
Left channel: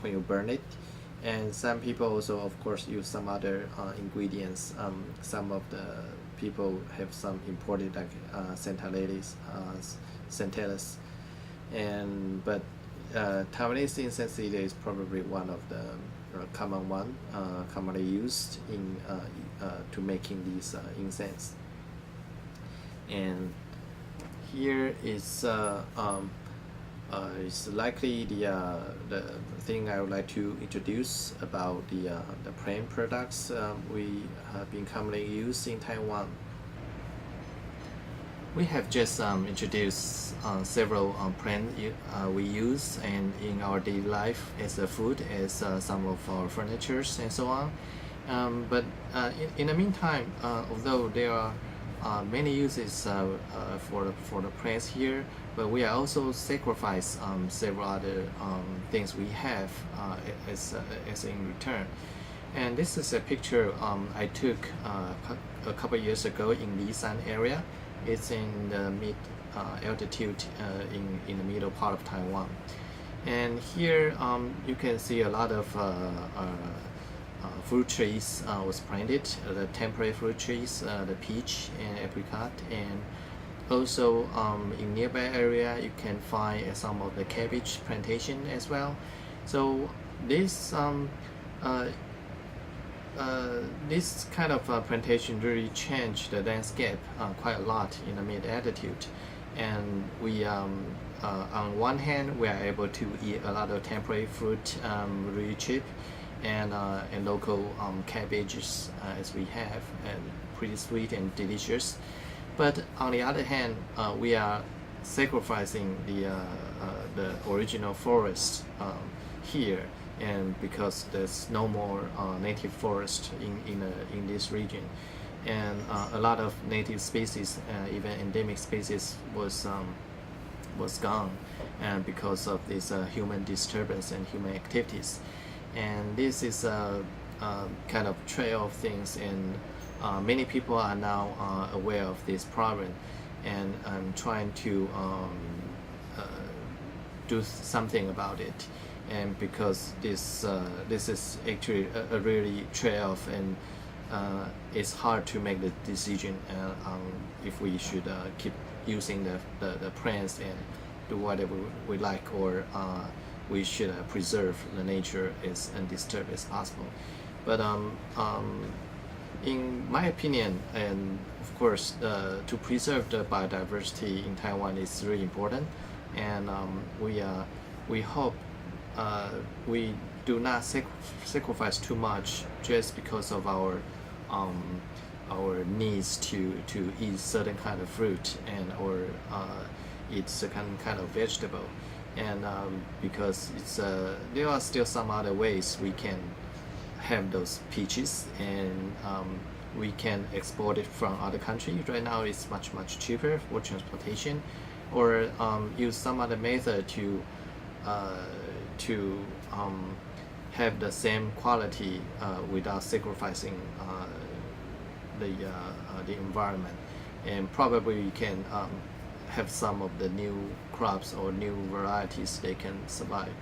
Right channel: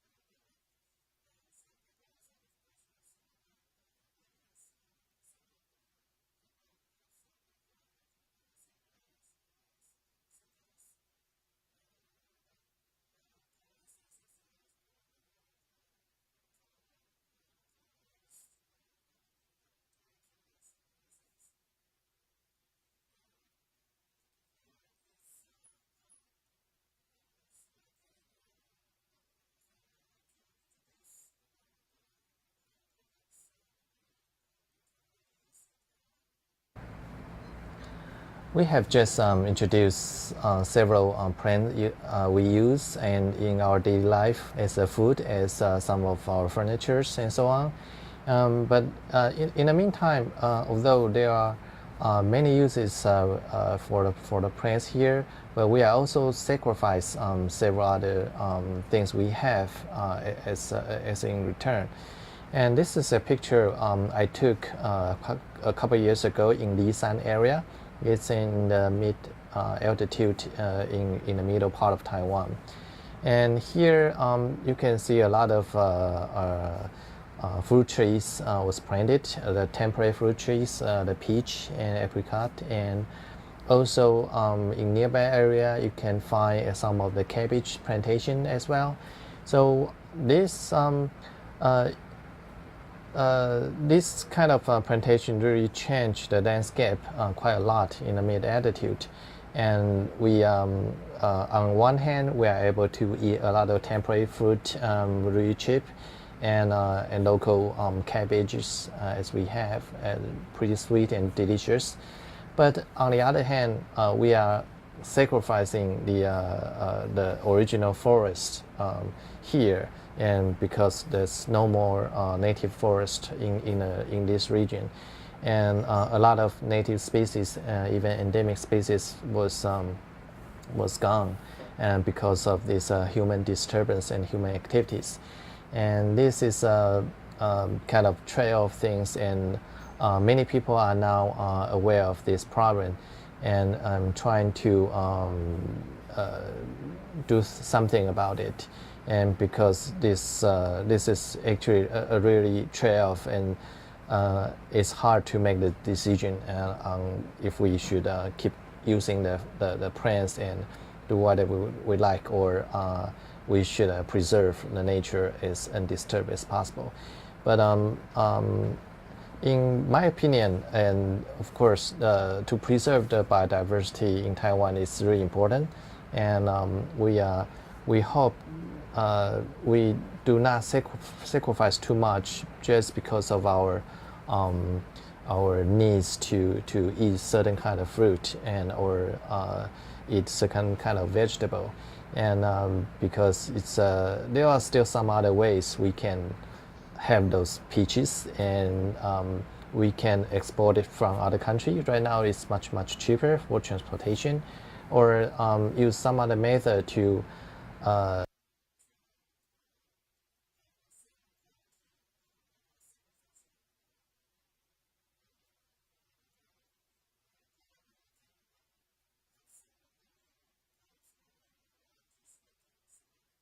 when you burn it. And some people also, of course, use some other ingredients. Some of the people have some imported, like centellus, but Taiwanese incense cedar is probably one of the commonly used in to making these incense. And here is likely the thing I would like to introduce about the plant products we have been commonly used in Taiwan. We have just introduced several plants we use and in our daily life as a food, as some of our furnitures and so on. But in the meantime, although there are many uses for the plants here, but we are also sacrifice several other things we have as in return. And this is a picture I took a couple years ago in Lisan area. It's in the mid altitude in the middle part of Taiwan. And here you can see a lot of fruit trees was planted, the temporary fruit trees, the peach and apricot, and also in nearby area you can find some of the cabbage plantation as well. So this this kind of plantation really changed the landscape quite a lot in the mid-altitude. And we, on one hand, we are able to eat a lot of temporary fruit really cheap, and local cabbages as we have, and pretty sweet and delicious. But on the other hand, we are sacrificing the original forest here, and because there's no more native forest in this region, and a lot of native species, even endemic species, was gone, and because of this human disturbance and human activities. And this is a kind of trail of things, and many people are now aware of this problem, and I'm trying to do something about it. And because this is actually a really trade-off, and it's hard to make the decision on if we should keep using the plants and do whatever we like, or we should preserve the nature as undisturbed as possible. But in my opinion, and of course, to preserve the biodiversity in Taiwan is really important, and we hope we do not sacrifice too much just because of our needs to eat certain kind of fruit or eat certain kind of vegetable, and because it's there are still some other ways we can have those peaches, and we can export it from other countries. Right now it's much cheaper for transportation, or use some other method to have the same quality without sacrificing the environment. And probably we can have some of the new crops or new varieties they can survive.